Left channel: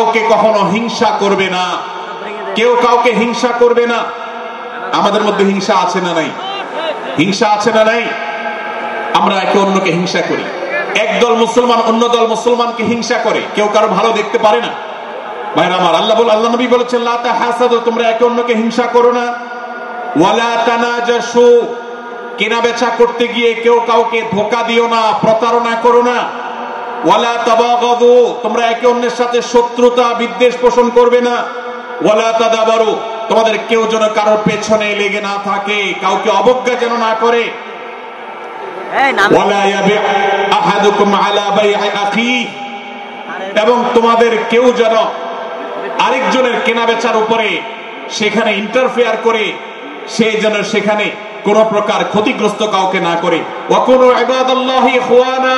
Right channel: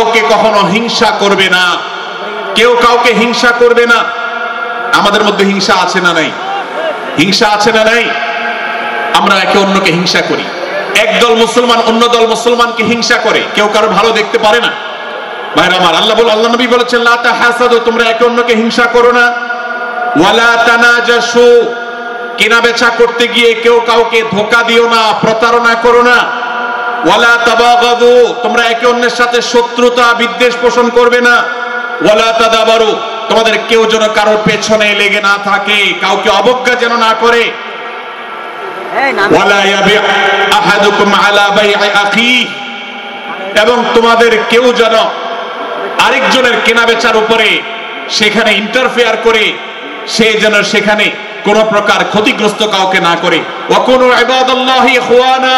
কাউকে কখনো হিংসা করবে না, কেউ কাউকে হিংসা করবে না। আমাদের মধ্যে হিংসা আছে না নাই? হিংসা আছে না নাই? আমরা একে অন্যকে হিংসা করি। একদল মুসলমান অন্য দল মুসলমানকে হিংসা করে, কেউ কারো ভালো দেখতে পারে না। ভাইরা আমার, আল্লাহ নবী বলেছেন লা তাহাসাদু, তোমরা একে অন্যকে হিংসা করো না। ওয়ালা তানাজাসু, কেনা বেচা করতে গিয়ে কেউ কাউকে ধোঁকা দিও না, প্রতারণা করো না। ওয়ালা তাবাগাদু, তোমরা একে অন্যের সাথে শত্রুতা বিদ্বেষ পোষণ করবে না। ওয়ালা তাদাবারু, তোমাদের কেউ যেন কারোর পেছনে লেগে না থাকে, কাউকে অবজ্ঞা যেন না করে। ওয়ালা ইয়াবি আহাদুকুম আলা বাই'i আখি, এবং তোমাদের কেউ যেন আরেকজনের কেনা বেচার উপরে সেখানে ইন্টারফেয়ার করে, সে যেন সেখানে কোন প্রকার ক্ষতিগ্রস্ত কাউকে না করে। ওয়াকুনু ইবাদাল্লাহি ইখওয়ানা,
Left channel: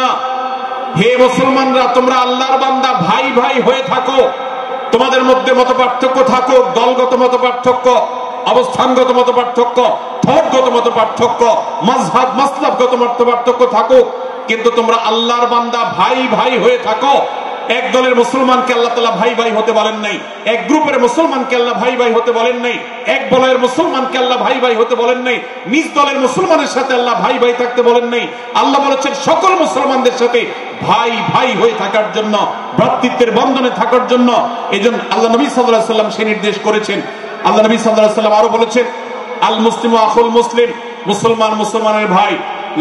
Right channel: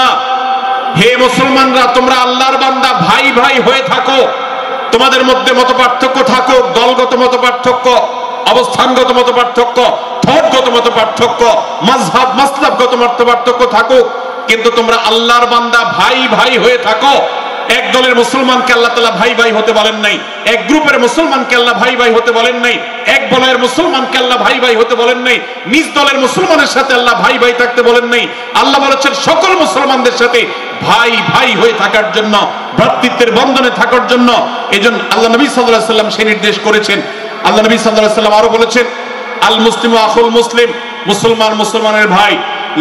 হে মুসলমানরা তোমরা আল্লাহর বান্দা, ভাই ভাই হয়ে থাকো। তোমাদের মধ্যে মতপার্থক্য থাকুক, দলগত মতপার্থক্য, অবস্থানগত মতপার্থক্য, ধর্মগত মতপার্থক্য, মাযহাব মাসলাকগত মতপার্থক্য থাকুক, কিন্তু তোমরা আল্লাহর বান্দা, ভাই ভাই হয়ে থাকো। এক দলের মুসলমানকে আল্লাহ তাআলা ভাই ভাই হতে বলেন নাই, এক গ্রুপের মুসলমানকে আল্লাহ ভাই ভাই হতে বলেন নাই, এক বলয়ের মুসলমানকে আল্লাহ ভাই ভাই হতে বলেন নাই, নিজ দলের মুসলমানের সাথে আল্লাহ ভাই ভাই থাকতে বলেন নাই। আল্লাহ বলেছেন সকল মুসলমানদের সাথে ভাই ভাই হয়ে থাকার জন্য, ভ্রাতৃত্বের বন্ধনে থাকার জন্য। এজন্য আল্লাহ নবী সাল্লাল্লাহু আলাইহি ওয়াসাল্লাম সেই নির্দেশ করেছেন। আল্লাহ নবী সাল্লাল্লাহু আলাইহি ওয়াসাল্লাম আরো বলেছেন, আল মুসলিমু আখুল মুসলিম, মুসলমান মুসলমানের ভাই,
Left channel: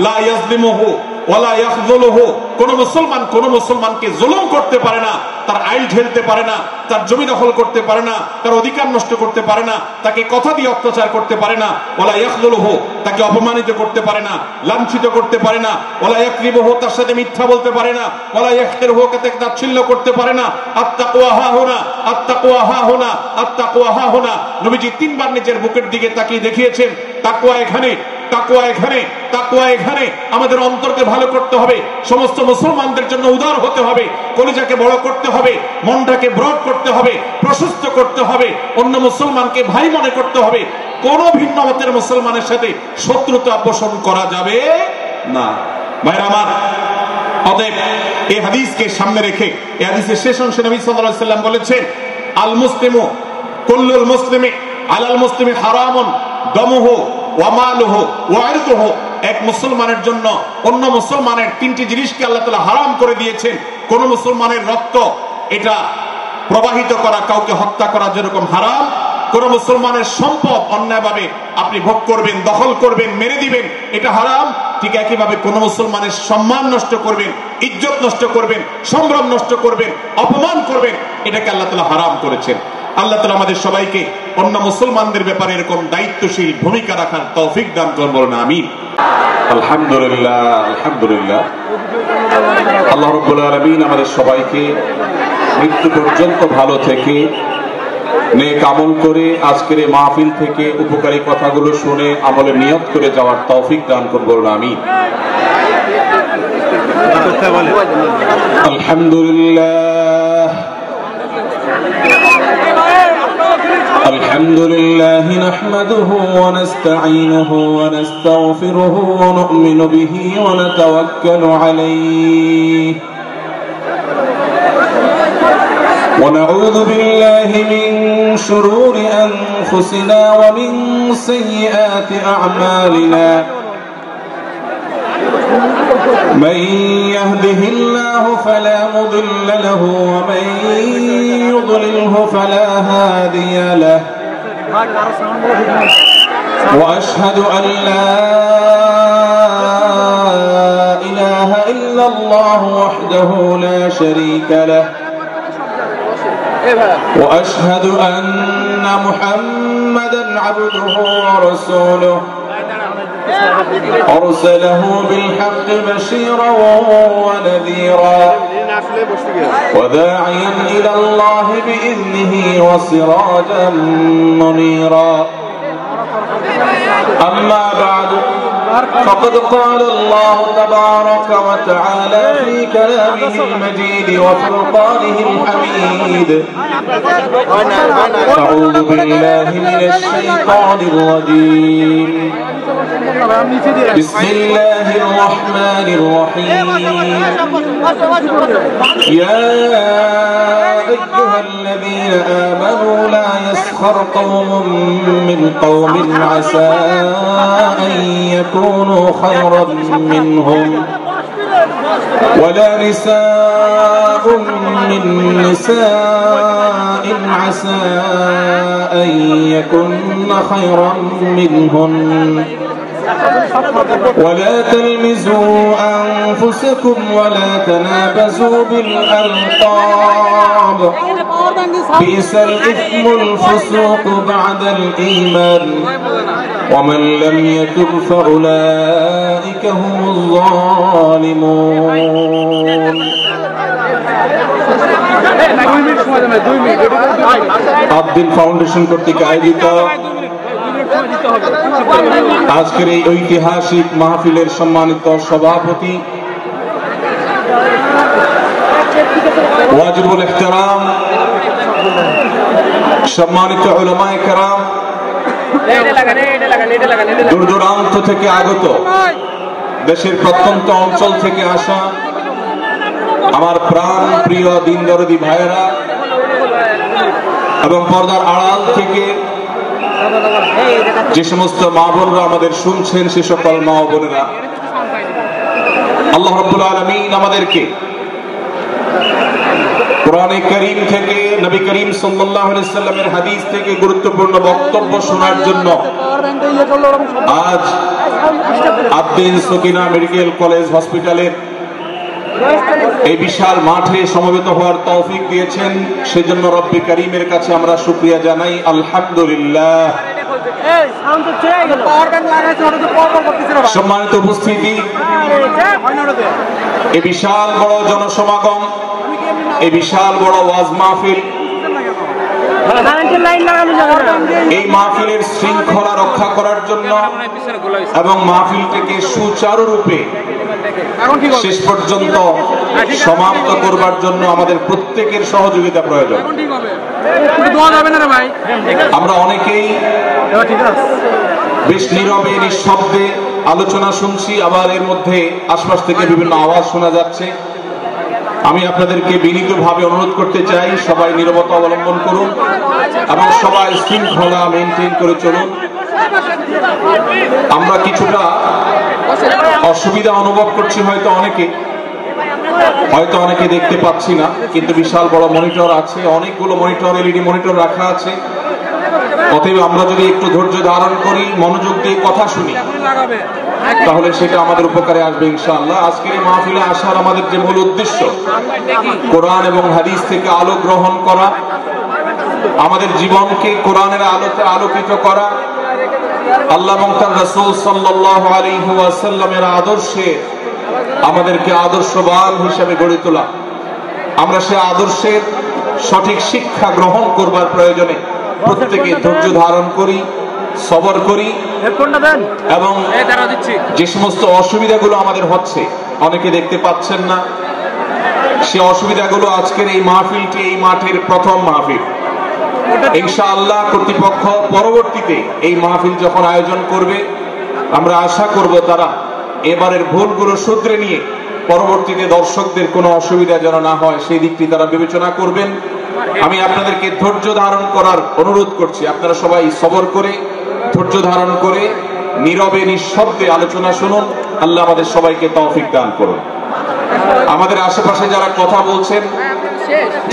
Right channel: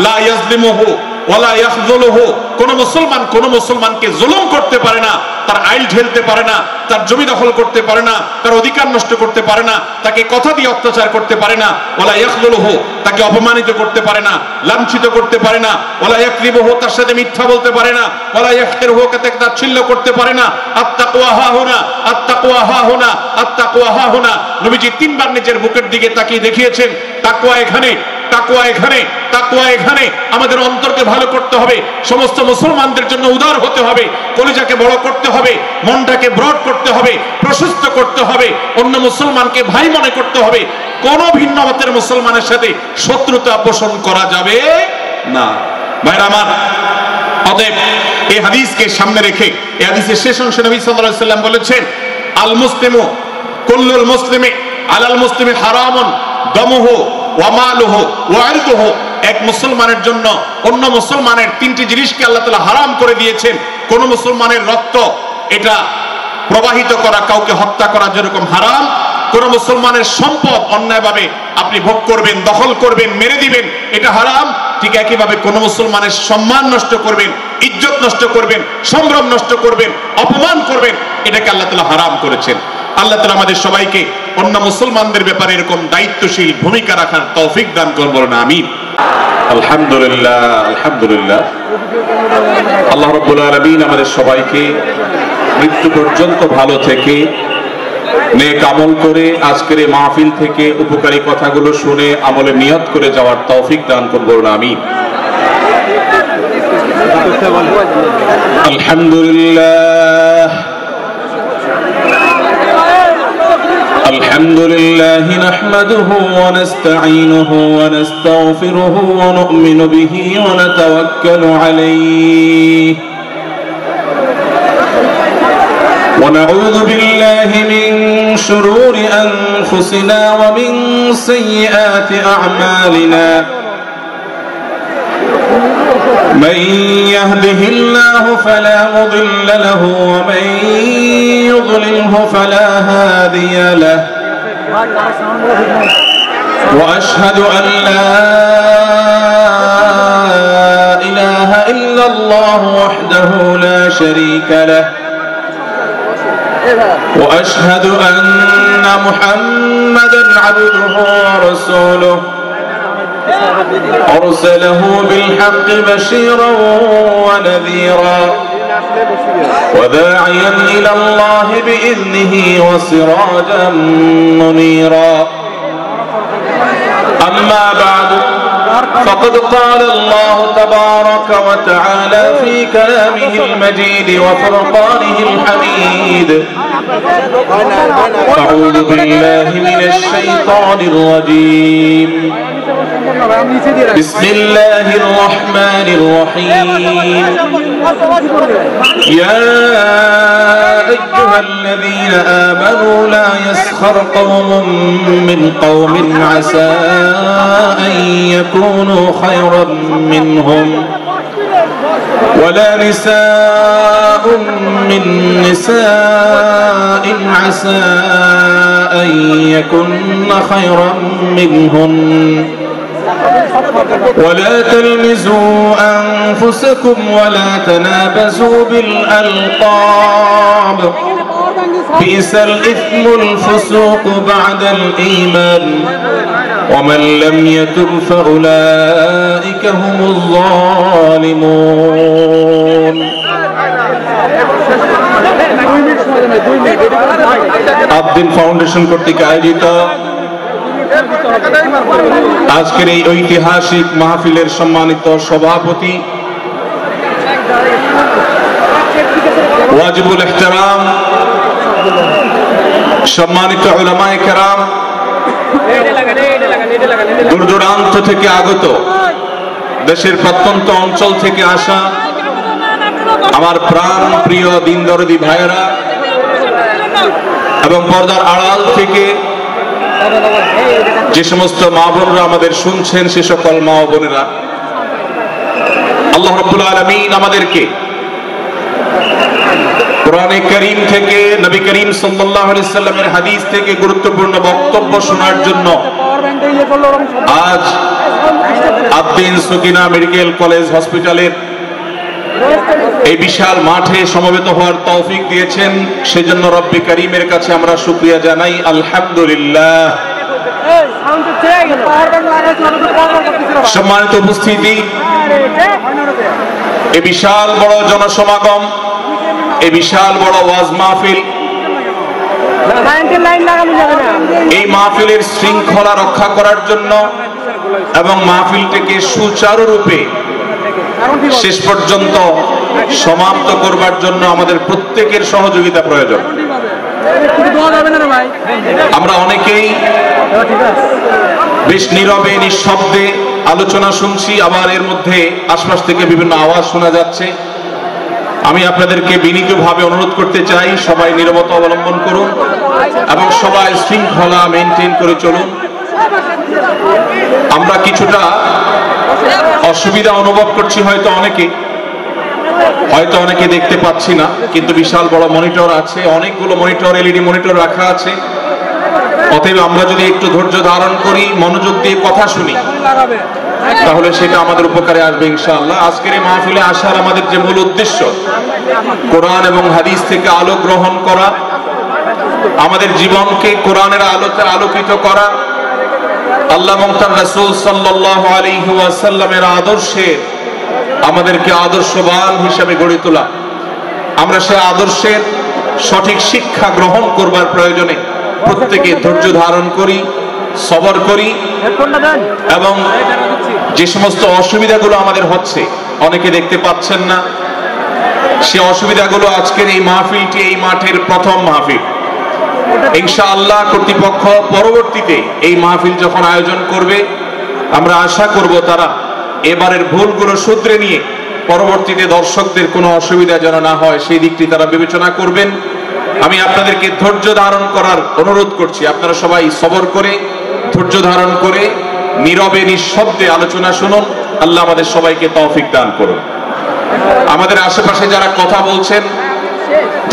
লা ইয়াজলিমুহু ওয়ালা ইয়াখযুলুহু, কোন মুসলমান কোন মুসলমানকে জুলুম করতে পারে না, তার আইল ঢেলতে পারে না, তার জমি দখল করতে পারে না, তার অধিকার নষ্ট করতে পারে না, তাকে কথা দিয়ে অত্যাচার করতে পারে না। ওয়ালা ইয়াখযুলুহু, তাকে অপমানিত করতে পারে না, লাঞ্ছিত করতে পারে না। ওয়ালা ইয়াকযিবুহু, তার সাথে মিথ্যা বলতে পারে না। ওয়ালা ইয়াহকিরুহু, তাকে তাচ্ছিল্য করতে পারে না। আত্তাকওয়া হাহুনা, আত্তাকওয়া হাহুনা, আত্তাকওয়া হাহুনা। নবীজি তিনবার নিজের বুকের দিকে তাকিয়ে দেখিয়েছেন, তাকওয়া এখানে, তাকওয়া এখানে, তাকওয়া এখানে। আমাদের অন্তরকে ভালো করতে হবে, সমস্ত মুসলমানদের জন্য উদার হতে হবে, কলিজাকে বড় করতে হবে, মনটাকে ব্রড করতে হবে, প্রশস্ত করতে হবে, অন্য মুসলমানকে ভাই মনে করতে হবে। কোন ভিন্ন মতের মুসলমানের সাথে শত্রুতা পোষণ করা যাবে না। ভাইরা আমার, অতএব এই হাদিসকে সামনে রেখে, এই হাদিসের শেষ অংশে নবী সাল্লাল্লাহু আলাইহি ওয়াসাল্লাম বলেছেন, আল মুসলিমু কুল্লুল মুসলিমি আলাল মুসলিমি হারামুন দামুহু ওয়া মালুহু ওয়া ইরদুহু। এক মুসলমানের জন্য অন্য মুসলমানের তিনটি জিনিসকে আল্লাহ তাআলা হারাম করে দিয়েছেন। কোন মুসলমানের রক্ত এটা প্রবাহিত করা, কাউকে হত্যা করা যেরকম হারাম, কোন মুসলমানের সম্পদ অন্যায়ভাবে আপনি ভোগ করবেন, দখল করবেন, মেরে দিবেন, এটা হারাম। ঠিক একইভাবে কোন মুসলমানের সম্মান নষ্ট করবেন, ইজ্জত নষ্ট করবেন, সম্ভ্রম নষ্ট করবেন, অপমান করবেন, এটাকে আল্লাহ তাআলা হারাম করেছেন। আল্লাহ তাআলা আমাদের সবাইকে অন্য মুসলমানদের ব্যাপারে এরকম দায়িত্বশীল ভূমিকা রাখার তৌফিক দান করুন, বলুন আমিন। আলহামদুলিল্লাহ, আলহামদুলিল্লাহ। আল্লাহ রাব্বুল আলামিন আমাদের সবাইকে মৃত্যু পর্যন্ত ভালো থেকে নেক আমল করে আজকের এই মাহফিল থেকে উপকারী কথাগুলো শুনে আমলে নিয়ত করে যাওয়ার তৌফিক দান করুন, বলুন আমিন। আলহামদুলিল্লাহ, الحمد لله نحمده ونستعينه ونستغفره ونؤمن به ونتوكل عليه ونعوذ بالله من شرور أنفسنا ومن سيئات أعمالنا من يهده الله فلا مضل له ومن يضلله فلا هادي له وأشهد أن لا إله إلا الله وحده لا شريك له وأشهد أن محمدا عبده ورسوله أرسله بالحق بشيرا ونذيرا وداعيا إلى الله بإذنه وسراجا منيرا أما بعد فقد قال الله تبارك وتعالى في كلامه المجيد وفرقانه الحميد أعوذ بالله من الشيطان الرجيم بسم الله الرحمن الرحيم يا أيها الذين آمنوا لا يسخر قوم من قوم عسى أن يكونوا خيرا منهم ولا نساء من نساء عسى أن يكن خيرا منهن ولا تلمزوا أنفسكم ولا تنابزوا بالألقاب بئس الإثم الفسوق بعد الإيمان ومن لم يتب فأولئك هم الظالمون আবদিন ফাউন্ডেশন কর্তৃক আয়োজিত আজকের এই ঐতিহাসিক মাহফিলের সম্মানিত সভাপতি ওয়াজিবুল ইহতিরাম সম্মানিত উলামায়ে কেরাম, দূর দূরান্ত থেকে আগত, দেশের প্রত্যন্ত অঞ্চল থেকে আসা আমার প্রাণ প্রিয় দিন দরদি ভাইয়েরা এবং পর্দার আড়াল থেকে যে সমস্ত মা বোনরা আমাদের শুনছেন, সে সকল মা ও বোনেরা, আল্লাহ রাব্বুল আলামিন আমাদেরকে কোরআনে কারীম থেকে, নবী করিম সাল্লাল্লাহু আলাইহি সাল্লামের হাদিস থেকে গুরুত্বপূর্ণ বক্তব্য শোনার জন্য আজ আবদিন সকিনা মেডিকেল কলেজ হসপিটালের এই বিশাল মাঠে সমবেত হওয়ার তৌফিক দিয়েছেন। সেজন্য রব্বি করিমের কাছে আমরা শুকরিয়া জানাই, আলহামদুলিল্লাহ। সম্মানিত উপস্থিতি, এই বিশাল বড় জনসমাগম, এই বিশাল বড় ওয়াজ মাহফিল, এই মাহফিলের শৃঙ্খলা রক্ষা করার জন্য এবং মাহফিলটিকে সুচারুরূপে শেষ পর্যন্ত সমাপ্ত করবার জন্য আমাদের প্রত্যেকের সহযোগিতা প্রয়োজন। আমরা অনেকেই বেশ নীরবে নিঃশব্দে আলোচনা শুনছি, আবার এর মধ্যে আশপাশ থেকে বিভিন্ন আওয়াজ শোনা যাচ্ছে। আমি আপনাদেরকে বিনীতভাবে অনুরোধ করতে চাই, সবাই নীরবতা অবলম্বন করুন এবং সবাই শৃঙ্খলা মেনটেন করে চলুন। আমরা কিছুটা অসুবিধা অনুভব করছি, হয়তো অনেকে দেখতে পাচ্ছি না, কিন্তু বিশাল বড় মনিটর আছে, অনেকগুলো মনিটর, এলইডি মনিটর রাখা আছে। অতএব আমরা যদি একটু ধৈর্য ধারণ করি, মনোযোগ দিয়ে কথা শুনি, তাহলে সেটা আমাদের উপকারে আসবে ইনশাআল্লাহ। আজকের এই মাহফিলে আসার আমাদের যে মূল উদ্দেশ্য, কোরআন এবং হাদিস থেকে আলো গ্রহণ করা, আমাদের জীবনকে কোরআনের আলোতে আলোকিত করা, আল্লাহ এবং তার রাসূল সাল্লাল্লাহু আলাইহি ওয়াসাল্লামের আদর্শে আমাদেরকে আদর্শবান হিসেবে গড়ে তোলা। আমরা সে আদর্শের সঠিক শিক্ষা গ্রহণ করবার প্রয়োজনে প্রত্যেকে ধৈর্য ধারণ করি, সবর করি এবং যে সমস্ত অসুবিধাগুলো আমাদের হচ্ছে, অনেকে দেখতে পাচ্ছেন না, সে অসুবিধাগুলো আজকের এই মাহফিলটি, এই মাঠের প্রথম মাহফিল। ইনশাআল্লাহ কর্তৃপক্ষ পরবর্তীতে এই মাহফিল যখন আয়োজন করবে, আমরা আশা করব তারা এবারের ভুলগুলো শুধরে নিয়ে পরবর্তীতে দর্শকদের কোনো অসুবিধা যেন না হয় সেই দিকটি তারা বিবেচনা করবেন। আমি আপনাদেরকে ধৈর্য ধারণ করার অনুরোধ করছি। আপনারা সবাই সবর করে, ধৈর্য ধারণ করে, নীরবে নিঃশব্দে আলোচনা শুনুন। আল্লাহ আমাদের সবাইকে তৌফিক দান করুন। আমাদের আশেপাশে যারা কথা বলছেন,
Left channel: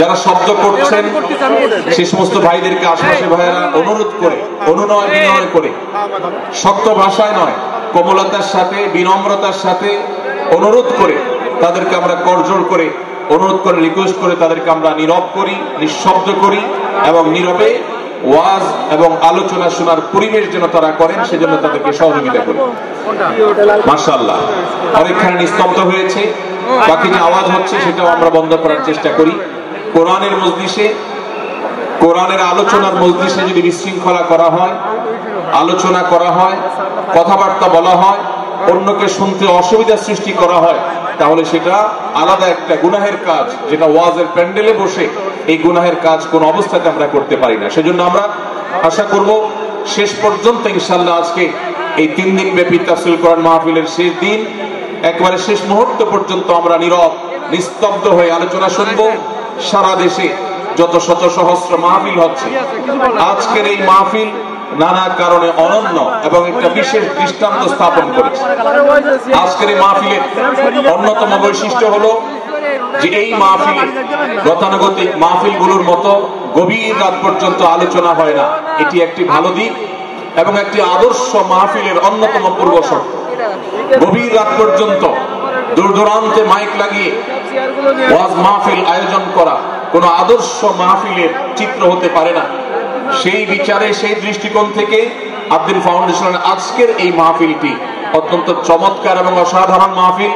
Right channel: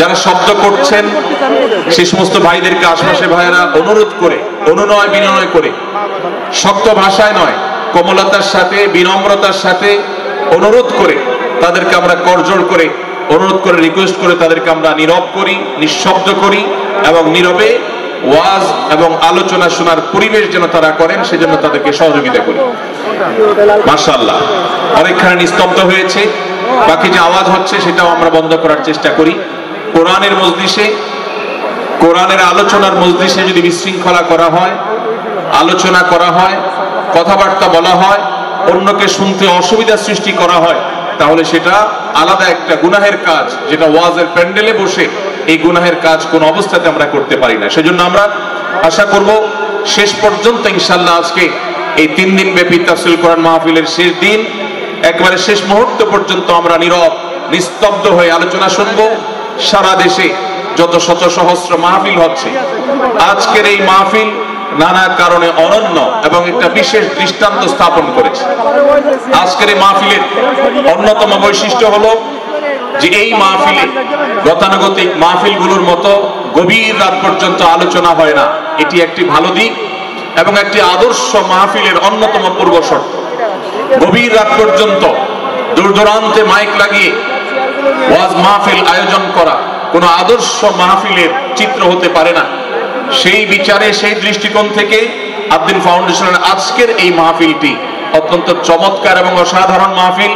যারা শব্দ করছেন, সে সমস্ত ভাইদেরকে আশেপাশে ভাইয়েরা অনুরোধ করে, অনুনয় বিনয় করে, শক্ত ভাষায় নয়, কোমলতার সাথে, বিনম্রতার সাথে অনুরোধ করে তাদেরকে আমরা করজোড় করে, অনুরোধ করে, রিকোয়েস্ট করে তাদেরকে আমরা নীরব করি, নিঃশব্দ করি এবং নীরবে ওয়াজ এবং আলোচনা শোনার পরিবেশ যেন তারা করেন, সেজন্য তাদেরকে সহযোগিতা করি। মাশাআল্লাহ, অনেকখানি নিস্তব্ধ হয়েছে, বাকি যে আওয়াজ হচ্ছে সেটাও আমরা বন্ধ করার চেষ্টা করি। কোরআনের মজলিসে, কোরআনের আলোচনার মজলিসে যদি বিশৃঙ্খলা করা হয়, আলোচনা করা হয়, কথাবার্তা বলা হয়, অন্যকে শুনতে অসুবিধা সৃষ্টি করা হয়, তাহলে সেটা আলাদা একটা গুনাহের কাজ, যেটা ওয়াজের প্যান্ডেলে বসে এই গুনাহের কাজ কোন অবস্থাতে আমরা করতে পারি না। সেজন্য আমরা আশা করব শেষ পর্যন্ত ইনশাআল্লাহ আজকে এই 3 দিন ব্যাপী তাফসীর কোরআন মাহফিলের শেষ দিন, একবারে শেষ মুহূর্ত পর্যন্ত আমরা নীরব নিস্তব্ধ হয়ে আলোচনা শুনবো। সারা দেশে যত শত সহস্র মাহফিল হচ্ছে, আজকের এই মাহফিল নানা কারণে অনন্য এবং একটা বিশেষ দৃষ্টান্ত স্থাপন করেছে। আজকের এই মাহফিলের অন্যতম বৈশিষ্ট্য হলো যে এই মাহফিলে গতানুগতিক মাহফিলগুলোর মতো গভীর রাত পর্যন্ত আলোচনা হয় না। এটি একটি ভালো দিক এবং একটি আদর্শ মাহফিলের অন্যতম পূর্ব শর্ত। গভীর রাত পর্যন্ত দূর দূরান্তে মাইক লাগিয়ে ওয়াজ মাহফিল আয়োজন করা কোন আদর্শ মাহফিলের চিত্র হতে পারে না। সেই বিচারে, সেই দৃষ্টিকোণ থেকে আব্দুল ফাউন্ডেশনের আজকের এই মাহফিলটি অত্যন্ত চমৎকার এবং অসাধারণ মাহফিল।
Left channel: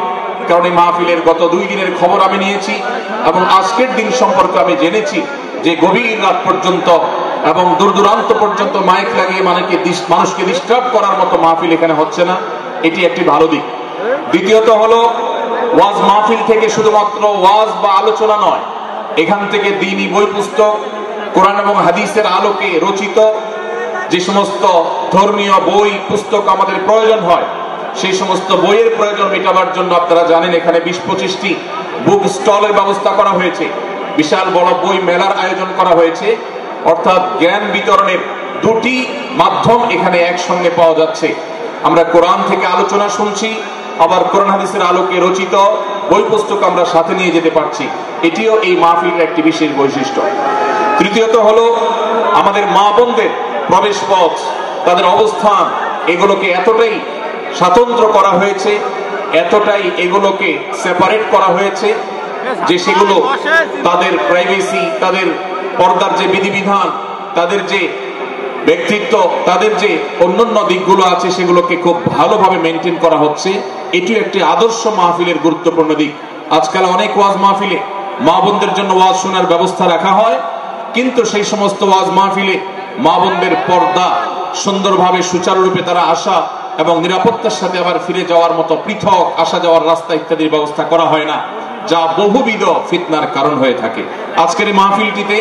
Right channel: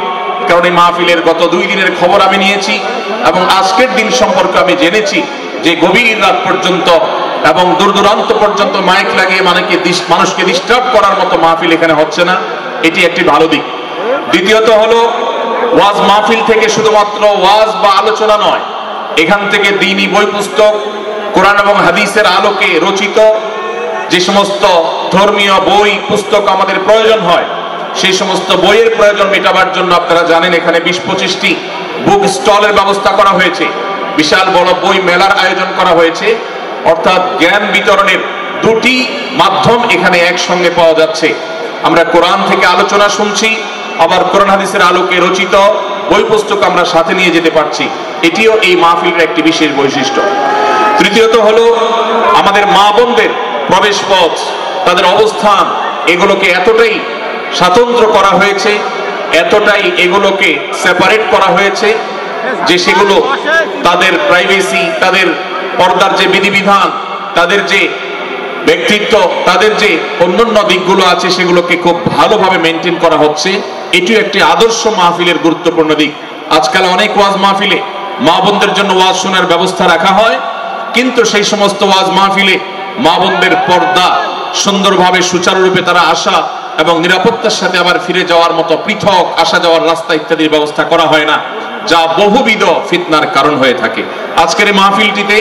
কারণ এই মাহফিলের গত 2 দিনের খবর আমি নিয়েছি এবং আজকের দিন সম্পর্কে আমি জেনেছি যে গভীর রাত পর্যন্ত এবং দূর দূরান্ত পর্যন্ত মাইক লাগিয়ে মানুষকে ডিস্টার্ব করার মতো মাহফিল এখানে হচ্ছে না। এটি একটি ভালো দিক। দ্বিতীয়ত হলো, ওয়াজ মাহফিল থেকে শুধুমাত্র ওয়াজ বা আলোচনা নয়, এখান থেকে দ্বীনি বই পুস্তক, কোরআন এবং হাদিসের আলোকে রচিত যে সমস্ত ধর্মীয় বই পুস্তক আমাদের প্রয়োজন হয়, সেই সমস্ত বইয়ের প্রয়োজন মেটাবার জন্য আপনারা জানেন এখানে 20-25টি বুক স্টলের ব্যবস্থা করা হয়েছে। বিশাল বড় বই মেলার আয়োজন করা হয়েছে। অর্থাৎ জ্ঞান বিতরণের 2টি মাধ্যম এখানে একসঙ্গে পাওয়া যাচ্ছে। আমরা কোরআন থেকে আলোচনা শুনছি, আবার কোরআন হাদিসের আলোকে রচিত বই পুস্তক আমরা সাথে নিয়ে যেতে পারছি। এটিও এই মাহফিলের একটি বিশেষ বৈশিষ্ট্য। তৃতীয়ত হলো, আমাদের মা বোনদের প্রবেশ পথ, তাদের অবস্থান, এগুলোকে এতটাই স্বতন্ত্র করা হয়েছে, এতটাই এগুলোকে সেপারেট করা হয়েছে যে সেগুলো তাদের প্রাইভেসি, তাদের পর্দার যে বিধিবিধান, তাদের যে ব্যক্তিত্ব, তাদের যে অন্যান্য দিকগুলো আছে সেগুলোকে খুব ভালোভাবে মেনটেন করা হচ্ছে। এটিও একটি আদর্শ মাহফিলের গুরুত্বপূর্ণ দিক। আজকাল অনেক ওয়াজ মাহফিলে মা বোনদের জন্য ওয়াজ শোনার ব্যবস্থা রাখা হয়, কিন্তু সেই সমস্ত ওয়াজ মাহফিলে মা বোনদের পর্দা সুন্দরভাবে সুচারুরূপে তারা আসা এবং নিরাপত্তার সাথে আবার ফিরে যাওয়ার মতো পৃথক আসা যাওয়ার রাস্তা ইত্যাদির ব্যবস্থা করা হয় না, যা বহুবিধ ফিতনার কারণ হয়ে থাকে। আজকের এই মাহফিলটিতে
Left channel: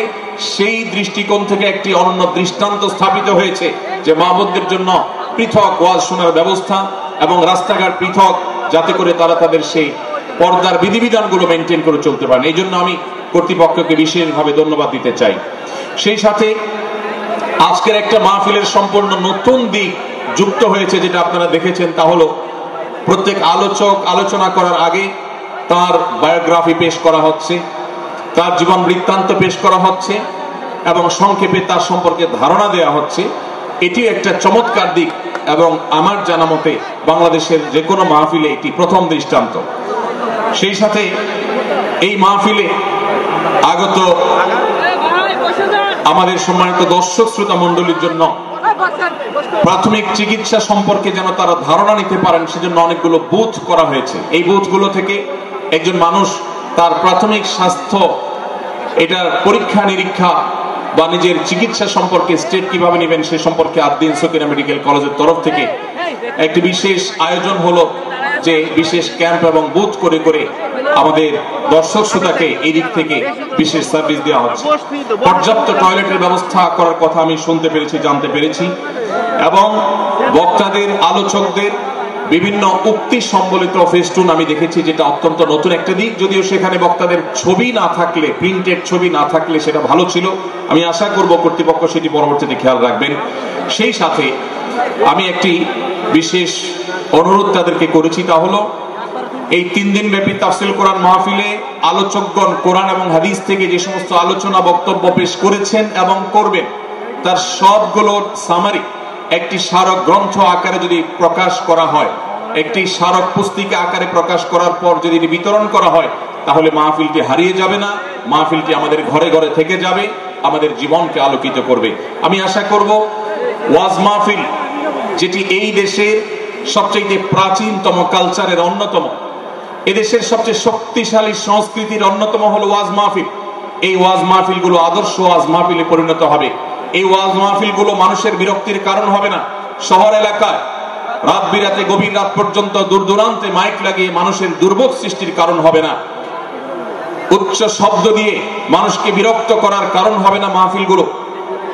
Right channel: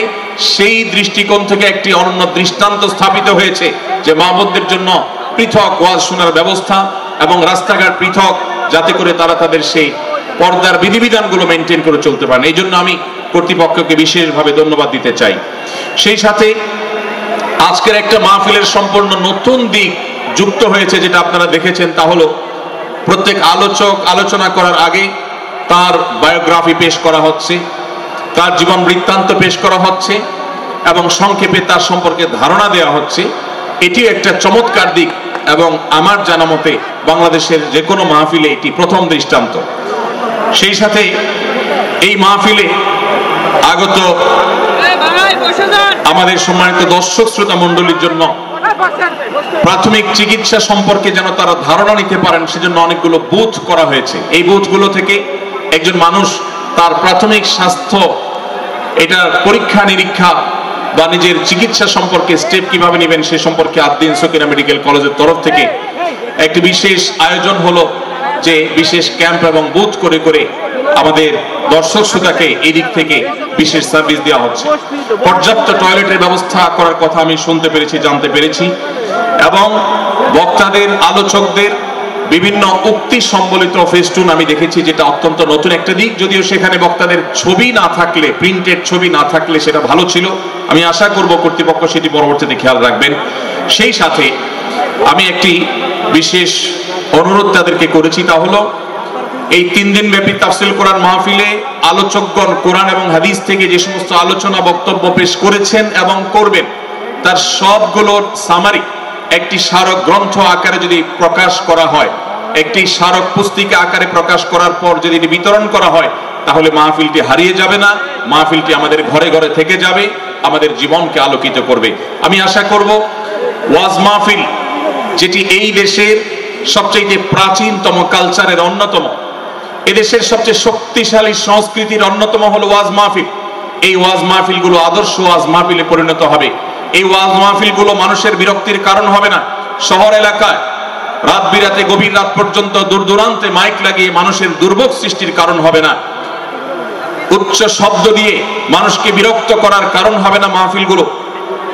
সেই দৃষ্টিকোণ থেকে একটি অনন্য দৃষ্টান্ত স্থাপিত হয়েছে যে মা বোনদের জন্য পৃথক ওয়াজ শোনার ব্যবস্থা এবং রাস্তাঘাট পৃথক, যাতে করে তারা তাদের সেই পর্দার বিধিবিধানগুলো মেনটেন করে চলতে পারেন। এই জন্য আমি কর্তৃপক্ষকে বিশেষভাবে ধন্যবাদ দিতে চাই। সেই সাথে আজকের একটা মাহফিলের সম্পূর্ণ নতুন দিক যুক্ত হয়েছে, যেটা আপনারা দেখেছেন, তা হলো প্রত্যেক আলোচক আলোচনা করার আগে তার বায়োগ্রাফি পেশ করা হচ্ছে, তার জীবন বৃত্তান্ত পেশ করা হচ্ছে এবং সংক্ষেপে তার সম্পর্কে ধারণা দেওয়া হচ্ছে। এটি একটা চমৎকার দিক এবং আমার জানা মতে বাংলাদেশের যে কোনো মাহফিলে এটি প্রথম দৃষ্টান্ত। সেই সাথে এই মাহফিলে আগত আমাদের সম্মানিত দর্শক শ্রোতা মণ্ডলীর জন্য প্রাথমিক চিকিৎসা সম্পর্কে যেন তারা ধারণা নিতে পারেন, সেজন্য অনেকগুলো বুথ করা হয়েছে। এই বুথগুলো থেকে একজন মানুষ তার প্রাথমিক স্বাস্থ্য, এটার পরীক্ষা নিরীক্ষা বা নিজের চিকিৎসা সম্পর্কে স্টেপ কিভাবে নেবেন সে সম্পর্কে আদ্দিন সকিনা মেডিকেল কলেজের তরফ থেকে একটি বিশেষ আয়োজন হলো, যে বিশেষ ক্যাম্প এবং বুথ করে করে আমাদের দর্শক শ্রোতাকে এই দিক থেকে বিশেষ সার্ভিস দেওয়া হচ্ছে। পর্যাপ্ত টয়লেটের ব্যবস্থা করার কথা আমি শুনতে পেরেছি, জানতে পেরেছি, এবং বক্তাদের, আলোচকদের বিভিন্ন উক্তি সম্বলিত ফেস্টুন আমি দেখেছি, যেটা অত্যন্ত নতুন একটা দিক। যদিও সেখানে বক্তাদের ছবি না থাকলে, প্রিন্টেড ছবি না থাকলে সেটা ভালো ছিল। আমি আশা করব কর্তৃপক্ষ সেটি পরবর্তীতে খেয়াল রাখবেন। সেই সাথে আমি একটি বিশেষ অনুরোধ তাদেরকে করেছি, তা হলো এই 3 দিন ব্যাপী তাফসীর কোরআন মাহফিলে আলোচকগণ কোরআন এবং হাদিস থেকে যে সমস্ত আলোচনা বক্তব্য পেশ করেছেন এবং করবেন, তার সবগুলোর সামারি একটি স্মারক গ্রন্থ আকারে যদি প্রকাশ করা হয়, একটি স্মারক পুস্তিকা আকারে প্রকাশ করার পর যদি বিতরণ করা হয়, তাহলে মাহফিলটি হারিয়ে যাবে না, মাহফিলটি আমাদের ঘরে ঘরে থেকে যাবে, আমাদের জীবনকে আলোকিত করবে। আমি আশা করব ওয়াজ মাহফিল, যেটি এই দেশের সবচেয়ে প্রাচীনতম কালচারের অন্যতম, এদেশের সবচেয়ে শক্তিশালী সংস্কৃতির অন্যতম হলো ওয়াজ মাহফিল। এই ওয়াজ মাহফিলগুলো আদর্শ ওয়াজ মাহফিলে পরিণত হবে। এই ওয়াজ মাহফিলগুলো মানুষের বিরক্তির কারণ হবে না। শহর এলাকায় রাত বিরাতে গভীর রাত পর্যন্ত দূর দূরান্তে মাইক লাগিয়ে মানুষের দুর্ভোগ সৃষ্টির কারণ হবে না, উচ্চ শব্দ দিয়ে মানুষকে বিরক্ত করার কারণ হবে না মাহফিলগুলো।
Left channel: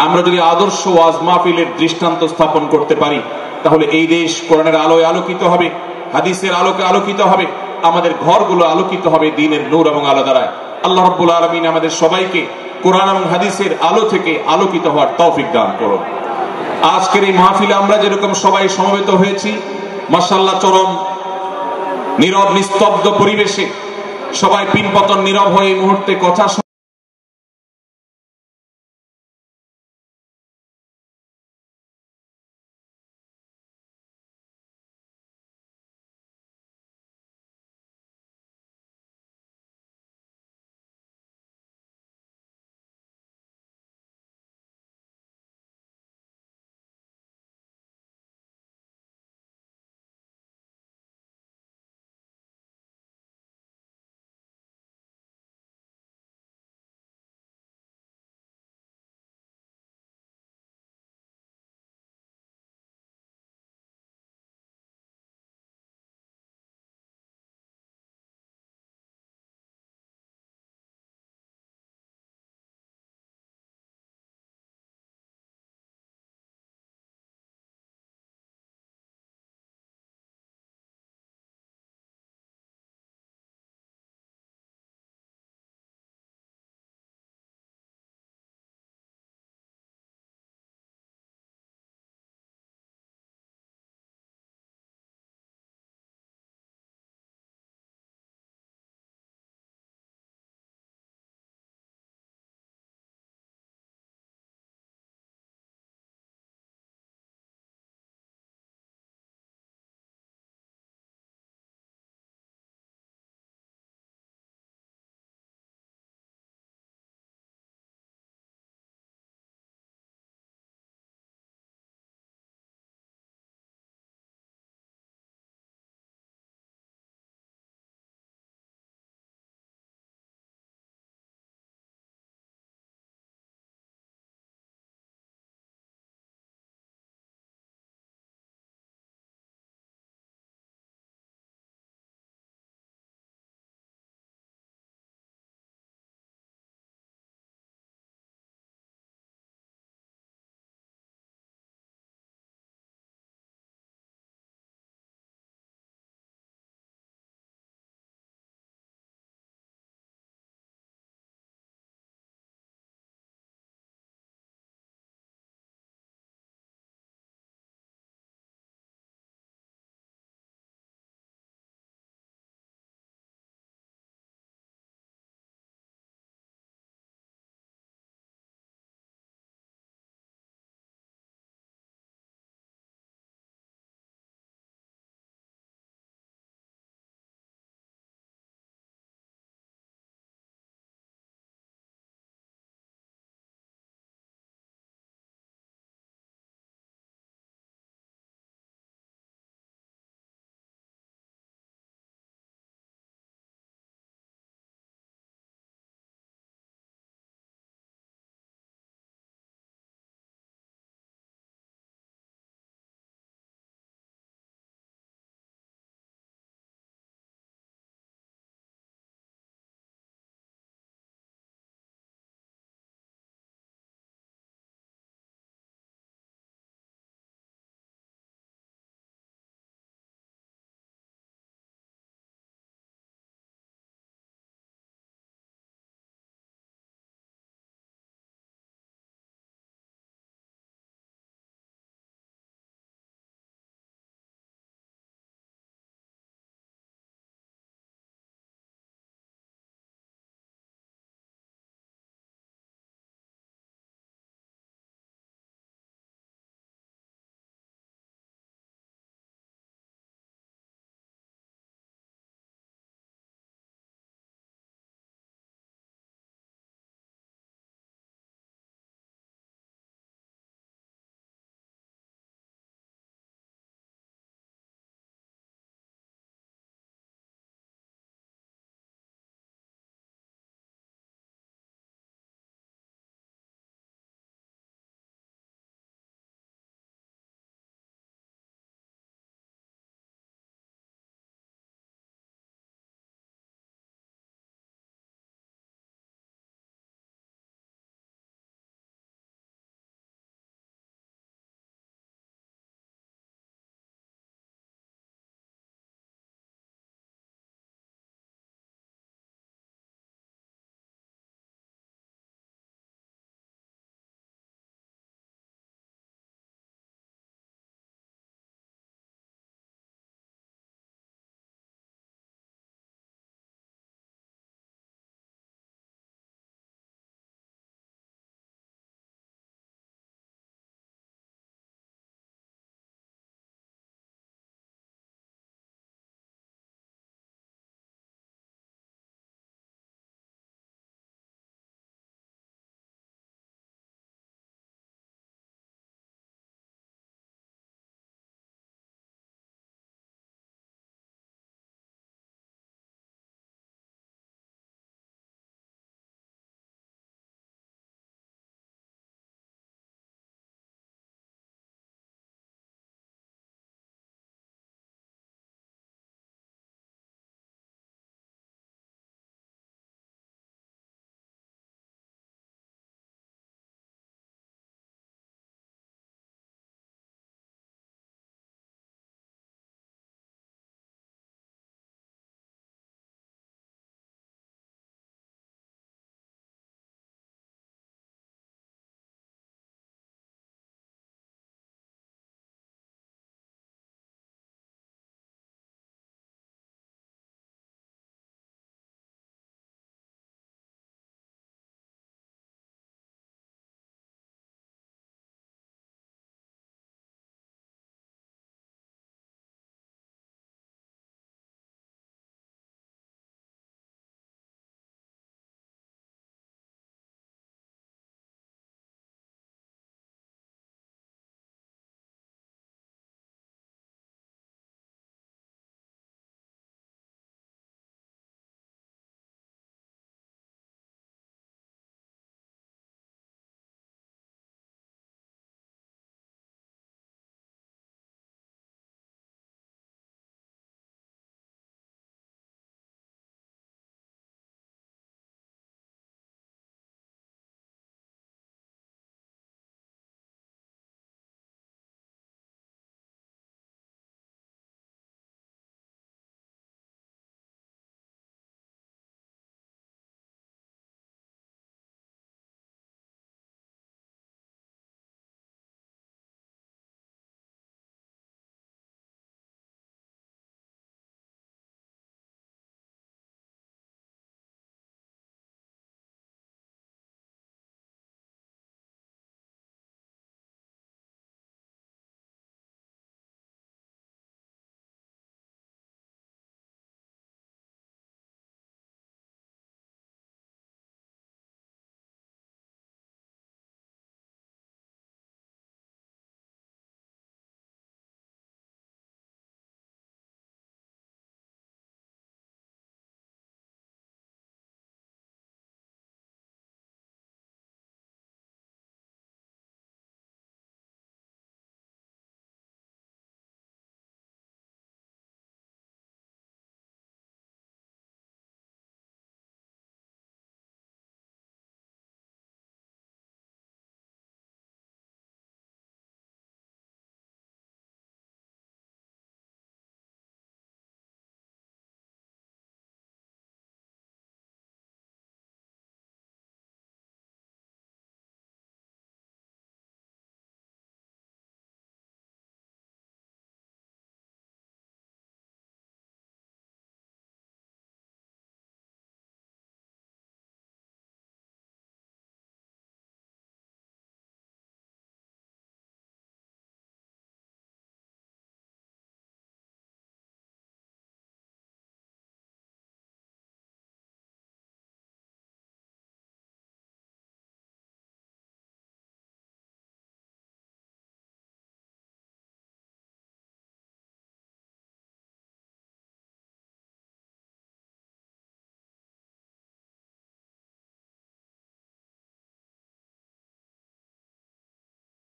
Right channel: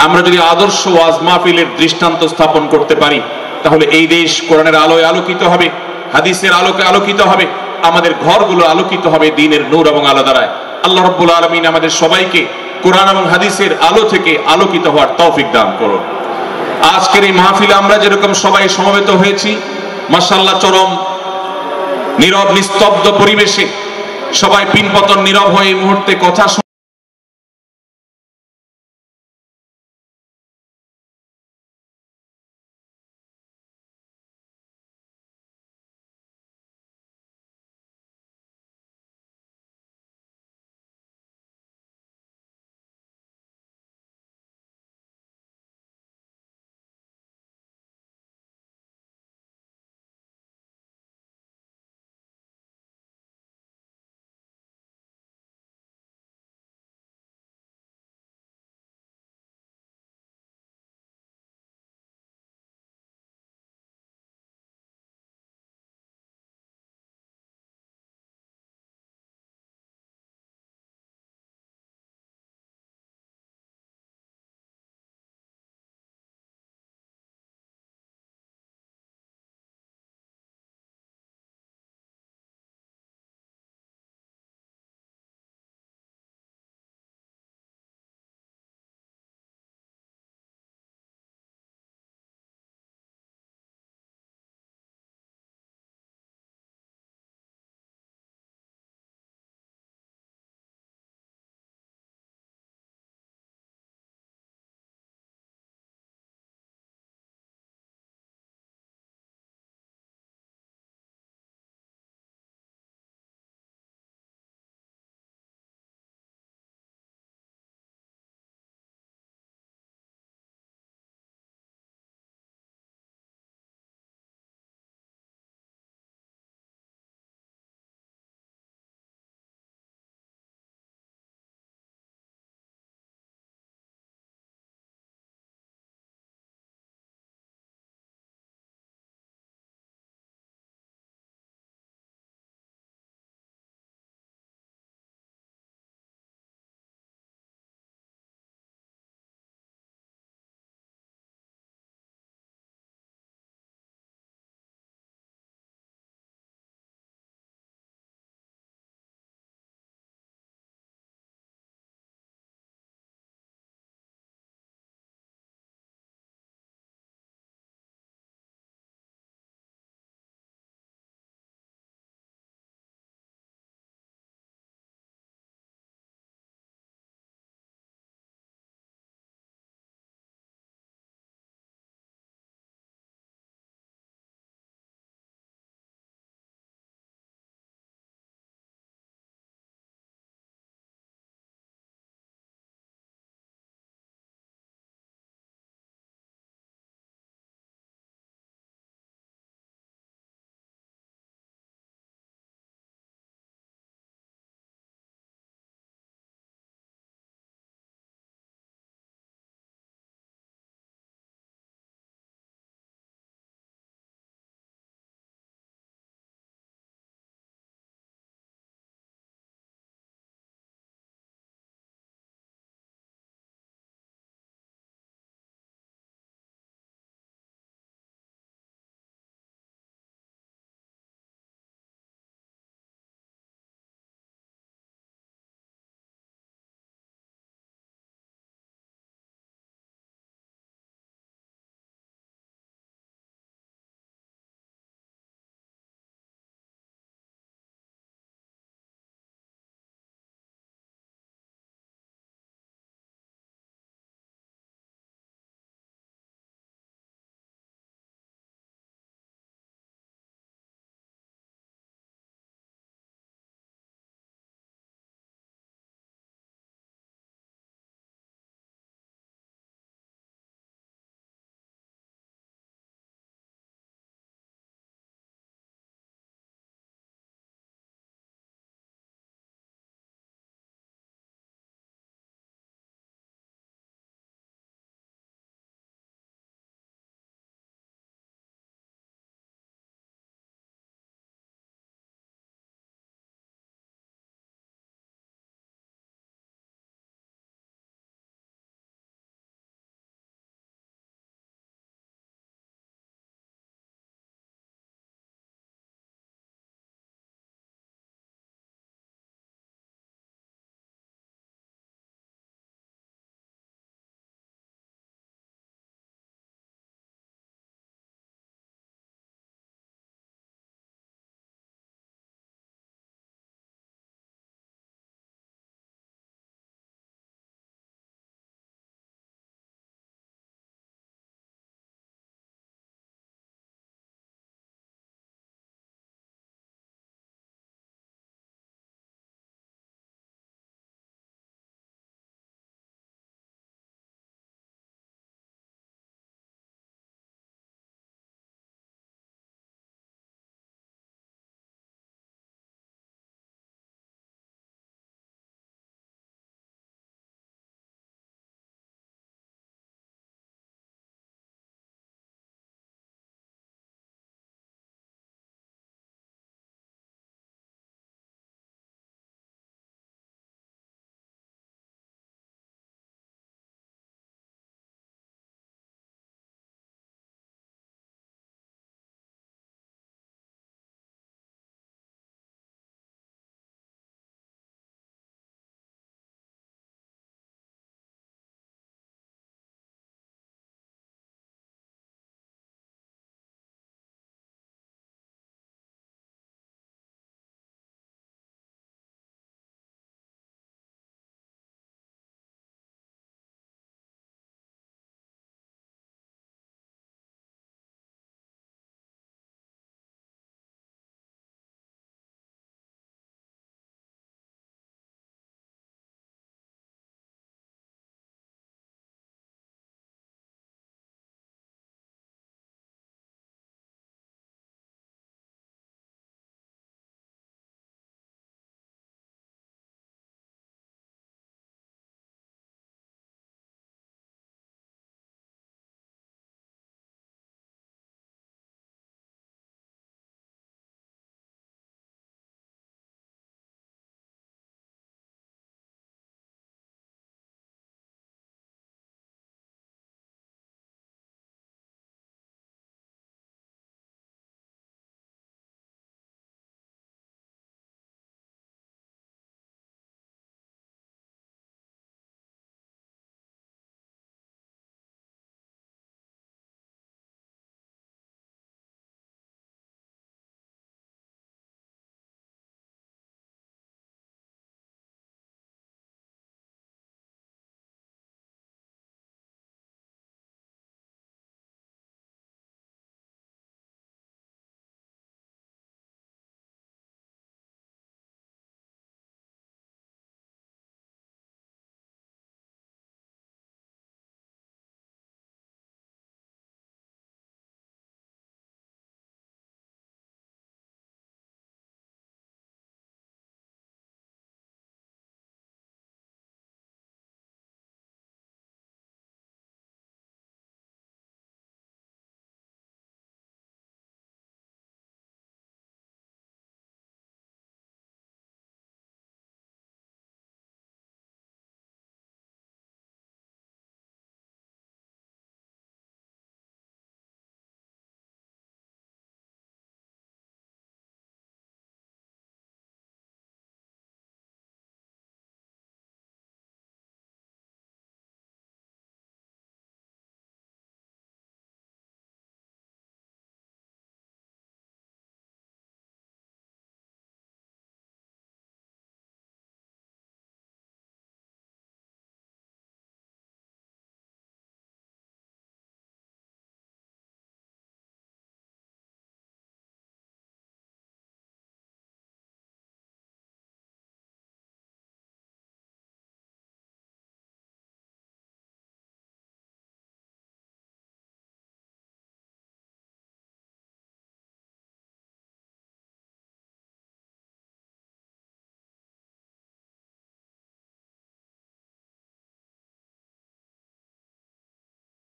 আমরা যদি আদর্শ ওয়াজ মাহফিলের দৃষ্টান্ত স্থাপন করতে পারি, তাহলে এই দেশ কোরআনের আলোয় আলোকিত হবে, হাদিসের আলোকে আলোকিত হবে, আমাদের ঘরগুলো আলোকিত হবে দ্বীনের নূর এবং আলো দ্বারায়। আল্লাহ রাব্বুল আলামিন আমাদের সবাইকে কোরআন এবং হাদিসের আলো থেকে আলোকিত হওয়ার তৌফিক দান করুন। আজকের এই মাহফিলে আমরা যেরকম সবাই সমবেত হয়েছি, মাশাআল্লাহ চরম নীরব নিস্তব্ধ পরিবেশে সবাই পিনপতন নীরব হয়ে এই মুহূর্তে কথা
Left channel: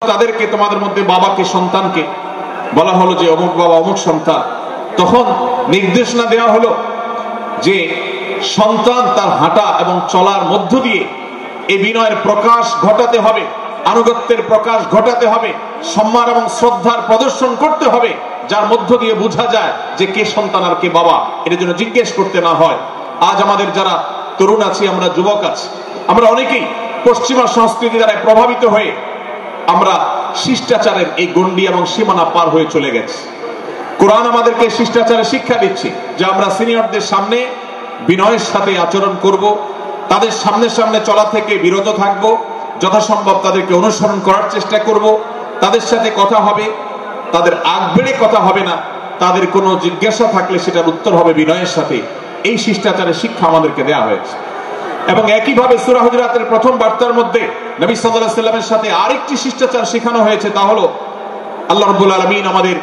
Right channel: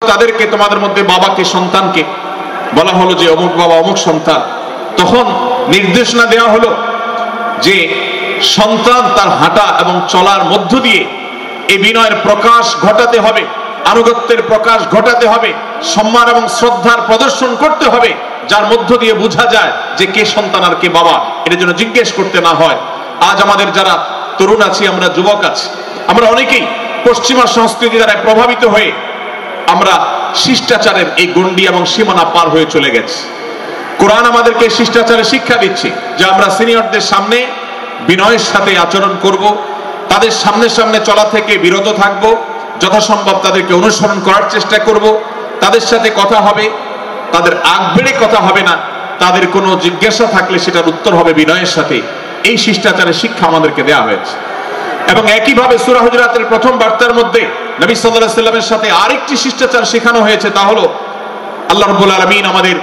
তাদেরকে, তোমাদের মধ্যে বাবাকে, সন্তানকে বলা হলো যে অমুক বাবা অমুক সন্তান, তখন নির্দেশনা দেওয়া হলো যে সন্তান তার হাঁটা এবং চলার মধ্য দিয়ে এই বিনয়ের প্রকাশ ঘটাতে হবে, আনুগত্যের প্রকাশ ঘটাতে হবে, সম্মান এবং শ্রদ্ধার প্রদর্শন করতে হবে, যার মধ্য দিয়ে বোঝা যায় যে কে সন্তান আর কে বাবা, এটার জন্য জিজ্ঞেস করতে না হয়। আজ আমাদের যারা তরুণ আছি, আমরা যুবক আছি, আমরা অনেকেই পশ্চিমা সংস্কৃতি দ্বারা প্রভাবিত হয়ে আমরা শিষ্টাচারের এই গণ্ডি এবং সীমানা পার হয়ে চলে গেছি। কোরআন আমাদেরকে শিষ্টাচারের শিক্ষা দিচ্ছে যে আমরা সিনিয়রদের সামনে বিনয়ের সাথে আচরণ করব, তাদের সামনে সামনে চলা থেকে বিরত থাকব, যথাসম্ভব তাদেরকে অনুসরণ করার চেষ্টা করব, তাদের সাথে কথা হবে, তাদের আগ বেড়ে কথা হবে না, তাদের কোনো জিজ্ঞাসা থাকলে সেটার উত্তর হবে বিনয়ের সাথে। এই শিষ্টাচারের শিক্ষা আমাদেরকে দেওয়া হয়েছে। এবং একইভাবে সূরা হুজুরাতের প্রথম বার্তার মধ্যে নবী সাল্লাল্লাহু আলাইহি ওয়াসাল্লামের সাথে আরেকটি শিষ্টাচার শেখানো হয়েছে, তা হলো আল্লাহ রাব্বুল আলামিন আমাদের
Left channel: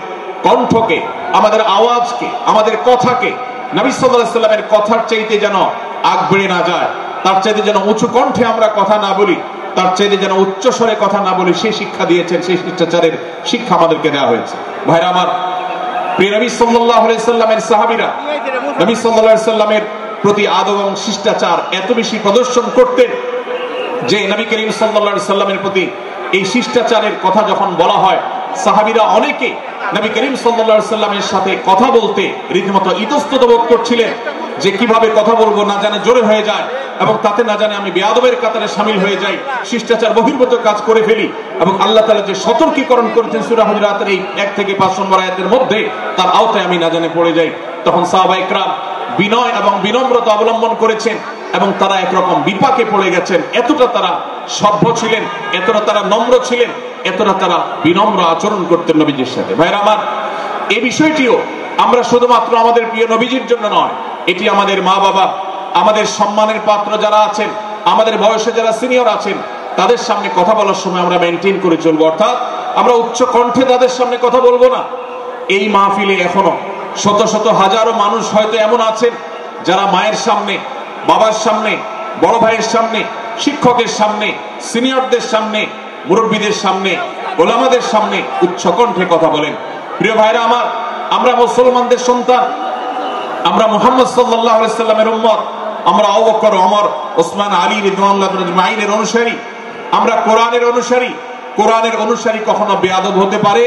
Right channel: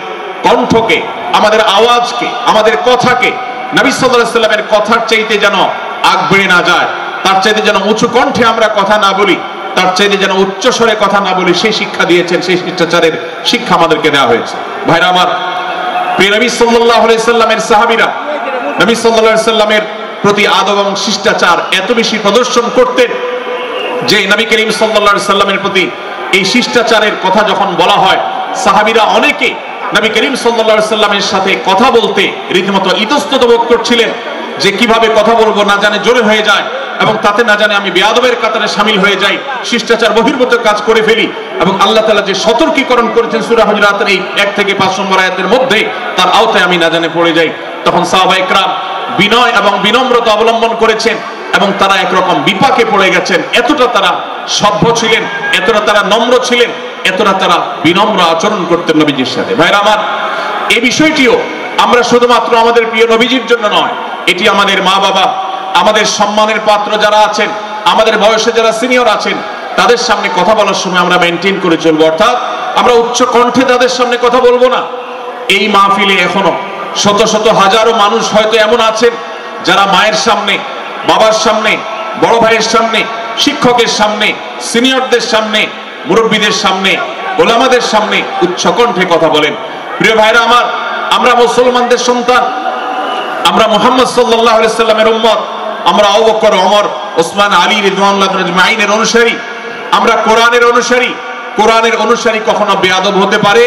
কণ্ঠকে, আমাদের আওয়াজকে, আমাদের কথাকে নবী সাল্লাল্লাহু আলাইহি ওয়াসাল্লামের কথার চাইতে যেন আগ বেড়ে না যায়, তার চাইতে যেন উঁচু কণ্ঠে আমরা কথা না বলি, তার চাইতে যেন উচ্চ স্বরে কথা না বলি, সেই শিক্ষা দিয়েছেন, সেই শিষ্টাচারের শিক্ষা আমাদেরকে দেওয়া হয়েছে। ভাইরা আমার, প্রিয় নবী সাল্লাল্লাহু আলাইহি ওয়াসাল্লামের সাহাবীরা নবী সাল্লাল্লাহু আলাইহি ওয়াসাল্লামের প্রতি আদব এবং শিষ্টাচার এত বেশি প্রদর্শন করতেন যে নবী করিম সাল্লাল্লাহু আলাইহি ওয়াসাল্লামের প্রতি এই শিষ্টাচারের কথা যখন বলা হয়, সাহাবীরা অনেকে নবী করিম সাল্লাল্লাহু আলাইহি ওয়াসাল্লামের সাথে কথা বলতে রীতিমতো ইতস্তত বোধ করছিলেন যে কিভাবে কথা বলবো, না জানে জোরে হয়ে যায় এবং তাতে না জানে আমি বেয়াদবের কাতারে শামিল হয়ে যাই, শিষ্টাচার বহির্ভূত কাজ করে ফেলি। এবং আল্লাহ তাআলা যে সতর্কীকরণ করেছেন সূরা হুজুরাতের এই 1 থেকে 5 নম্বর আয়াতের মধ্যে, তার আওতায় আমি না জানে পড়ে যাই। তখন সাহাবায়ে কেরাম বিনয় এবং বিনম্রতা অবলম্বন করেছেন এবং তারা একরকম বিপাকে পড়ে গেছেন। এতটা তারা সভ্য ছিলেন, এতটা তারা নম্র ছিলেন, এতটা তারা বিনম্র আচরণ করতেন নবীজির সাথে। ভাইরা আমার, এই বিষয়টিও আমরা শুধুমাত্র আমাদের প্রিয় নবীজির জন্য নয়, এটি আমাদের মা বাবা, আমাদের সম্মানের পাত্র যারা আছেন, আমাদের বয়সে যারা সিনিয়র আছেন, তাদের সামনে কথা বলার সময় আমরা মেনটেন করে চলবো, অর্থাৎ আমরা উচ্চ কণ্ঠে তাদের সামনে কথা বলবো না। এই মাহফিলে এখনো শত শত হাজারো মানুষ হয়তো এমন আছেন যারা মায়ের সামনে, বাবার সামনে, বড় ভাইয়ের সামনে, শিক্ষকের সামনে, সিনিয়রদের সামনে, মুরব্বীদের সামনে, ওলামাদের সামনে উচ্চ কণ্ঠে কথা বলেন। প্রিয় ভাইরা আমার, আমরা মুসলমানদের সন্তান, আমরা মুহাম্মদ সাল্লাল্লাহু আলাইহি সাল্লামের উম্মত, আমরা আবু বকর, ওমর, ওসমান, আলী রাদিয়াল্লাহু আজমাইনের অনুসারী, আমরা কোরআনের অনুসারী। কোরআনের অনুসারী কখনো বেয়াদব হতে পারে?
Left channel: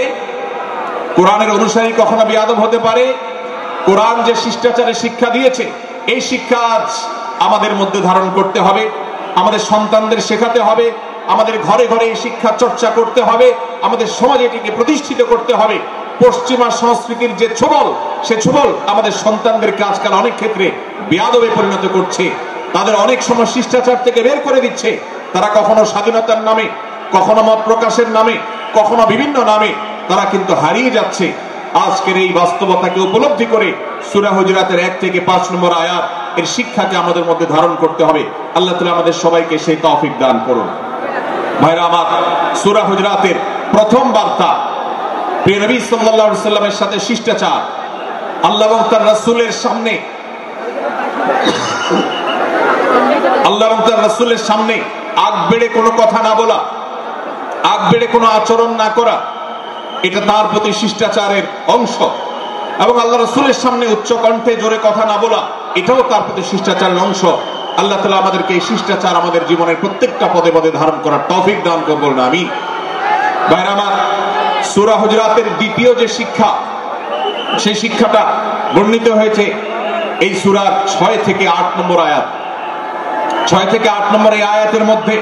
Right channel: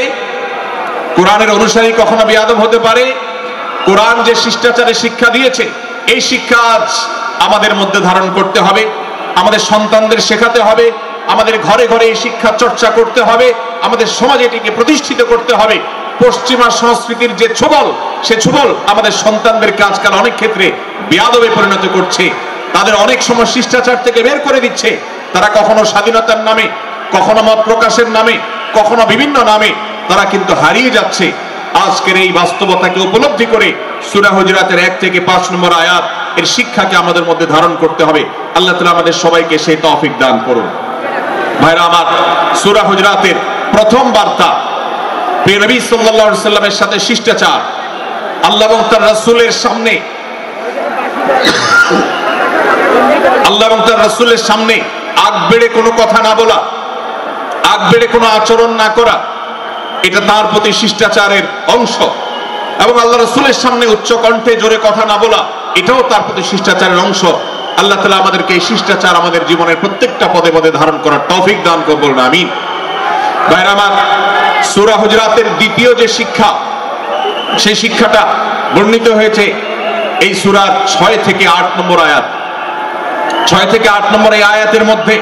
কোরআনের অনুসারী কখনো বেয়াদব হতে পারে? কোরআন যে শিষ্টাচারের শিক্ষা দিয়েছে, এই শিক্ষা আজ আমাদের মধ্যে ধারণ করতে হবে, আমাদের সন্তানদের শেখাতে হবে, আমাদের ঘরে ঘরে এই শিক্ষা চর্চা করতে হবে, আমাদের সমাজে এটিকে প্রতিষ্ঠিত করতে হবে। পশ্চিমা সংস্কৃতির যে ছোবল, সে ছোবল আমাদের সন্তানদেরকে আজকাল অনেক ক্ষেত্রে বেয়াদবে পরিণত করছে, তাদের অনেক সময় শিষ্টাচার থেকে বের করে দিচ্ছে। তারা কখনো স্বাধীনতার নামে, কখনো মত প্রকাশের নামে, কখনো বিভিন্ন নামে তারা কিন্তু হারিয়ে যাচ্ছে। আজকের এই বাস্তবতাকে উপলব্ধি করে সূরা হুজুরাতের 1 থেকে 5 নম্বর আয়াত এর শিক্ষাকে আমাদের মধ্যে ধারণ করতে হবে। আল্লাহ তাআলা আমাদের সবাইকে সেই তৌফিক দান করুন। ভাইরা আমার, সূরা হুজুরাতের প্রথম বার্তা প্রিয় নবী সাল্লাল্লাহু আলাইহি সাল্লামের সাথে শিষ্টাচার, আল্লাহ এবং তার রাসূলের সামনে, আল্লাহ এবং তার রাসূলের সামনে আগ বেড়ে কোনো কথা না বলা, আগ বেড়ে কোনো আচরণ না করা, এটা তার প্রতি শিষ্টাচারের অংশ। এবং আল্লাহ রাসূলের সামনে উচ্চ কণ্ঠে জোরে কথা না বলা, এটাও তার প্রতি শিষ্টাচারের অংশ। আল্লাহ তাআলা আমাদেরকে এই শিষ্টাচার আমাদের জীবনের প্রত্যেকটা পদে পদে ধারণ করার তৌফিক দান করুন, বলুন আমিন। ভাইরা আমার, সূরা হুজুরাতের দ্বিতীয় যে শিক্ষা, সেই শিক্ষাটা বর্ণিত হয়েছে এই সূরার 6 থেকে 8 নম্বর আয়াত। 6 থেকে 8 নম্বর এই আয়াতের মধ্যে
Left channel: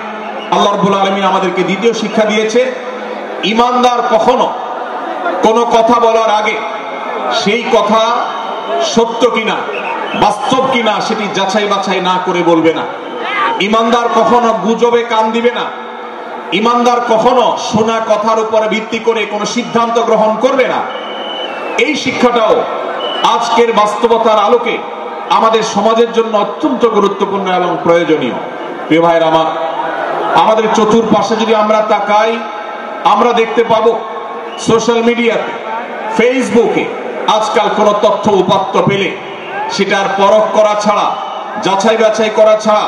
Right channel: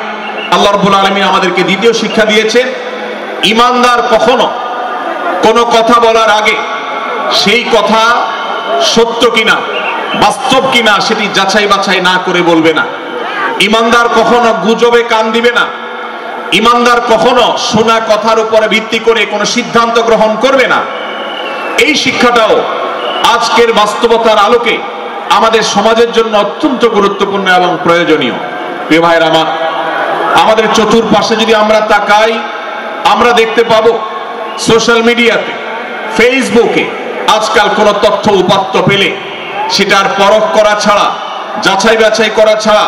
আল্লাহ রাব্বুল আলামিন আমাদেরকে দ্বিতীয় শিক্ষা দিয়েছেন, ঈমানদার কখনো কোনো কথা বলার আগে সেই কথা সত্য কিনা, বাস্তব কিনা সেটি যাচাই বাছাই না করে বলবে না। ঈমানদার কখনো গুজবে কান দিবে না। ঈমানদার কখনো শোনা কথার উপরে ভিত্তি করে কোনো সিদ্ধান্ত গ্রহণ করবে না। এই শিক্ষাটাও আজকের বাস্তবতার আলোকে আমাদের সমাজের জন্য অত্যন্ত গুরুত্বপূর্ণ এবং প্রয়োজনীয়। প্রিয় ভাইরা আমার, আমাদের চতুর্পাশে যদি আমরা তাকাই, আমরা দেখতে পাবো সোশ্যাল মিডিয়াতে, ফেসবুকে আজকাল কোনো তথ্য উপাত্ত পেলে সেটার পরখ করা ছাড়া, যাচাই বাছাই করা ছাড়া,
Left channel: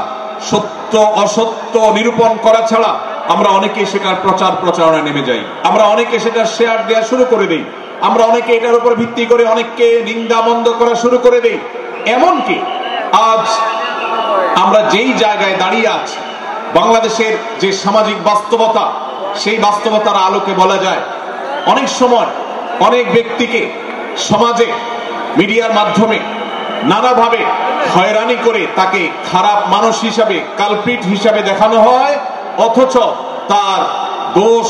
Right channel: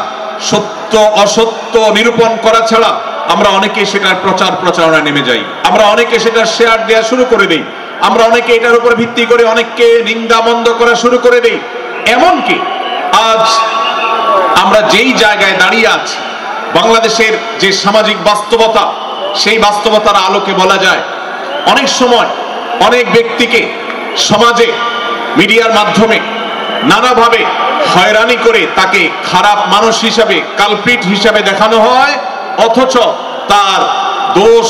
সত্য অসত্য নিরূপণ করা ছাড়া আমরা অনেকে সেটার প্রচার প্রচারণায় নেমে যাই, আমরা অনেকে সেটার শেয়ার দেওয়া শুরু করে দিই, আমরা অনেকে এটার উপর ভিত্তি করে অনেককে নিন্দা মন্দ করা শুরু করে দিই। এমনকি আজ আমরা যেই জায়গায় দাঁড়িয়ে আছি, বাংলাদেশের যে সামাজিক বাস্তবতা, সেই বাস্তবতার আলোকে বলা যায় অনেক সময় অনেক ব্যক্তিকে সমাজে মিডিয়ার মাধ্যমে নানাভাবে হয়রানি করে তাকে খারাপ মানুষ হিসাবে, কালপ্রিট হিসাবে দেখানো হয়, অথচ তার দোষ,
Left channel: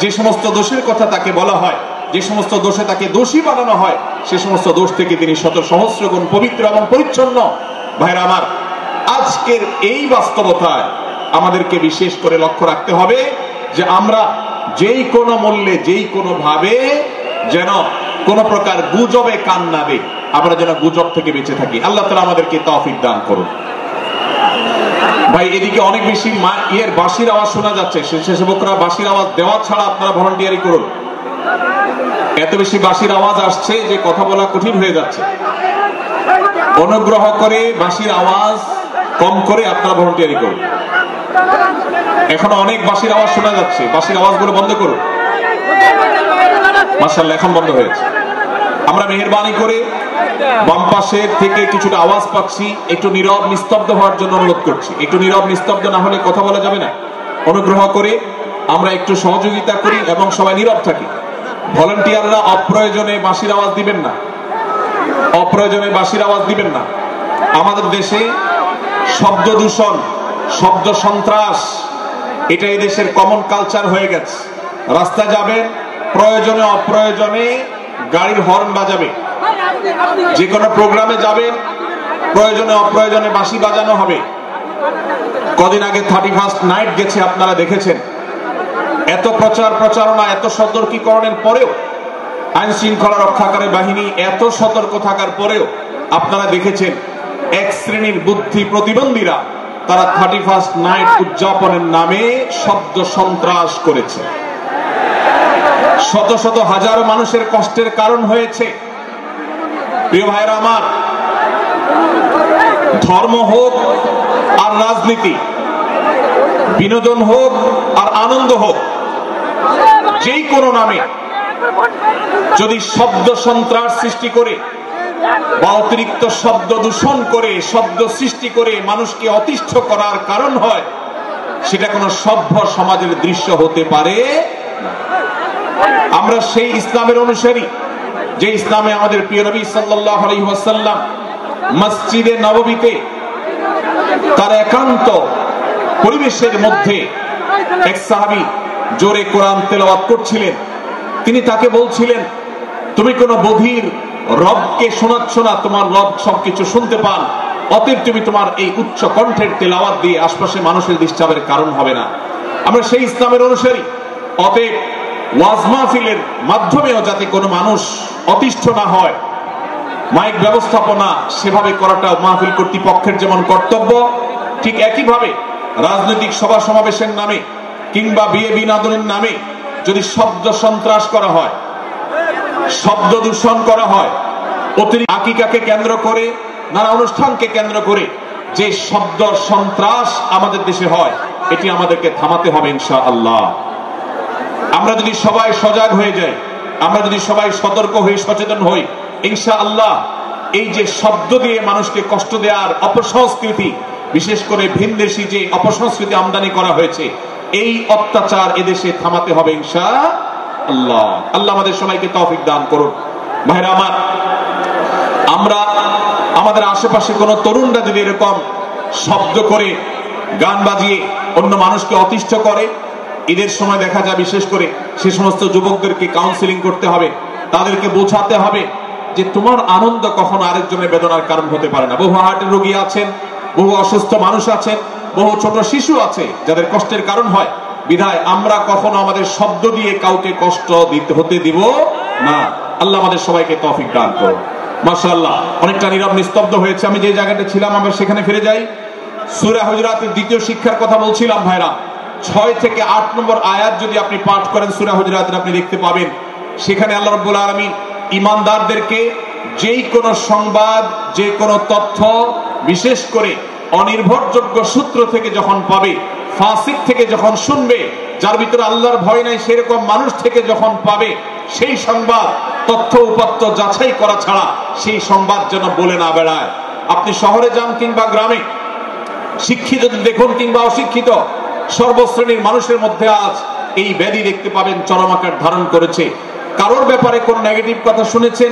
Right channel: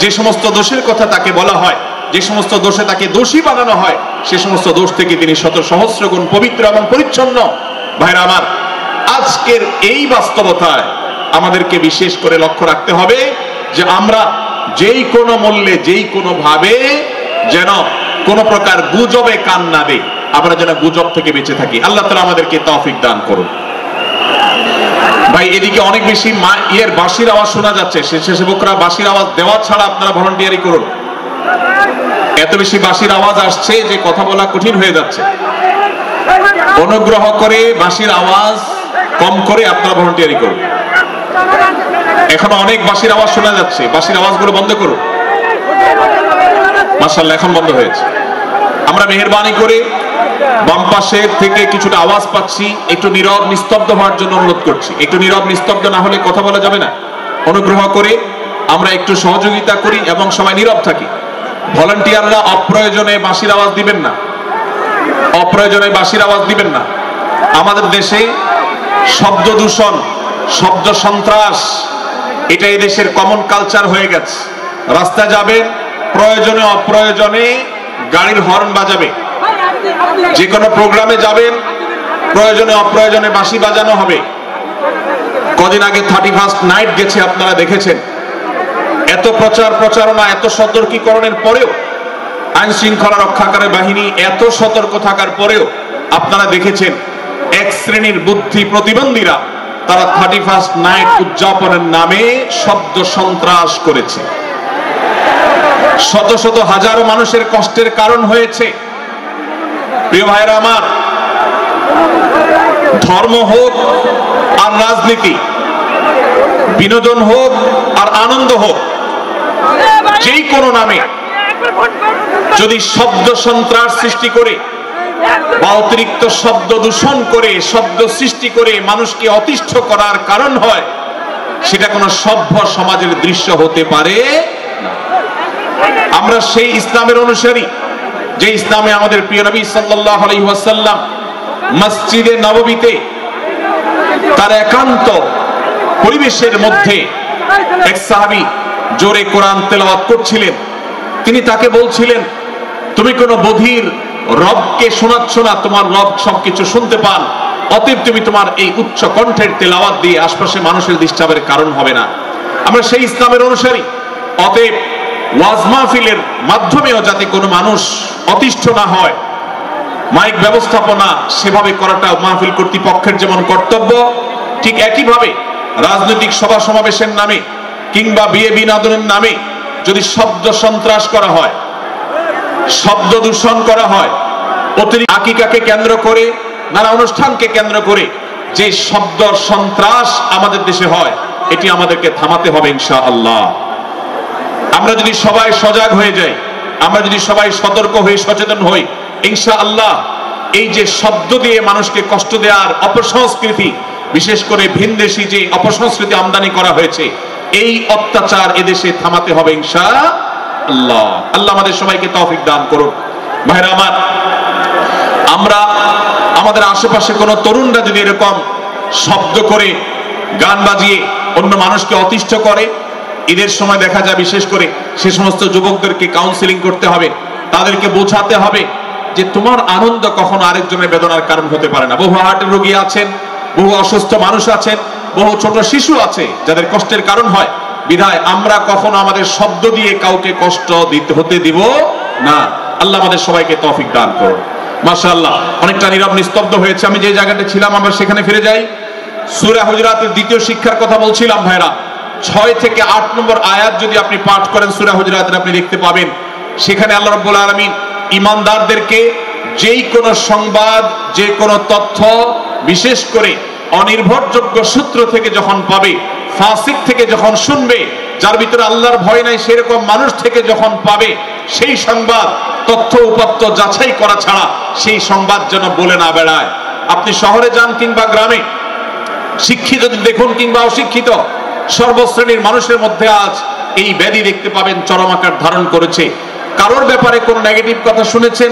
যে সমস্ত দোষের কথা তাকে বলা হয়, যে সমস্ত দোষে তাকে দোষী বানানো হয়, সে সমস্ত দোষ থেকে তিনি শত সহস্র গুণ পবিত্র এবং পরিচ্ছন্ন। ভাইরা আমার, আজকের এই বাস্তবতায় আমাদেরকে বিশেষ করে লক্ষ্য রাখতে হবে যে আমরা যেই কোনো মূল্যে, যেই কোনো ভাবে যেন কোনো প্রকার গুজবে কান না দেই, আমরা যেন গুজব থেকে বেঁচে থাকি। আল্লাহ তাআলা আমাদেরকে তৌফিক দান করুন। ভাই, এদিকে অনেক বেশি বাঁশির আওয়াজ শোনা যাচ্ছে। স্বেচ্ছাসেবকরা বাঁশির আওয়াজ দেওয়া ছাড়া আপনারা ভলান্টিয়ারি করুন। এত বেশি বাঁশির আওয়াজ আসছে যে কথা বলা কঠিন হয়ে যাচ্ছে। অনুগ্রহ করে বাঁশির আওয়াজ কম করে আপনারা ভলান্টিয়ারি করুন। এখন অনেক বাঁশির আওয়াজ শোনা যাচ্ছে, বাঁশির আওয়াজগুলো বন্ধ করুন। মাশাআল্লাহ, এখন বন্ধ হয়েছে। আমরা মেহেরবানি করে বাম পাশের থেকে কিছুটা আওয়াজ পাচ্ছি, একটু নীরব নিস্তব্ধ হওয়ার জন্য অনুরোধ করছি। একটু নীরব নিস্তব্ধ না হলে কথা বলা যাবে না। অনুগ্রহ করে আমরা একটু সহযোগিতা করি এবং সবাই নীরব থাকি। ভলান্টিয়াররা অপ্রয়োজনে বাঁশির আওয়াজ দিবেন না, অপ্রয়োজনে বাঁশির আওয়াজ দিবেন না। আমাদের দেশে শব্দ দূষণ, শব্দ সন্ত্রাস, এটা এই দেশের কমন কালচার হয়ে গেছে। রাস্তায় যাবেন, প্রয়োজনে অপ্রয়োজনে গাড়ির হর্ন বাজাবে, যে কোনো প্রোগ্রামে যাবেন, প্রয়োজনে অপ্রয়োজনে বাঁশি বাজানো হবে। কদিন আগে 31st নাইট গেছে, আপনারা দেখেছেন। এত প্রচার প্রচারণা, এত সতর্কীকরণের পরেও, আইন শৃঙ্খলা রক্ষাকারী বাহিনী এত সতর্ক থাকার পরেও আপনারা দেখেছেন এক শ্রেণীর বুদ্ধি প্রতিবন্ধীরা তারা 31st নাইট উদযাপনের নামে শব্দ সন্ত্রাস করেছে। শত শত হাজারো মানুষের কষ্টের কারণ হয়েছে। প্রিয় ভাইরা আমার, ধর্ম হোক আর রাজনীতি, বিনোদন হোক আর আনন্দ হোক, যেই কোনো নামে যদি শব্দ সন্ত্রাস সৃষ্টি করে বা অতিরিক্ত শব্দ দূষণ করে, শব্দ সৃষ্টি করে মানুষকে অতিষ্ঠ করার কারণ হয়, সেটা কোনো সভ্য সমাজের দৃশ্য হতে পারে না। আমরা সেই ইসলামের অনুসারী যে ইসলামে আমাদের প্রিয় নবী সাল্লাল্লাহু আলাইহি ওয়াসাল্লাম মসজিদে নববীতে তার একান্ত পরিবেশের মধ্যে এক সাহাবী জোরে কোরআন তেলাওয়াত করছিলেন। তিনি তাকে বলছিলেন, তুমি কোনো বধির রবকে শোনাচ্ছ না, তোমার রব সবকিছু শুনতে পান, অতএব তুমি তোমার এই উচ্চ কণ্ঠের তেলাওয়াত দিয়ে আশপাশে মানুষের ডিস্টার্বের কারণ হবে না। আমরা সেই ইসলামের অনুসারী। অতএব ওয়াজ মাহফিলের মাধ্যমেও যাতে কোনো মানুষ অতিষ্ঠ না হয়, মাইক ব্যবস্থাপনা সেভাবে করাটা মাহফিল কর্তৃপক্ষের যেমন কর্তব্য, ঠিক একইভাবে রাজনৈতিক সভা সমাবেশের নামে কিংবা বিয়ে বিনোদনের নামে যদি শব্দ সন্ত্রাস করা হয়, শব্দ দূষণ করা হয়, অতিরিক্ত আকিকাকে কেন্দ্র করে, নানা অনুষ্ঠানকে কেন্দ্র করে যে শব্দ সন্ত্রাস আমাদের দেশে হয়, এটি আমাদেরকে থামাতে হবে ইনশাআল্লাহ। আমরা যদি সবাই সজাগ হয়ে যাই, আমরা যদি সবাই সতর্ক হয়ে সচেতন হই, ইনশাআল্লাহ এই যে শব্দ দিয়ে মানুষকে কষ্ট দেওয়ার অপসংস্কৃতি, বিশেষ করে ভিনদেশী যে অপসংস্কৃতি আমদানি করা হয়েছে, এই অত্যাচার এদেশে থামাতে হবে ইনশাআল্লাহ। আল্লাহ আমাদের সবাইকে তৌফিক দান করুন। ভাইরা আমার, আমরা আমাদের আশেপাশে কোনো তরুণরা যদি এরকম শব্দ করে, গান বাজিয়ে অন্য মানুষকে অতিষ্ঠ করে, ঈদের সময় দেখা যায় বিশেষ করে সে সমস্ত যুবকদেরকে কাউন্সিলিং করতে হবে, তাদেরকে বোঝাতে হবে যে তোমার আনন্দ কখনো আরেকজনের বেদনার কারণ হতে পারে না। বহু হার্টের রোগী আছেন, বহু অসুস্থ মানুষ আছেন, বহু ছোট শিশু আছে যাদের কষ্টের কারণ হয়। বিধায় আমরা কখনো আমাদের শব্দ দিয়ে কাউকে কষ্ট হতে দিব না। আল্লাহ আমাদের সবাইকে তৌফিক দান করুন। মাশাআল্লাহ, অনেকটা নীরব নিস্তব্ধ হয়েছে। আমি যে জায়গাটা ছিলাম আমরা সেখানে ফিরে যাই। সূরা হুজুরাতের দ্বিতীয় শিক্ষার কথা বলছিলাম ভাইরা। 6 থেকে 8 নম্বর আয়াত যদি আপনি পাঠ করেন সূরা হুজুরাতের, আপনি দেখতে পাবেন সেখানে আল্লাহ রাব্বুল আলামিন ঈমানদারদেরকে যেই কোনো সংবাদ, যে কোনো তথ্য, বিশেষ করে অনির্ভরযোগ্য সূত্র থেকে যখন পাবে, ফাসিক থেকে যখন শুনবে, যার ভিতরে আল্লাহর ভয় নাই সেরকম মানুষ থেকে যখন পাবে, সেই সংবাদ তথ্য উপাত্ত যাচাই করা ছাড়া সেই সংবাদ যেন বলে না বেড়ায়। আপনি শহরে যান কিংবা গ্রামে, শিক্ষিত দেখুন কিংবা অশিক্ষিত, সর্বশ্রেণীর মানুষের মধ্যে আজ এই ব্যাধি দেখতে পাবেন চরম আকার ধারণ করেছে। কারোর ব্যাপারে কোনো নেগেটিভ কথা শুনেছেন,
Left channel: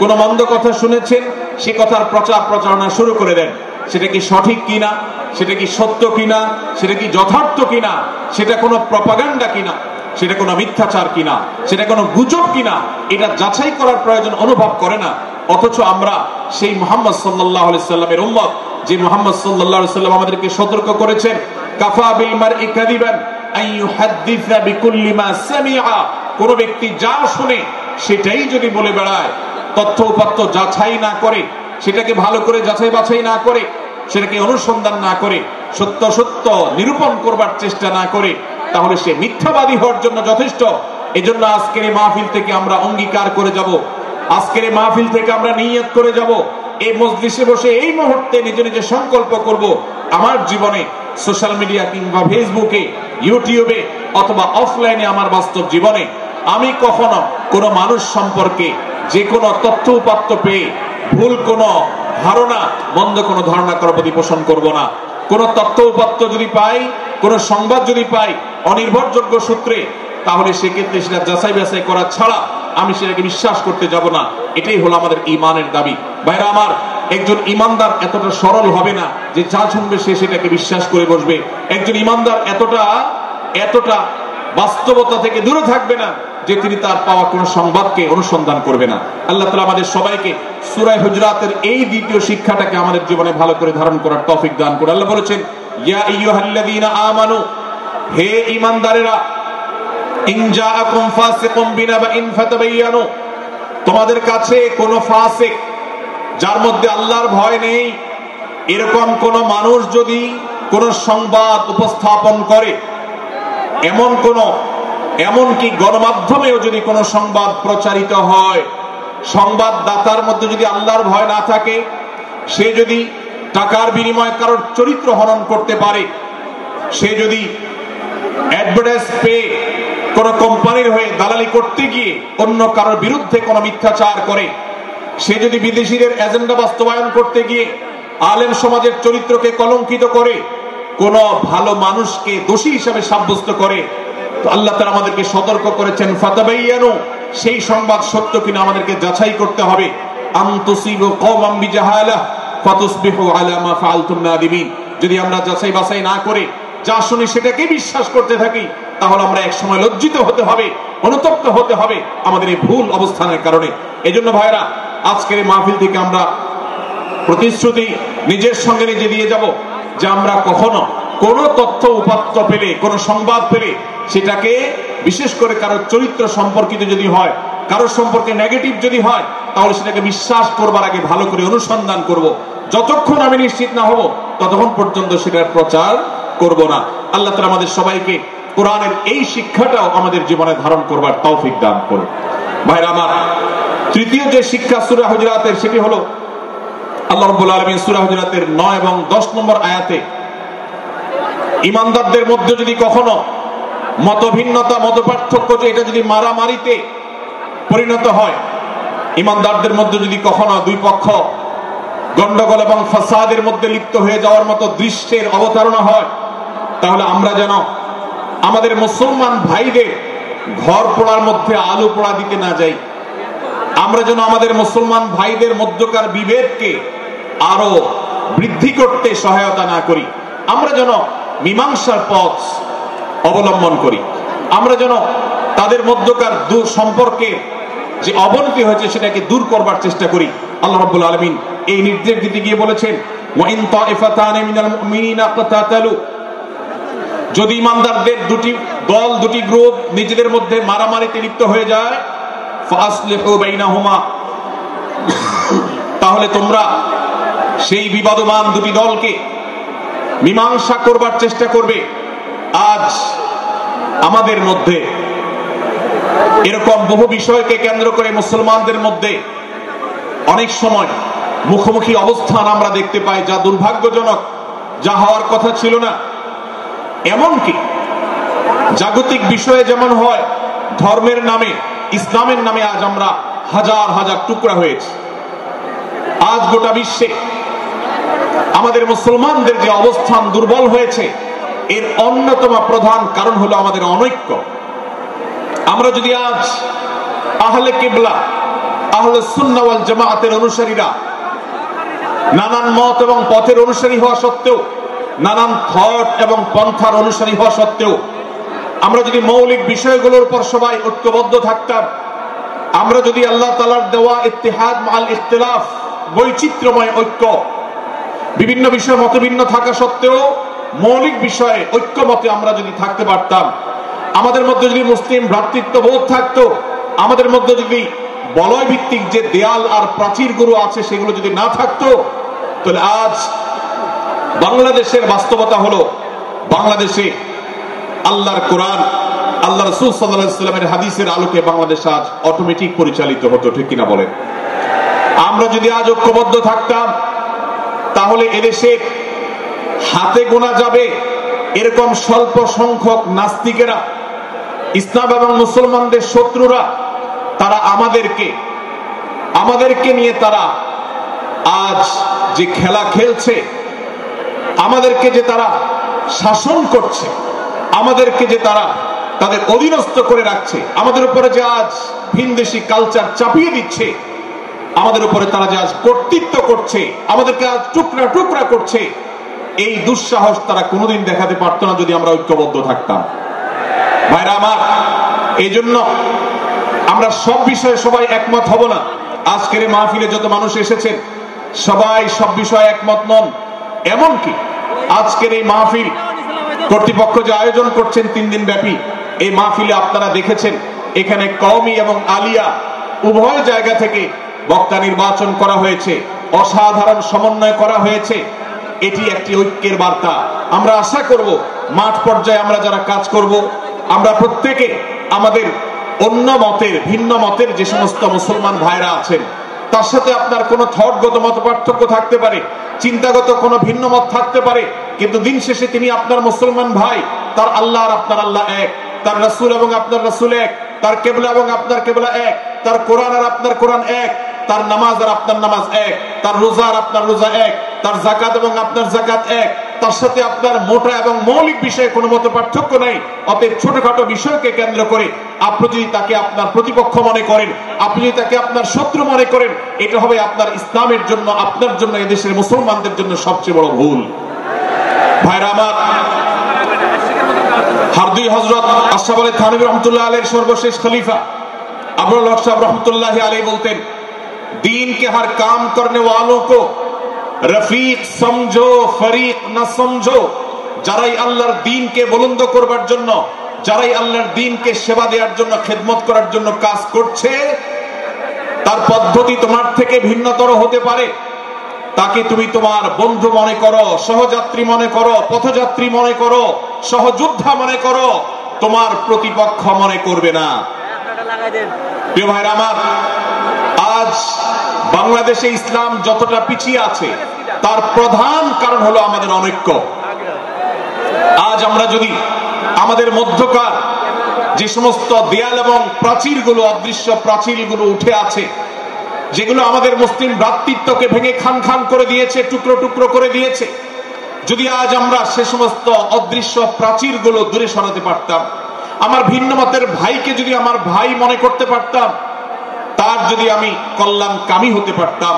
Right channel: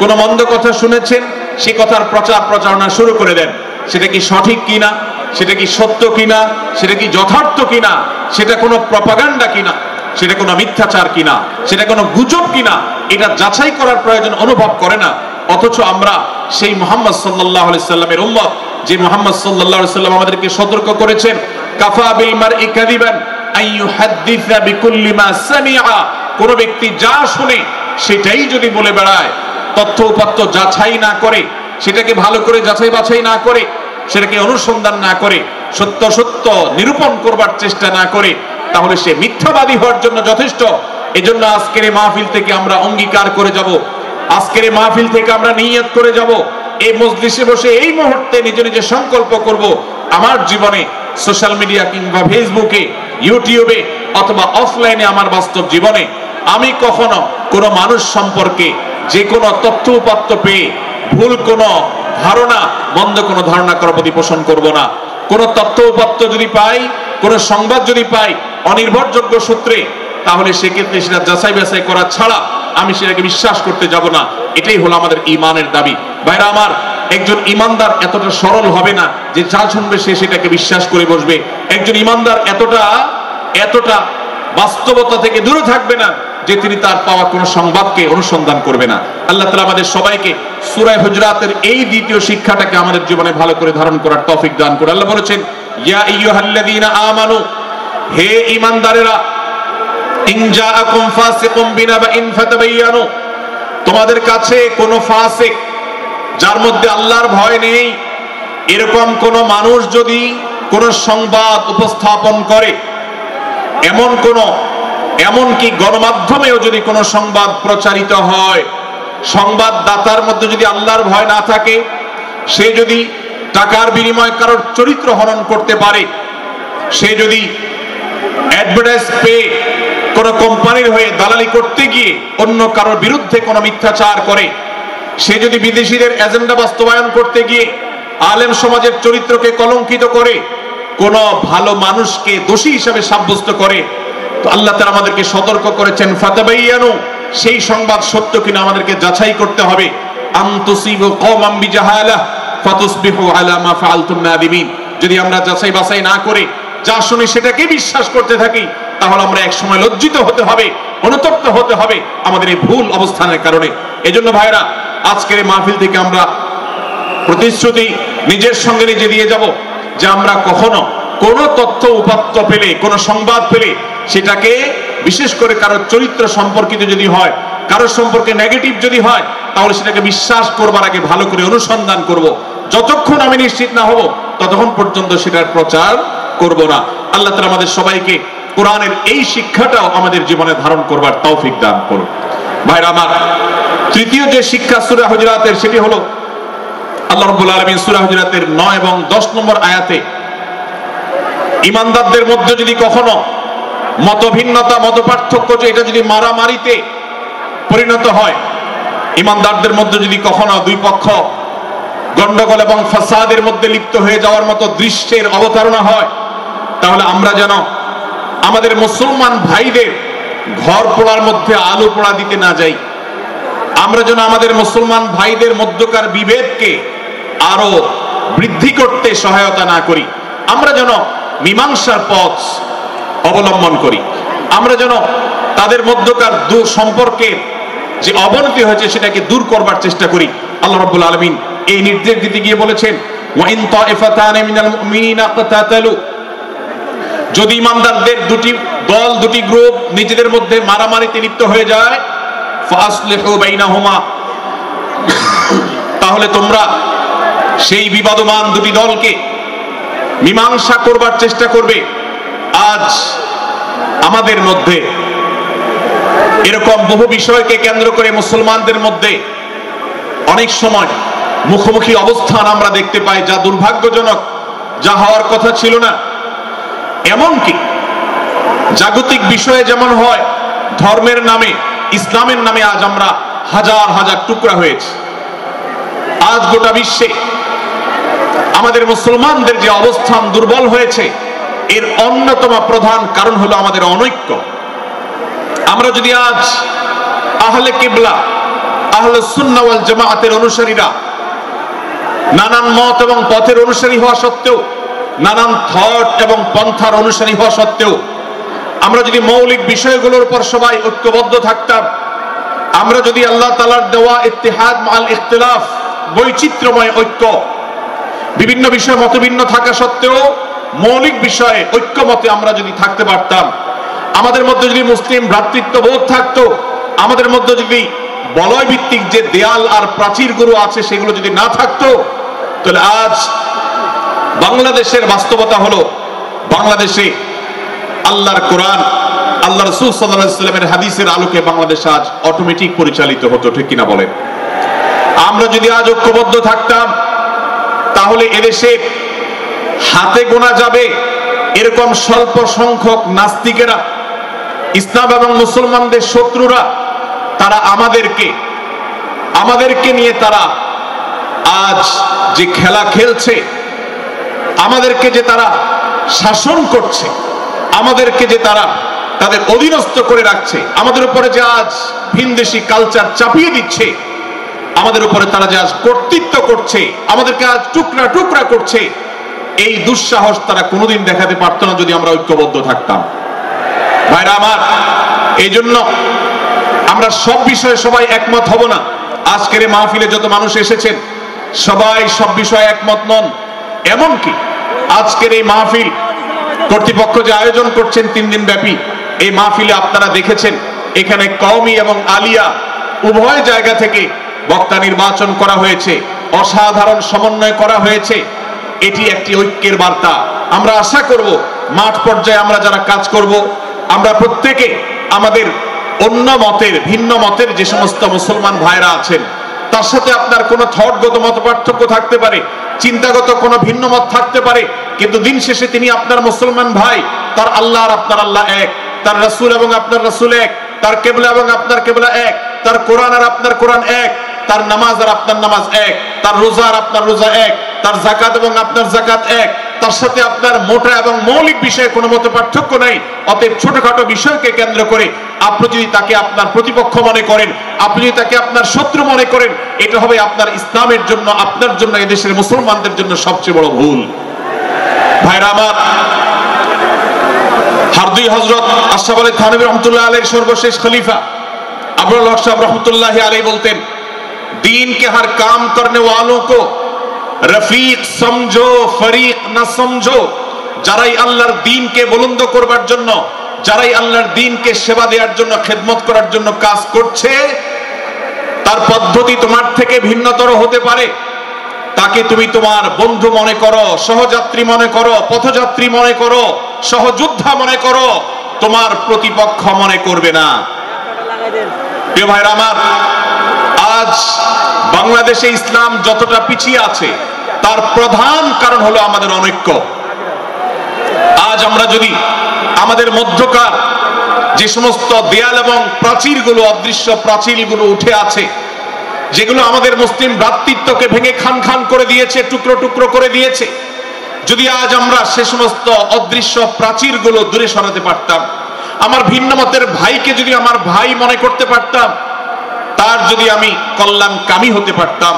কোনো মন্দ কথা শুনেছেন, সে কথার প্রচার প্রচারণা শুরু করে দেন। সেটা কি সঠিক কিনা, সেটা কি সত্য কিনা, সেটা কি যথার্থ কিনা, সেটা কোনো প্রপাগান্ডা কিনা, সেটা কোনো মিথ্যাচার কিনা, সেটা কোনো গুজব কিনা, এটা যাচাই করার প্রয়োজন অনুভব করে না। অথচ আমরা সেই মুহাম্মদ সাল্লাল্লাহু আলাইহি সাল্লামের উম্মত, যে মুহাম্মদ সাল্লাল্লাহু আলাইহি সাল্লাম আমাদেরকে সতর্ক করেছেন, কাফা বিল মারই কাযিবান আন ইউহাদ্দিসা বিকুল্লি মা সামিআ, কোন ব্যক্তি যা শুনে সেটাই যদি বলে বেড়ায়, তথ্য উপাত্ত যাচাই না করে, সেটাকে ভালো করে যাচাই বাছাই না করে, সেটাকে অনুসন্ধান না করে, সত্য সত্য নিরূপণ করবার চেষ্টা না করে, তাহলে সে মিথ্যাবাদী হওয়ার জন্য যথেষ্ট। এজন্য আজকের এই মাহফিল থেকে আমরা অঙ্গীকার করে যাব, আজকের এই মাহফিল থেকে আমরা নিয়ত করে যাব, এই মজলিসে বসে এই মুহূর্তে নিজে নিজে সংকল্প করব, আমার জীবনে সোশ্যাল মিডিয়া কিংবা ফেসবুকে, ইউটিউবে অথবা অফলাইনে আমার বাস্তব জীবনে আমি কখনো কোনো মানুষ সম্পর্কে যে কোনো তথ্য উপাত্ত পেয়ে ভুল কোনো ধারণা, মন্দ কোনো ধারণা করার প্রতি পোষণ করব না। কোনো তথ্য উপাত্ত যদি পাই, কোনো সংবাদ যদি পাই অনির্ভরযোগ্য সূত্রে, তাহলে সেক্ষেত্রে সেটা যাচাই বাছাই করা ছাড়া আমি সেটাকে বিশ্বাস করতে যাব না। এটাই হলো আমাদের ঈমানের দাবি। ভাইরা আমার, একজন ঈমানদার এতটা সরল হবে না যে যা শুনবে সে সেটাকে বিশ্বাস করে বসবে। একজন ঈমানদার এতটা বাস্তবতা থেকে দূরে থাকবে না যে তিনি তার পাওয়া কোনো সংবাদকে অনুসন্ধান করবে না। আল্লাহ তাআলা আমাদের সবাইকে সূরা হুজরাতের এই দ্বিতীয় শিক্ষাটাকে আমাদের জীবনে ভালো করে ধারণ করার তৌফিক দান করুন। আল্লাহ বলেছেন, ইয়া আইয়ুহাল্লাযীনা আমানু, হে ঈমানদারেরা, ইন জাআকুম ফাসিকুম বিনাবাইন ফাতাবায়ানু, তোমাদের কাছে কোনো ফাসিক, যার মধ্যে আল্লাহর ভয় নেই, এরকম কোন মানুষ যদি কোন সংবাদ উপস্থাপন করে, এমনকি গণমাধ্যমেও যদি কোনো সংবাদ প্রচারিত হয়, সংবাদদাতার মধ্যে যদি আল্লাহর ভয় না থাকে, সে যদি টাকার বিনিময়ে কারোর চরিত্র হনন করতে পারে, সে যদি অ্যাডভার্টাইজ পেয়ে কোন কোম্পানির হয়ে দালালি করতে গিয়ে অন্য কারোর বিরুদ্ধে কোনো মিথ্যাচার করে, সে যদি বিদেশিদের এজেন্ডা বাস্তবায়ন করতে গিয়ে আলেম সমাজের চরিত্রকে কলঙ্কিত করে, কোন ভালো মানুষকে দোষী হিসাবে সাব্যস্ত করে, তো আল্লাহ তাআলা আমাদেরকে সতর্ক করেছেন, ফাতাবায়ানু, সেই সংবাদ সত্য কিনা আমাদেরকে যাচাই করতে হবে। আন তুসিবু কওমান বিজাহালাহ ফাতুসবিহু আলা মা ফাআলতুম নাদিমিন, যদি আমরা যাচাই বাছাই না করে যা শুনি সেটাকে বিশ্বাস করতে থাকি, তাহলে আমরা এক সময় লজ্জিত হতে হবে, অনুতপ্ত হতে হবে আমাদের এই ভুল অবস্থানের কারণে। এজন্য ভাইরা, আজকের এই মাহফিল থেকে আমরা প্রতিশ্রুতি নিজের সঙ্গে নিজে দিয়ে যাব যে আমরা কখনো কোন তথ্য উপাত্ত পেলে, কোন সংবাদ পেলে, সেটাকে বিশেষ করে কারোর চরিত্র সম্পর্কিত যদি হয়, কারোর সম্পর্কে নেগেটিভ যদি হয়, তাহলে সেটাকে বিশ্বাস করবার আগে ভালো করে অনুসন্ধান করব। যতক্ষণ আমি নিশ্চিত না হব ততক্ষণ পর্যন্ত সেটার প্রচার করব না। আল্লাহ তাআলা আমাদের সবাইকে কোরআনের এই শিক্ষাটাও আমাদের জীবনে ধারণ করবার তৌফিক দান করুন। ভাইরা আমার, তৃতীয় যে শিক্ষা সূরা হুজুরাতের, সেটি হলো আল্লাহ রাব্বুল আলামিন সূরা হুজুরাতের 9 এবং 10 নম্বর আয়াতে ঈমানদারদের মধ্যে যদি কখনো মতভিন্নতা, মতপার্থক্য, যে এটা যদি মারামারিতে পরিণত হয়, ঈমানদারদের মধ্যে যদি কখনো দুই পক্ষ গন্ডগোল এবং ফাসাদের মধ্যে লিপ্ত হয়ে যাওয়ার মতো দৃশ্যের অবতারণা হয়, তাহলে আমরা যেন আমাদের মুসলমান ভাইদের ঘর পোড়ার মধ্যে আলো পোড়া দিতে না যাই। আমরা যেন আমাদের মুসলমান ভাইদের মধ্যকার বিভেদকে আরো বৃদ্ধি করতে সহায়তা না করি। আমরা যেন মীমাংসার পথ অবলম্বন করি। আমরা যেন তাদের মধ্যকার সম্পর্কের যে অবনতি হয়েছে সেটাকে দূর করবার চেষ্টা করি। আল্লাহ রাব্বুল আলামিন এই নির্দেশ দিতে গিয়ে বলেছেন, ওয়া ইন তাইফাতানি মিনাল মুমিনিনা ইকতাতালু, যদি ঈমানদারদের দুটি দল, দুটি গ্রুপ নিজেদের মধ্যে মারামারিতে লিপ্ত হয়ে যায়, ফাসলিহু বাইনাহুমা, তাহলে তোমরা সেই বিবাদমান দুটি দলকে মীমাংসা করবার চেষ্টা করবে। আজ আমাদের মধ্যে এরকম বহু বিষয়কে কেন্দ্র করে মুসলমানদের মধ্যে অনেক সময় মুখোমুখি অবস্থান আমরা দেখতে পাই, যা দুর্ভাগ্যজনক, যা হওয়ার কথা ছিল না। এমনকি জাগতিক বিষয়ে যেমন হয়, ধর্মের নামে, ইসলামের নামে আজ আমরা হাজার হাজার টুকরা হয়েছে। আজ গোটা বিশ্বে আমাদের মুসলমানদের যে অবস্থান দুর্বল হয়েছে, এর অন্যতম প্রধান কারণ হলো আমাদের অনৈক্য। আমরা যদি আজ আহলে কিবলা, আহলে সুন্নাহ ওয়াল জামাআতের অনুসারীরা নানান মত এবং পথের অনুসারী হওয়া সত্ত্বেও, নানান থট এবং পন্থার অনুসারী হওয়া সত্ত্বেও আমরা যদি মৌলিক বিষয়গুলোর উপর সবাই ঐক্যবদ্ধ থাকতাম, আমরা যদি আল্লাহ তাআলার দেওয়া ইত্তিহাদ মাল ইখতিলাফ, বৈচিত্র্যময় ঐক্য, বিভিন্ন বিষয়ে মতভিন্ন থাকা সত্ত্বেও মৌলিক বিষয়ে ঐক্যমতে আমরা যদি থাকতে পারতাম, আমাদের মধ্যে যদি মুসলিম ভ্রাতৃত্ববোধ থাকতো, আমাদের মধ্যে যদি বলয় ভিত্তিক যে দেয়াল আর প্রাচীরগুলো আছে সেগুলো যদি না থাকতো, তাহলে আজ বাংলাদেশের বাস্তবতা হলো, বাংলাদেশে আল্লাহর কোরআন, আল্লাহ রাসূল সাল্লাল্লাহু আলাইহি ওয়াসাল্লামের হাদিসের আলোকে বাংলাদেশ আজ অটোমেটিক পরিচালিত হতো, ঠিক কিনা বলেন? আমরা যদি আজ ঐক্যবদ্ধ থাকতাম, তাহলে এদেশে হাতে গোনা যাবে এরকম স্বল্প সংখ্যক নাস্তিকেরা, ইসলাম এবং মুসলমানদের শত্রুরা, তারা আমাদেরকে নিয়ে তারা আজ যে খেলা খেলছে, আমাদেরকে যে তারা শাসন করছে, আমাদেরকে যে তারা তাদের অধীনস্থ করে রাখছে, আমাদের উপরে যে আজ ভিনদেশী কালচার চাপিয়ে দিচ্ছে, আমাদের উপরে তারা যে আজ কর্তৃত্ব করছে, আমাদেরকে আজ টুকরা টুকরা করছে, এই দুঃসাহস তারা কোনোদিন দেখাতে পারতো না যদি আমরা ঐক্যবদ্ধ থাকতাম। ভাইরা আমার, এই জন্য আমরা সব বিষয়ে সবাই একমত হব না। আজকের এই মাহফিলে যত মানুষ এসেছেন সবাই সব বিষয়ে একমত নন। এমনকি আজকের এই মাহফিল কর্তৃপক্ষ যে আয়োজন করছেন 3 দিন ব্যাপী, এই মাহফিলে আপনারা দেখেছেন এখানে কওমি এবং আলিয়া উভয় জায়গা থেকে বক্তা নির্বাচন করা হয়েছে, অসাধারণ সমন্বয় করা হয়েছে। এটি একটি ঐক্যের বার্তা। আমরা আশা করব মাঠ পর্যায়ে আমরা যারা কাজ করব, আমরা প্রত্যেকে আমাদের অন্য মতের, ভিন্ন মতের যে সমস্ত মুসলমান ভাইরা আছেন, তার সাথে আপনার কোনো থটগত মত পার্থক্য থাকতে পারে, চিন্তাগত কোনো ভিন্ন মত থাকতে পারে, কিন্তু দিন শেষে তিনি আপনার মুসলমান ভাই। তার আল্লাহ আর আপনার আল্লাহ এক, তার রাসূল এবং আপনার রাসূল এক, তার কিবলা এবং আপনার কিবলা এক, তার কোরআন আর আপনার কোরআন এক, তার নামাজ আর আপনার নামাজ এক, তার রোজা আর আপনার রোজা এক, তার যাকাত এবং আপনার যাকাত এক, তার সাথে আপনার মোটা এবং মৌলিক বিষয়ে কোনো মত পার্থক্য নাই। অতএব ছোটখাটো বিষয়কে কেন্দ্র করে আপনি যদি তাকে আপনার প্রতিপক্ষ মনে করেন, আপনি যদি তাকে আপনার শত্রু মনে করেন, এটা হবে আপনার ইসলামের জন্য, আপনার জন্য, এদেশের মুসলমানদের জন্য সবচেয়ে বড় ভুল। ভাইরা আমার, হারদুই হযরত আশরাফ আলী থানভী রহমাতুল্লাহ আলাইহির সর্বশেষ খলিফা আবুল হক সাহেব রহমাতুল্লাহ আলাইহি বলতেন, दीन के हर काम करने वालों को रफीक समझो, फरीक न समझो। যারাই আল্লাহর দ্বীনকে বুলন্দ করবার জন্য, যারাই আল্লাহর দ্বীনকে সেবা দেওয়ার জন্য, খেদমত করার জন্য কাজ করছে, তার পদ্ধতি তোমার থেকে ভিন্নতর হতে পারে। তাকে তুমি তোমার বন্ধু মনে করো, সহযাত্রী মনে করো, পথযাত্রী মনে করো, সহযোদ্ধা মনে করো, তোমার প্রতিপক্ষ মনে করবে না। প্রিয় ভাইরা আমার, আজ বাংলাদেশে ইসলাম যতটা পিছিয়ে আছে তার প্রধান কারণ হলো আমাদের অনৈক্য। আজ আমরা যদি আমাদের মধ্যকার যে সমস্ত দেয়াল এবং প্রাচীরগুলো, অদৃশ্য প্রাচীরগুলো উঠে আছে, যেগুলো আমাদের মুসলিম ভ্রাতৃত্বকে ভেঙে খান খান করে দিয়েছে, টুকরো টুকরো করে দিয়েছে, যদি আজ আমরা সে সমস্ত অদৃশ্য প্রাচীরগুলো দূরে সরাতে পারতাম, আমার ভিন্ন মতের ভাইকে যদি আমার ভাই মনে করতে পারতাম, তার যদি আমি কল্যাণকামী হতে পারতাম,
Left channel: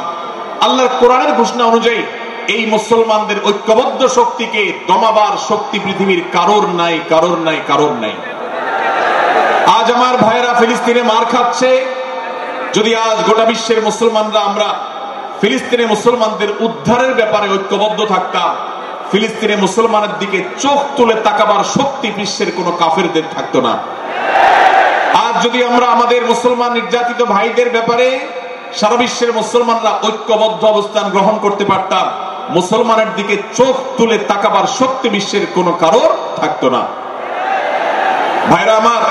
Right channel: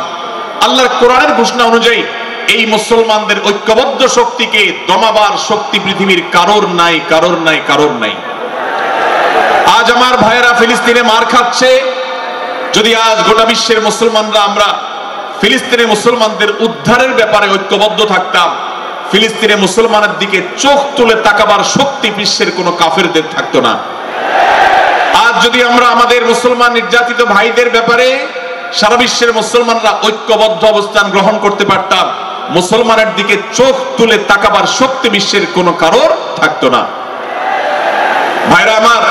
আল্লাহর কোরআনের ঘোষণা অনুযায়ী এই মুসলমানদের ঐক্যবদ্ধ শক্তিকে দমাবার শক্তি পৃথিবীর কারোর নাই, কারোর নাই, কারোর নাই। আজ আমার ভাইয়েরা ফিলিস্তিনে মার খাচ্ছে, যদি আজ গোটা বিশ্বের মুসলমানরা আমরা ফিলিস্তিনের মুসলমানদের উদ্ধারের ব্যাপারে ঐক্যবদ্ধ থাকতাম, ফিলিস্তিনের মুসলমানের দিকে চোখ তুলে তাকাবার শক্তি বিশ্বের কোনো কাফেরদের থাকতো না। আজ যদি আমরা আমাদের মুসলমান নির্যাতিত ভাইদের ব্যাপারে সারা বিশ্বের মুসলমানরা ঐক্যবদ্ধ অবস্থান গ্রহণ করতে পারতাম, মুসলমানের দিকে চোখ তুলে তাকাবার শক্তি বিশ্বের কোনো কারোর থাকতো না। ভাইরা আমার,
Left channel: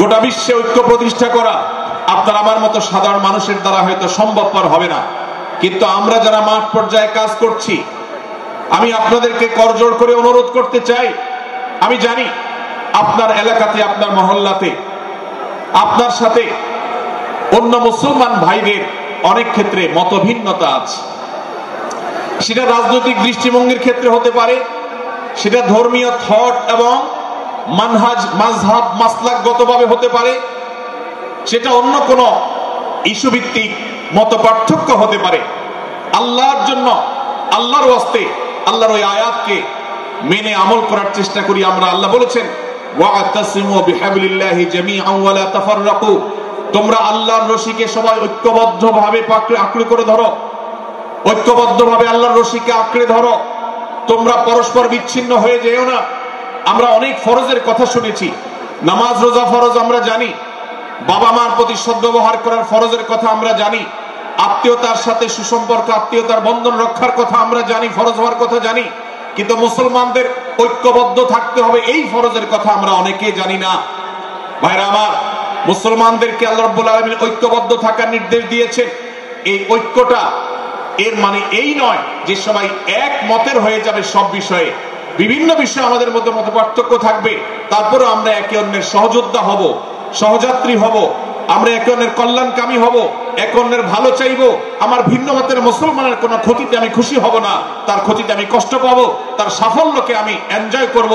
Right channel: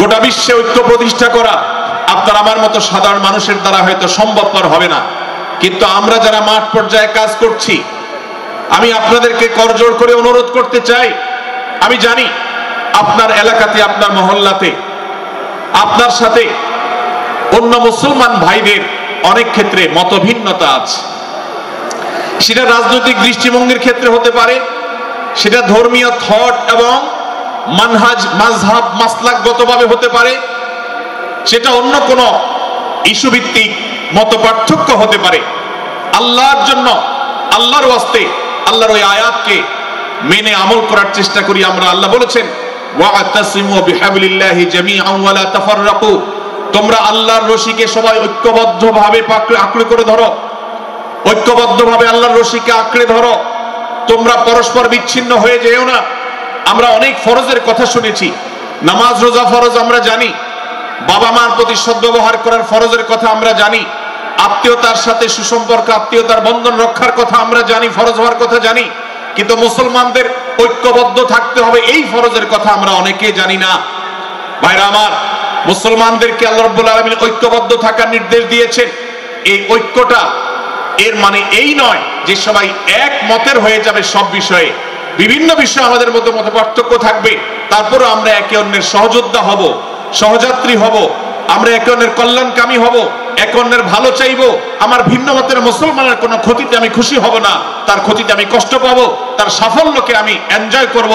গোটা বিশ্বে ঐক্য প্রতিষ্ঠা করা আপনার আমার মতো সাধারণ মানুষের দ্বারা হয়তো সম্ভবপর হবে না, কিন্তু আমরা যারা মাঠ পর্যায়ে কাজ করছি, আমি আপনাদেরকে করজোড় করে অনুরোধ করতে চাই, আমি জানি আপনার এলাকাতে, আপনার মহল্লাতে আপনার সাথে অন্য মুসলমান ভাইদের অনেক ক্ষেত্রে মতভিন্নতা আছে। সেটা রাজনৈতিক দৃষ্টিভঙ্গির ক্ষেত্রে হতে পারে, সেটা ধর্মীয় থট এবং মানহাজ মাযহাব মাসলাকগতভাবে হতে পারে, সেটা অন্য কোন ইস্যু ভিত্তিক মত পার্থক্য হতে পারে। আল্লাহর জন্য, আল্লাহর ওয়াস্তে, আল্লাহর ওই আয়াতকে মেনে আমল করার চেষ্টা করি আমরা। আল্লাহ বলেছেন ওয়া'তাসিমু বিহাবলিল্লাহি জামিআন ওয়া লা তাফাররাকু, তোমরা আল্লাহর রশিকে সবাই ঐক্যবদ্ধভাবে আঁকড়ে করে ধরো, ঐক্যবদ্ধভাবে আল্লাহর রশিকে আঁকড়ে ধরো, তোমরা পরস্পর বিচ্ছিন্ন হয়ে যেও না। আমরা অনেক ফরজের কথা শুনেছি, নামাজ রোজা ফরজ আমরা জানি, বাবা মার প্রতি সদ্ব্যবহার করার ফরজের কথা আমরা জানি, আত্মীয়তার সাথে সুসম্পর্ক, আত্মীয়তার বন্ধন রক্ষার কথা আমরা জানি, ফরজ হওয়ার কথা জানি, কিন্তু মুসলমানদের ঐক্যবদ্ধ থাকতে হবে এই ফরজের কথা আমরা অনেকেই জানি না। ভাইরা আমার, মুসলমানদেরকে আল্লাহ রাব্বুল আলামিন ঐক্যবদ্ধ থাকার নির্দেশ দিয়েছেন। এই ঐক্যটা এর মানে এই নয় যে সবাই এক মতের হয়ে যাবে সব বিষয়ে। বিভিন্ন বিষয়ে আমাদের মধ্যে মত পার্থক্য থাকবে, তারপরে আমরা একে অন্যের সহযোদ্ধা হব, সহযাত্রী হব, আমরা একে অন্যের কল্যাণকামী হব, একে অন্যের ভালো চাইবো। আমার ভিন্ন মতের মুসলমানের কোনো ক্ষতিতে আমি খুশি হব না, তার ক্ষতিতে আমি কষ্ট পাবো, তার সাফল্যকে আমি এনজয় করব,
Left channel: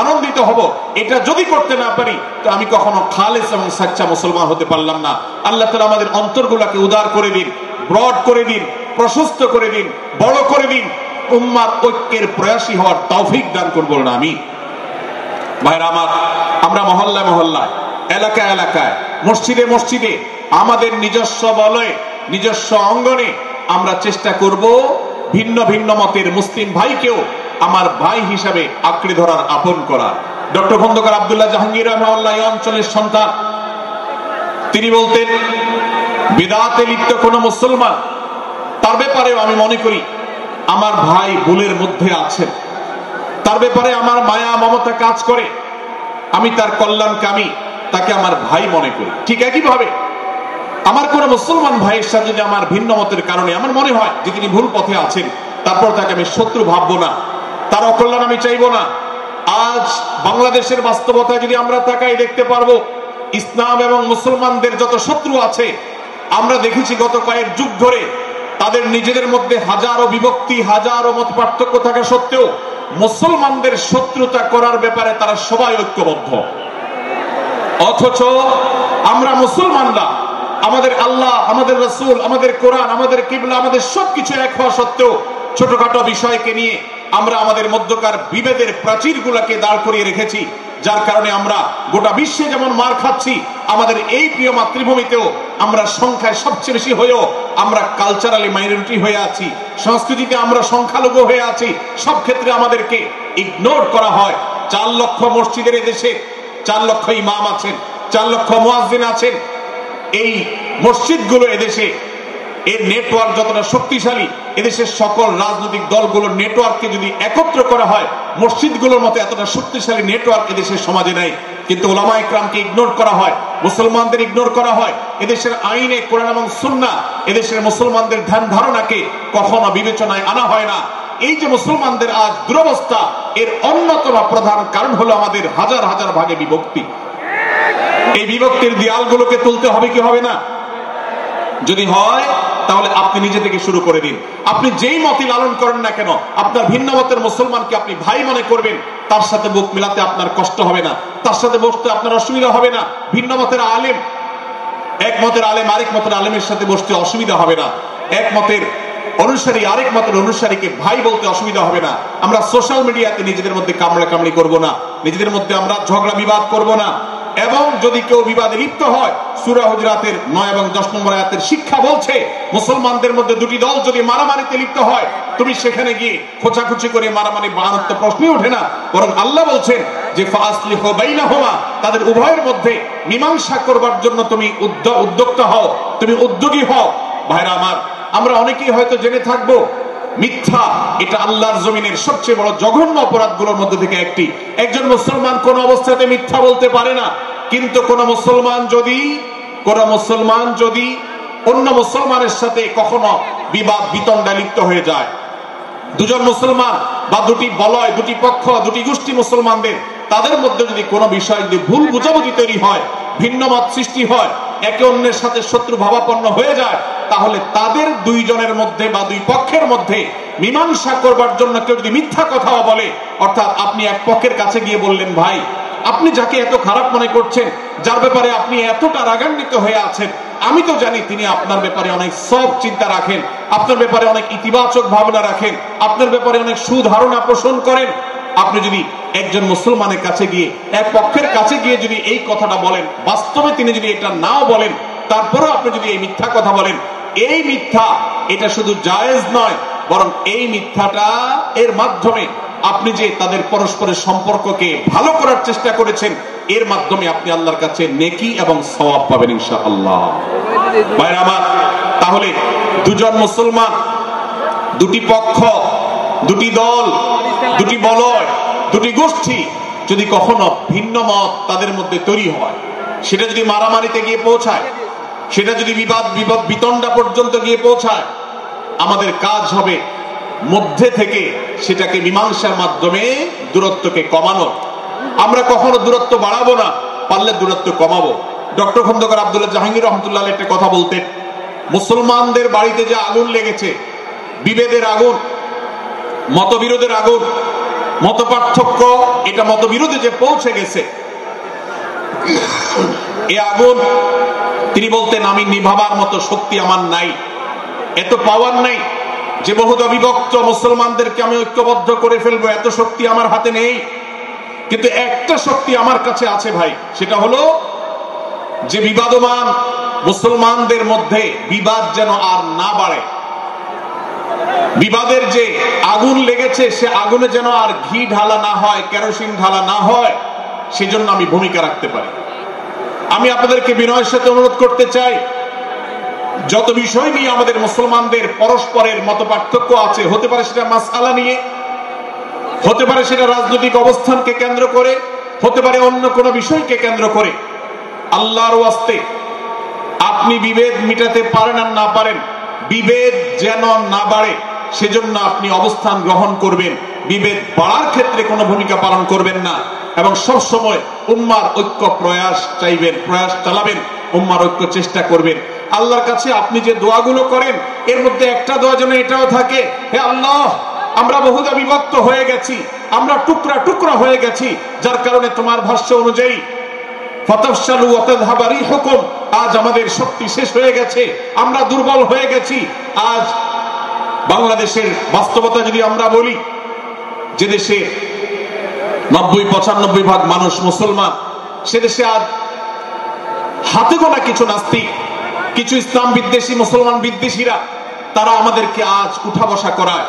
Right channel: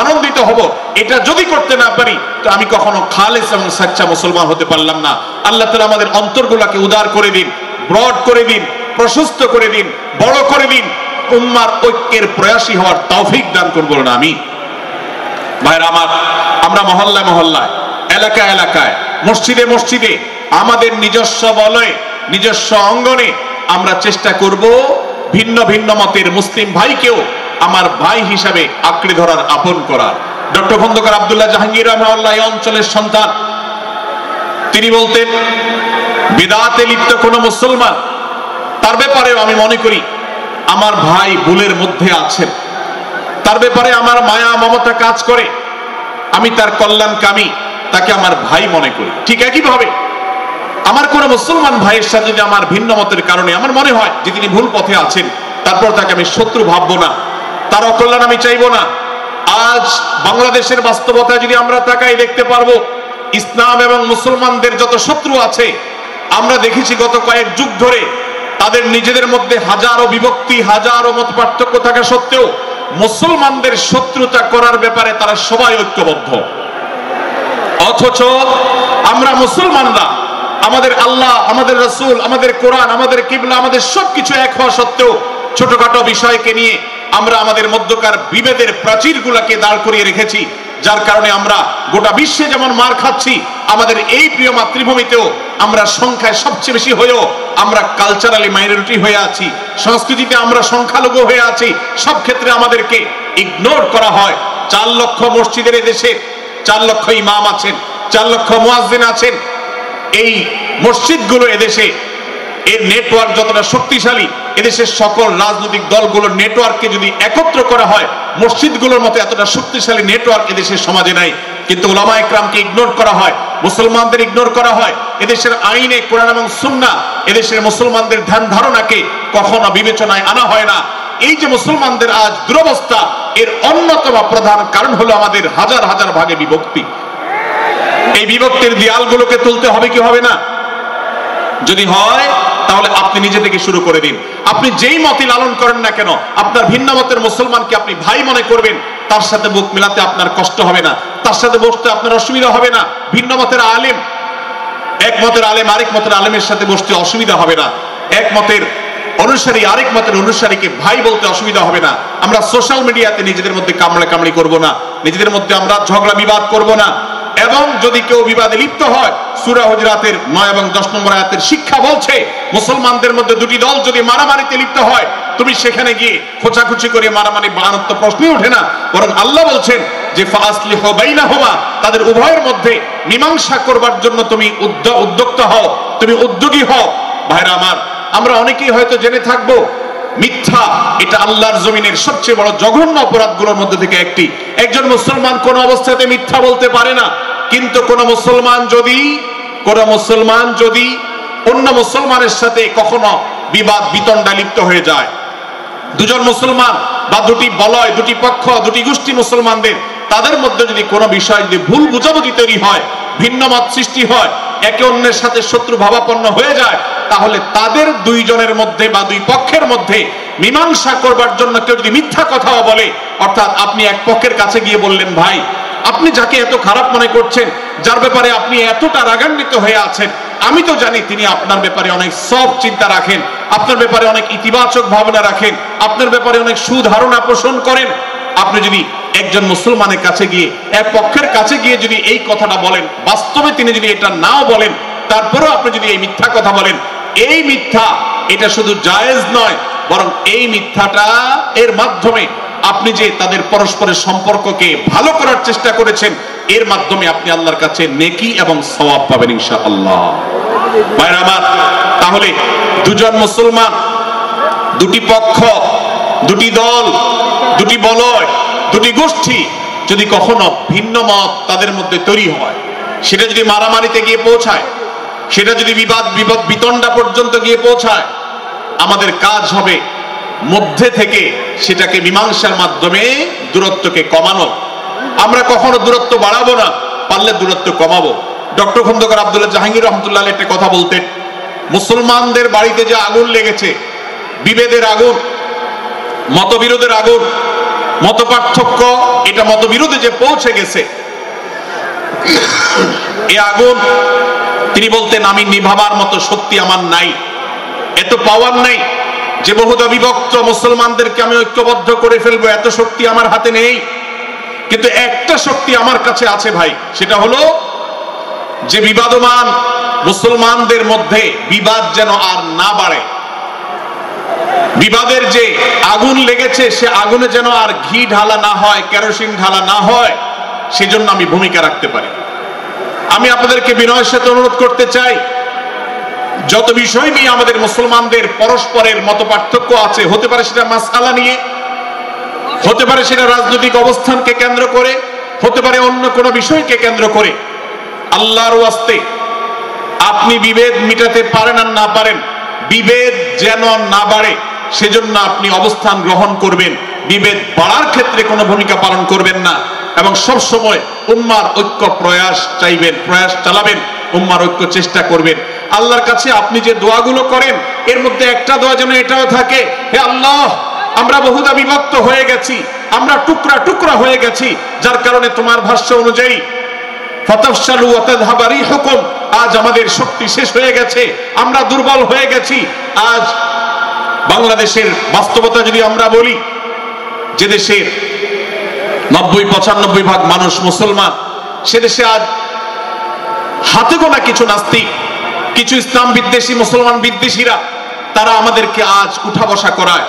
আনন্দিত হব। এটা যদি করতে না পারি তো আমি কখনো খালেস এবং সাচ্চা মুসলমান হতে পারলাম না। আল্লাহ তাআলা আমাদের অন্তরগুলোকে উদার করে দিন, ব্রড করে দিন, প্রশস্ত করে দিন, বড় করে দিন, উম্মার ঐক্যের প্রয়াসী হওয়ার তৌফিক দান করবো না আমি। ভাইরা আমার, আমরা মহল্লায় মহল্লায়, এলাকায় এলাকায়, মসজিদে মসজিদে, আমাদের নিজস্ব বলয়ে, নিজস্ব অঙ্গনে আমরা চেষ্টা করব ভিন্ন ভিন্ন মতের মুসলিম ভাইকেও আমার ভাই হিসাবে আঁকড়ে ধরার, আপন করার। ডক্টর খন্দকার আব্দুল্লাহ জাহাঙ্গীর রাহিমাহুল্লাহ এই অঞ্চলের সন্তান। তিনি বলতেন বিদআতে লিপ্ত কোন মুসলমান, তার ব্যাপারেও আমি মনে করি আমার ভাই ভুলের মধ্যে আছেন, তার ব্যাপারে আমার মায়া মমতা কাজ করে, আমি তার কল্যাণকামী, তাকে আমার ভাই মনে করি। ঠিক একইভাবে আমার কোন মুসলমান ভাইয়ের সাথে যদি আমার ভিন্ন মতের কারণে আমার মনে হয় যে তিনি ভুল পথে আছেন, তারপর তাকে আমি শত্রু ভাববো না, তার অকল্যাণ আমি চাইবো না। আজ বাংলাদেশের বাস্তবতায় যদি আমরা তাকাই, দেখতে পারবো ইসলাম এবং মুসলমানদের যত শত্রু আছে, আমরা দেখেছি গত কয়েক যুগ ধরে তাদের নিজেদের মধ্যে হাজারো বিভক্তি, হাজারো মত পার্থক্য থাকা সত্ত্বেও মুসলমানদের শত্রুতা করার ব্যাপারে তারা সবাই ঐক্যবদ্ধ। অথচ আমরা মুসলমানরা আমাদের আল্লাহ, আমাদের রাসূল, আমাদের কোরআন, আমাদের কিবলা, আমাদের সবকিছু এক হওয়া সত্ত্বেও ছোটখাটো বিষয়কে নিয়ে আমরা আমাদের মধ্যকার বিভেদের প্রাচীরগুলোকে দাঁড় করিয়ে রেখেছি, যার কারণে আমরা গোটা বিশ্বে যেমন মার খাচ্ছি, আমাদের এই প্রিয় মাতৃভূমিতেও আমরা সংখ্যায় সবচেয়ে বেশি হয়েও আমরা কালচারালি মাইনরিটি হয়ে আছি, সংস্কৃতিতে আমরা সংখ্যালঘু হয়ে আছি। সব ক্ষেত্রে আমাদেরকে ইগনোর করা হয়। 4 লক্ষ মসজিদের দেশে 4 লক্ষ ইমাম আছেন, 4 লক্ষ মুয়াজ্জিন আছেন। এই মসজিদগুলো এদেশে, এর নেটওয়ার্ক যতটা শক্তিশালী, এদেশের সকল রাজনৈতিক দলগুলোর নেটওয়ার্ককে যদি একত্র করা হয়, মসজিদগুলোর মতো এতটা শক্তিশালী নেটওয়ার্ক এদেশের সমাজে নাই। কিন্তু উলামা ইকরামকে ইগনোর করা হয়, মুসলমানদের ইগনোর করা হয়। এদেশের আইনে কোরআন এবং সুন্নাহ, এদেশের মুসলমানদের ধ্যান ধারণাকে কখনো বিবেচনায় আনা হয় না। এই যে মুসলমানদের আজ দুরবস্থা, এর অন্যতম প্রধান কারণ হলো আমাদের হাজার হাজার ভাগে বিভক্তি। এই বিভক্তির দেয়ালগুলোকে তুলতে হবে কি হবে না? যদি হয় তাহলে আপনি নিজে থেকে শুরু করে দিন। আপনি যেই মতই লালন করেন না কেন, আপনার ভিন্ন মতের মুসলমানকে আপনি ভাই মনে করবেন, তার সাথে বুক মিলাতে আপনার কষ্ট হবে না, তার সাথে বসতে আপনার অসুবিধা হবে না। ভিন্ন মতের আলেম, এক মতের আলেম আরেক মতের আলেমের সাথে বসতে অসুবিধা হবে না। এক মতের অনুসারী আরেক মতের অনুসারীকে ভাই বলতে অসুবিধা হবে না। আমরা সোশ্যাল মিডিয়াতে নিজেদের মধ্যে কামড়াকামড়ি করব না, নিজেদের মধ্যে আমরা ঝগড়া বিবাদ করব না। এবং যদি কেউ বিবাদে লিপ্ত হয়, সূরা হুজুরাতের 9 এবং 10 নম্বর আয়াতের শিক্ষা বলছে, মুসলমানদের মধ্যে দুটি দল যদি মারামারিতে লিপ্ত হয়, তুমি সেখানে গিয়ে খোঁচাখুচি করে মারামারি বানানোর তো প্রশ্নই ওঠে না। বরং আল্লাহ বলছেন যে ফাসলিহু বাইনাহুমা, তাদের উভয়ের মধ্যে মীমাংসা করবার জন্য তুমি উদ্যোক্তা হও, তুমি উদ্যোগী হও। ভাইরা আমার, আমরা অনেকেই হয়তো জেনে থাকবো মিথ্যা এটা আল্লাহর জমিনের সবচেয়ে বড় জঘন্য অপরাধগুলোর মধ্যে থেকে একটি। একজন মুসলমান কোন অবস্থাতে মিথ্যা বলতে পারে না, কিন্তু কোন মুসলমান যদি অন্য মুসলমানের সাথে কখনো বিবাদ বিতণ্ডা লিপ্ত হয়ে যায়, দুজন মুসলমান বা দুটি বলয়, দুটি পক্ষ, দুটি গোষ্ঠী মুসলমানদের তাদের মধ্যে যদি কোনো বিষয় যদি ভুল বুঝাবুঝি তৈরি হয়, ভিন্ন মত সৃষ্টি হয়, একে অন্যের সাথে শত্রু ভাবাপন্ন হয়ে যায়, তাহলে তাদের দুইজনের মধ্যে বা দুই পক্ষের মধ্যে মীমাংসা করবার জন্য কেউ যদি মিথ্যা কথাও বলে, অর্থাৎ আপনি এক পক্ষের কাছে গিয়ে বললেন, ভাই আপনি যাকে এত খারাপ মনে করছেন, যার ব্যাপারে আপনি এতটা রাগান্বিত হয়ে আছেন, আমি তো জানি তিনি আপনার ব্যাপারে অনেক সফট চিন্তা রাখেন, আপনার ব্যাপারে অনেক ইতিবাচক ভাবনা রাখেন, আপনার ব্যাপারে অনেক সুধারণা পোষণ করেন। আপনি যদি একজন মুসলমানের কাছে গিয়ে, এক পক্ষের কাছে গিয়ে যদি এই কথাটা বলেন, বাস্তবে তিনি যদি এটা নাও বলেন, তারপরেও আপনি যদি এই মিথ্যা কথা বলেন, এই মিথ্যা এটা শুধু জায়েজ নয়, বরং এই মিথ্যাটা এর মাধ্যমে আপনি যে তাদের পরস্পরের সম্পর্ককে ভালো করার চেষ্টা করেছেন, এর মাধ্যমে আপনি আল্লাহর কাছে নেকি এবং সওয়াব পাবেন ইনশাআল্লাহ। ভাইরা আমার, তাহলে দুজন মুসলমান, দুটি পক্ষ, দুটি দল, দুটি বলয়, দুটি গোষ্ঠী যদি কখনো ভিন্ন মত তাদের মধ্যে তৈরি হয়, সেটা যদি মারামারিতে গিয়ে পৌঁছায়, সেটা যদি বিবাদ বিতণ্ডা পর্যন্ত গিয়ে পৌঁছায়, আমাদের কাজ হবে মধ্যে থেকে সেটাকে মীমাংসার মাধ্যমে দূরত্বকে কমানো। আমরা কখনো দূরত্ব বাড়াবো না, পারলে দূরত্ব কমাবো। ডক্টর খন্দকার আব্দুল্লাহ জাহাঙ্গীর রহমতুল্লাহ একটা কথা বলতেন, মুসলমানদের বাড়িতে যে আগুন লেগেছে, বিভেদের আগুন, মতবিরোধের আগুন, মত পার্থক্য, এটা মতবিরোধে যে পৌঁছে গেছে, এই আগুন তিনি বলতেন, আমি নিভাবার মতো শক্তি আমার নাই, এত পাওয়ার নাই যে বহুদা বিভক্ত মুসলমানদেরকে আমি ঐক্যবদ্ধ করে ফেলবো, এত শক্তি আমার হাতে নেই। কিন্তু একটা শক্তি আমার কাছে আছে ভাই, সেটা হলো যে বিবাদমান মুসলমানদের মধ্যে বিবাদ যেন আর না বাড়ে, বিবাদের যে আগুন লেগেছে সে আগুনে যেন আর ঘি ঢালা না হয়, কেরোসিন ঢালা না হয়, সেজন্য আমি ভূমিকা রাখতে পারি। আমি আপনাদেরকে বিনয়ের সাথে অনুরোধ করতে চাই, যত বিষয় নিয়ে আমাদের মুসলমানদের পরস্পরের মত পার্থক্য আছে, হতে পারে সেটা মাসআলা নিয়ে, হতে পারে সেটা রাজনৈতিক অবস্থানকে কেন্দ্র করে, হতে পারে অন্য কোনো বিষয়কে কেন্দ্র করে, আল্লাহর ওয়াস্তে আপনি বিভেদ মিটাতে পারেন আর না পারেন, বিভেদ যেন না বাড়ে সেজন্য আপনি অবস্থান গ্রহণ করবেন, বিভেদ বাড়ার ক্ষেত্রে কোনো ভূমিকা পালন করবেন না, এবং সব সময় উম্মার ঐক্য প্রয়াস চাইবেন, প্রয়াস চালাবেন, উম্মার ঐক্য চেষ্টা করবেন। আল্লাহর কাছে আপনি যে দোয়াগুলো করেন, এর মধ্যে একটা দোয়া যেন এটাও থাকে, হে আল্লাহ, আমরা বহুদা বিভক্ত হয়ে গেছি, আমরা টুকরা টুকরা হয়ে গেছি, যার কারণে তোমার ভাষ্য অনুযায়ী ফাতাফশালু ওয়া তাযহাবা রিহুকুম, আজ আমাদের শক্তি শেষ হয়ে গেছে, আমরা দুর্বল হয়ে গেছি। আজ বাংলাদেশের বাস্তবতা যদি আমরা বলি, যে দেশে 90-95 ভাগ মানুষ মুসলমান, সে দেশে আজ হাতে গোনা কিছু নাস্তিক, কিছু ইসলাম বিদ্বেষী, মুসলমান বিদ্বেষীরা, তারা আমাদেরকে আজ উঠা বসা করায়,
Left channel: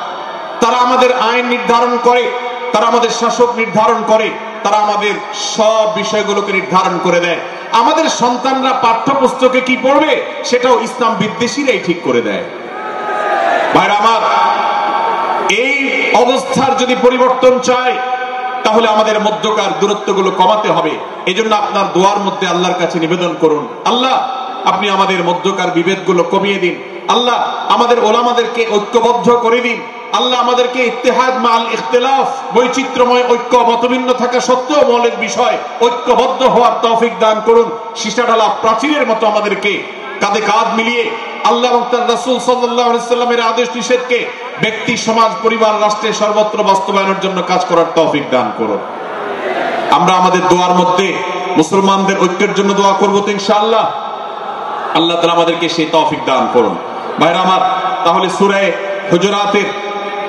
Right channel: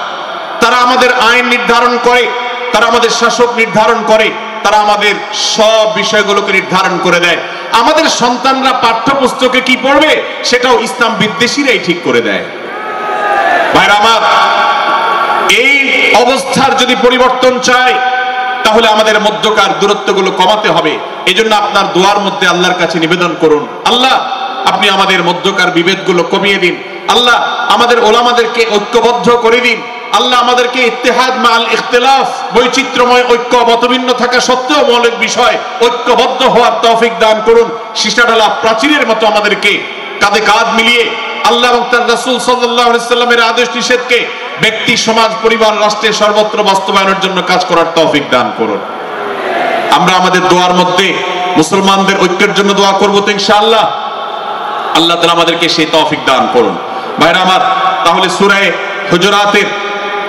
তারা আমাদের আইন নির্ধারণ করে, তারা আমাদের শাসক নির্ধারণ করে, তারা আমাদের সব বিষয়গুলোকে নির্ধারণ করে দেয়। আমাদের সন্তানরা পাঠ্যপুস্তকে কি পড়বে সেটাও ইসলাম বিদ্বেষীরাই ঠিক করে দেয়। ভাইরা আমার, এই অবস্থার যদি পরিবর্তন চাই, তাহলে আমাদের মধ্যকার দূরত্বগুলো কমাতে হবে। এই জন্য আপনার দোয়ার মধ্যে আল্লাহর কাছে নিবেদন করুন, আল্লাহ আপনি আমাদের মধ্যকার বিভেদগুলো কমিয়ে দিন, আল্লাহ আমাদের ওলামাদেরকে ঐক্যবদ্ধ করে দিন, আল্লাহ আমাদেরকে ইত্তেহাদ মাল ইখতিলাফ, বৈচিত্র্যময় ঐক্য, মতভিন্ন থাকা সত্ত্বেও মৌলিক বিষয় ঐক্যবদ্ধ হওয়ার তৌফিক দান করুন। সীসাঢালা প্রাচীরের মতো আমাদেরকে কাঁধে কাঁধ মিলিয়ে আল্লাহ এবং তার রাসূল সাল্লাল্লাহু আলাইহি সাল্লামের আদেশ নিষেধকে ব্যক্তি, সমাজ, পরিবার, রাষ্ট্রে সর্বত্র বাস্তবায়নের জন্য কাজ করার তৌফিক দান করুন। আমরা আমাদের দোয়ার মধ্যে মুসলমানদের ঐক্যের জন্য দোয়া করব তো ইনশাআল্লাহ। আল্লাহ তাআলা আমাদেরকে সেই তৌফিক দান করুন। ভাইরা আমার, তাহলে সূরা হুজুরাতের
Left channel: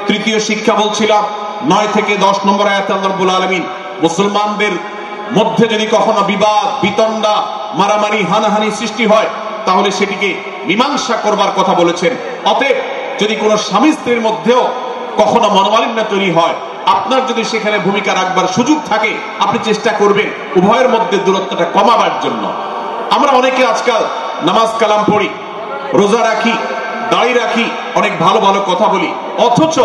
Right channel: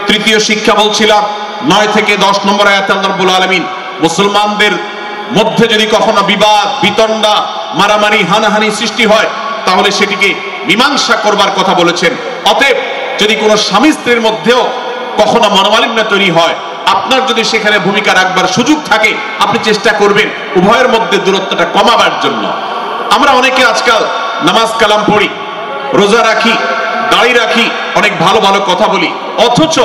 তৃতীয় শিক্ষা বলছিলাম, 9 থেকে 10 নম্বর আয়াতে আল্লাহ রাব্বুল আলামিন মুসলমানদের মধ্যে যদি কখনো বিবাদ, বিতণ্ডা, মারামারি, হানাহানি সৃষ্টি হয়, তাহলে সেটিকে মীমাংসা করবার কথা বলেছেন। অতএব যদি কোনো স্বামী স্ত্রীর মধ্যেও কখনো মনোমালিন্য তৈরি হয়, আপনার যদি সেখানে ভূমিকা রাখবার সুযোগ থাকে, আপনি চেষ্টা করবেন উভয়ের মধ্যে দূরত্বটা কমাবার জন্য। আমরা অনেকে আজকাল নামাজ কালাম পড়ি, রোজা রাখি, দাড়ি রাখি, অনেক ভালো ভালো কথা বলি, অথচ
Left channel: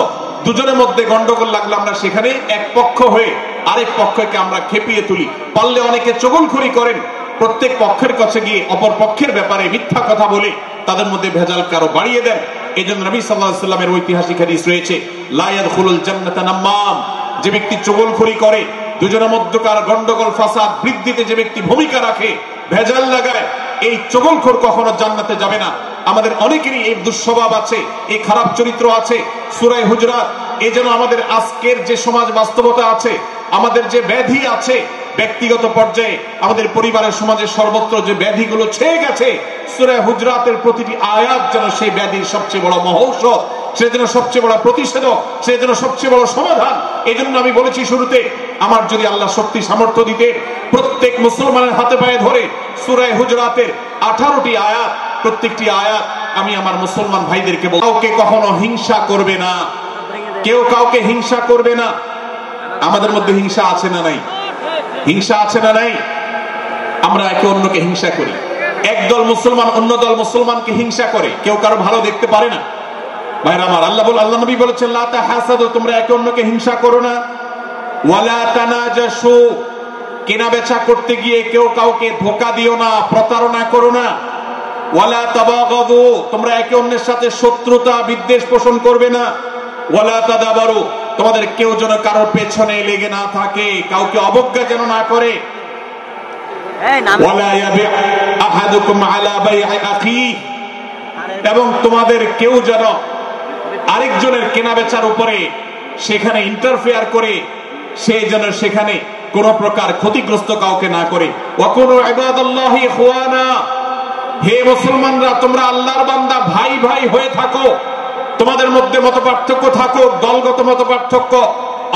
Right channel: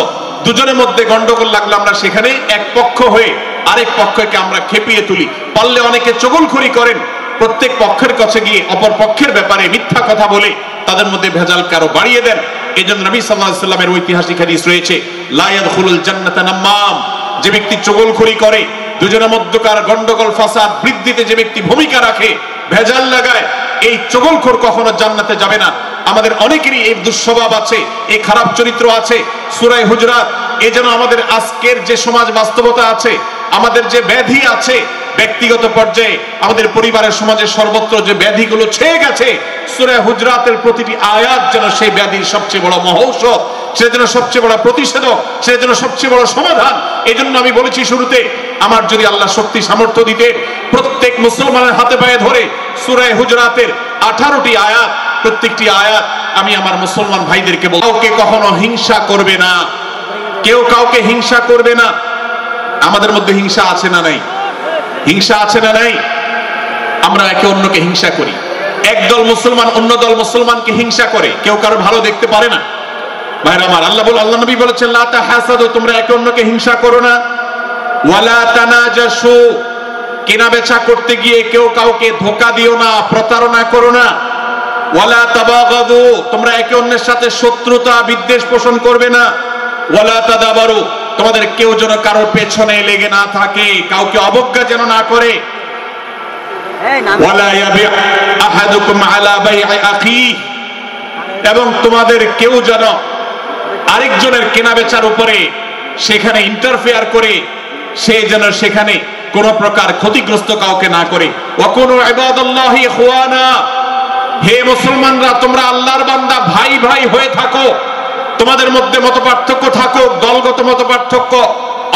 দুজনের মধ্যে গন্ডগোল লাগলে আমরা সেখানে এক পক্ষ হয়ে আরেক পক্ষকে আমরা খেপিয়ে তুলি। পারলে অনেকে চগলখড়ি করেন, প্রত্যেক পক্ষের কাছে গিয়ে অপর পক্ষের ব্যাপারে মিথ্যা কথা বলে তাদের মধ্যে ভেজালকে আরো বাড়িয়ে দেন। এই জন্য নবী সাল্লাল্লাহু আলাইহি ওয়াসাল্লামের ঐতিহাসিক হাদিস রয়েছে, লা ইয়াদখুলুল জান্নাতা নাম্মাম, যে ব্যক্তি চগলখড়ি করে, দুজনের মধ্যকার গন্ডগোল ফাসাদ বৃদ্ধিতে যে ব্যক্তি ভূমিকা রাখে, ভেজাল লাগায়, এই চগলখোর কখনো জান্নাতে যাবে না। আমাদের অনেকেরই এই দুঃস্বভাব আছে, এই খারাপ চরিত্র আছে। সূরা হুজুরাত এই যেন আমাদের আজকের যে সমাজ বাস্তবতা আছে, আমাদের যে ব্যাধি আছে ব্যক্তিগত পর্যায়ে, আমাদের পরিবারের সমাজের সর্বত্র যে ব্যাধিগুলো ছেয়ে গেছে, সূরা হুজুরাতের প্রতিটি আয়াত যেন সেই ব্যাধির সবচেয়ে বড় মহৌষধ, সেটা যেন সবচেয়ে বড় প্রতিষেধক, সেটা যেন সবচেয়ে বড় সমাধান। এই জন্য আমি বলেছি শুরুতে, আমার যদি আল্লাহ শক্তি সামর্থ্য দিতে, প্রত্যেক মুসলমানের হাতে পায়ে ধরে সূরা হুজুরাতের 18টি আয়াত, প্রত্যেকটি আয়াত আমি আমার মুসলমান ভাইদেরকে বলবো, কাউকে কখনো হিংসা করবে না, কেউ কাউকে হিংসা করবে না। আমাদের মধ্যে হিংসা আছে না নাই? হিংসা আছে না নাই? আমরা একে অন্যকে হিংসা করি। একদল মুসলমান অন্য দল মুসলমানকে হিংসা করে, কেউ কারো ভালো দেখতে পারে না। ভাইরা আমার, আল্লাহ নবী বলেছেন, লা তাহাসাদু, তোমরা একে অন্যকে হিংসা করো না। ওয়ালা তানাজাসু, কেনা বেচা করতে গিয়ে কেউ কাউকে ধোঁকা দিও না, প্রতারণা করো না। ওয়ালা তাবাগাদু, তোমরা একে অন্যের সাথে শত্রুতা বিদ্বেষ পোষণ করবে না। ওয়ালা তাদাবারু, তোমাদের কেউ যেন কারোর পেছনে লেগে না থাকে, কাউকে অবজ্ঞা যেন না করে। ওয়ালা ইয়াবি আহাদুকুম আলা বাই'i আখি, এবং তোমাদের কেউ যেন আরেকজনের কেনা বেচার উপরে সেখানে ইন্টারফেয়ার করে, সে যেন সেখানে কোন প্রকার ক্ষতিগ্রস্ত কাউকে না করে। ওয়াকুনু ইবাদাল্লাহি ইখওয়ানা, হে মুসলমানরা তোমরা আল্লাহর বান্দা, ভাই ভাই হয়ে থাকো। তোমাদের মধ্যে মত পার্থক্য থাকুক, দলগত মত পার্থক্য,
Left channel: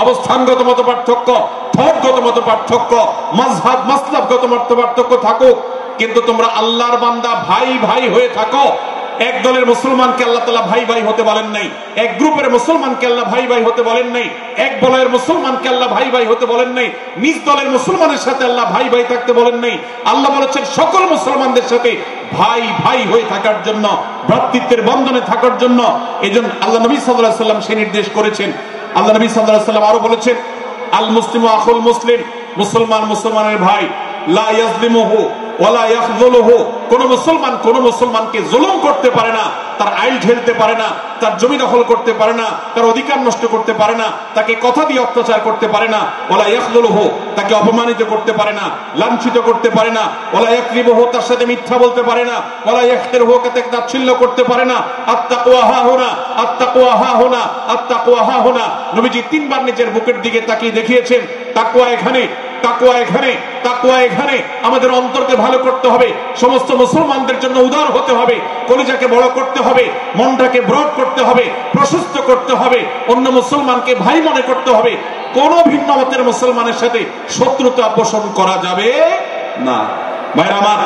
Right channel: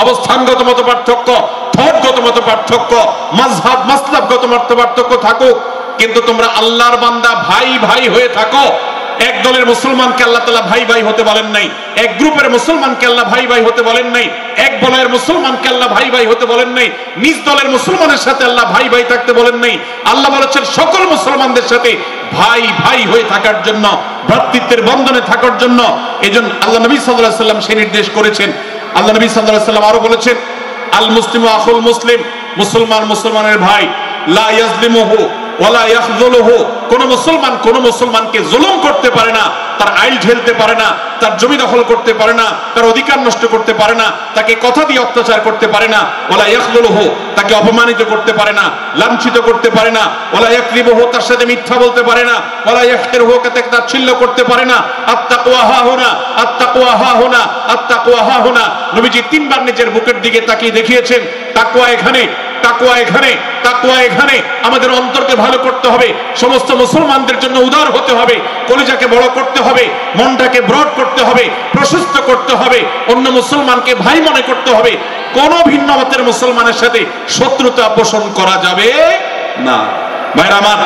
অবস্থানগত মত পার্থক্য, থটগত মত পার্থক্য, মাযহাব মাসলাকগত মত পার্থক্য থাকুক, কিন্তু তোমরা আল্লাহর বান্দা, ভাই ভাই হয়ে থাকো। এক দলের মুসলমানকে আল্লাহ তাআলা ভাই ভাই হতে বলেন নাই, এক গ্রুপের মুসলমানকে আল্লাহ ভাই ভাই হতে বলেন নাই, এক দলের মুসলমানকে আল্লাহ ভাই ভাই হতে বলেন নাই, নিজ দলের মুসলমানের সাথে আল্লাহ ভাই ভাই থাকতে বলেন নাই। আল্লাহ বলেছেন সকল মুসলমানদের সাথে ভাই ভাই হয়ে থাকার জন্য, ভ্রাতৃত্বের বন্ধনে থাকার জন্য। এজন্য আল্লাহ নবী সাল্লাল্লাহু আলাইহি ওয়াসাল্লাম সেই নির্দেশ করেছেন। আল্লাহ নবী সাল্লাল্লাহু আলাইহি ওয়াসাল্লাম আরো বলেছেন, আল মুসলিমু আখুল মুসলিম, মুসলমান মুসলমানের ভাই, লা ইয়াজলিমুহু ওয়ালা ইয়াখযুলুহু, কোন মুসলমান কোন মুসলমানকে জুলুম করতে পারে না, তার আইল ঝেলতে পারে না, তার জমি দখল করতে পারে না, তার অধিকার নষ্ট করতে পারে না, তাকে কথা দিয়ে অত্যাচার করতে পারে না। ওয়ালা ইয়াখযুলুহু, তাকে অপমানিত করতে পারে না, লাঞ্ছিত করতে পারে না। ওয়ালা ইয়াকযিবুহু, তার সাথে মিথ্যা বলতে পারে না। ওয়ালা ইয়াহকিরুহু, তাকে তাচ্ছিল্য করতে পারে না। আত্তাকওয়া হাহুনা, আত্তাকওয়া হাহুনা, আত্তাকওয়া হাহুনা। নবীজি তিনবার নিজের বুকের দিকে তাকিয়ে দেখিয়েছেন, তাকওয়া এখানে, তাকওয়া এখানে, তাকওয়া এখানে। আমাদের অন্তরকে ভালো করতে হবে, সমস্ত মুসলমানদের জন্য উদার হতে হবে, কলিজাকে বড় করতে হবে, মনটাকে ব্রড করতে হবে, প্রশস্ত করতে হবে, অন্য মুসলমানকে ভাই মনে করতে হবে। কোন ভিন্ন মতের মুসলমানের সাথে শত্রুতা পোষণ করা যাবে না। ভাইরা আমার,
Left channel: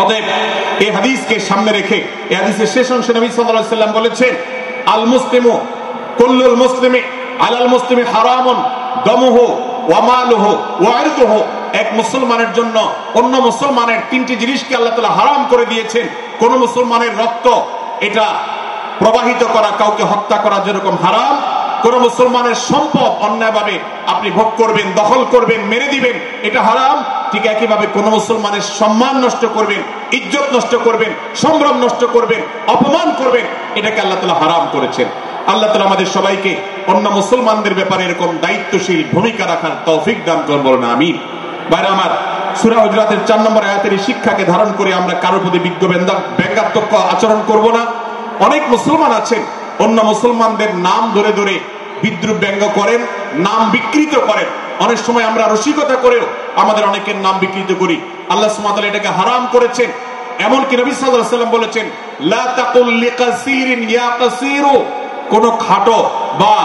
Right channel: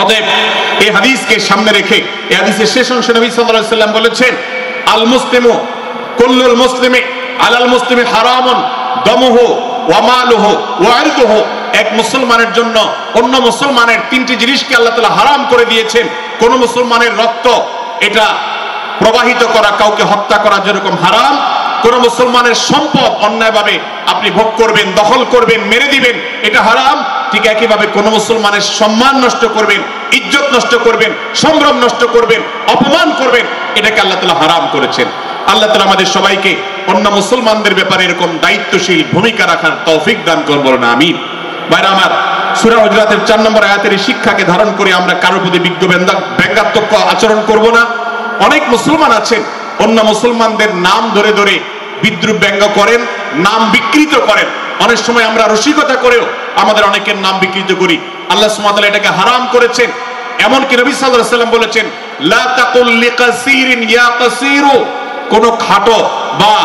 অতএব এই হাদিসকে সামনে রেখে, এই হাদিসের শেষ অংশে নবী সাল্লাল্লাহু আলাইহি ওয়াসাল্লাম বলেছেন, আল মুসলিমু কুল্লুল মুসলিমি আলাল মুসলিমি হারামুন দামুহু ওয়া মালুহু ওয়া ইরদুহু। এক মুসলমানের জন্য অন্য মুসলমানের তিনটি জিনিসকে আল্লাহ তাআলা হারাম করে দিয়েছেন। কোন মুসলমানের রক্ত এটা প্রবাহিত করা, কাউকে হত্যা করা যেরকম হারাম, কোন মুসলমানের সম্পদ অন্যায়ভাবে আপনি ভোগ করবেন, দখল করবেন, মেরে দিবেন, এটা হারাম। ঠিক একইভাবে কোন মুসলমানের সম্মান নষ্ট করবেন, ইজ্জত নষ্ট করবেন, সম্ভ্রম নষ্ট করবেন, অপমান করবেন, এটাকে আল্লাহ তাআলা হারাম করেছেন। আল্লাহ তাআলা আমাদের সবাইকে অন্য মুসলমানদের ব্যাপারে এরকম দায়িত্বশীল ভূমিকা রাখার তৌফিক দান করুন, বলুন আমিন। ভাইরা আমার, সূরা হুজুরাতের 4 নম্বর আয়াতের এই শিক্ষাকে ধারণ করে আমরা কারোর প্রতি ব্যঙ্গাত্মক আচরণ করব না। অনেক মুসলমান আছেন অন্য মুসলমানদের নাম ধরে ধরে বিদ্রুপ ব্যঙ্গ করেন, নাম বিকৃত করেন। অনেক সময় আমরা রসিকতা করেও আমাদের অনেকের নাম বিকৃত করি। আল্লাহ সুবহানাহু ওয়া তাআলা এটাকে হারাম করেছেন। এমনকি নবী সাল্লাল্লাহু আলাইহি ওয়াসাল্লাম বলেছেন, লা তাকুল লিকাসিরিন ইয়া কাসিরু, কোন খাটো বা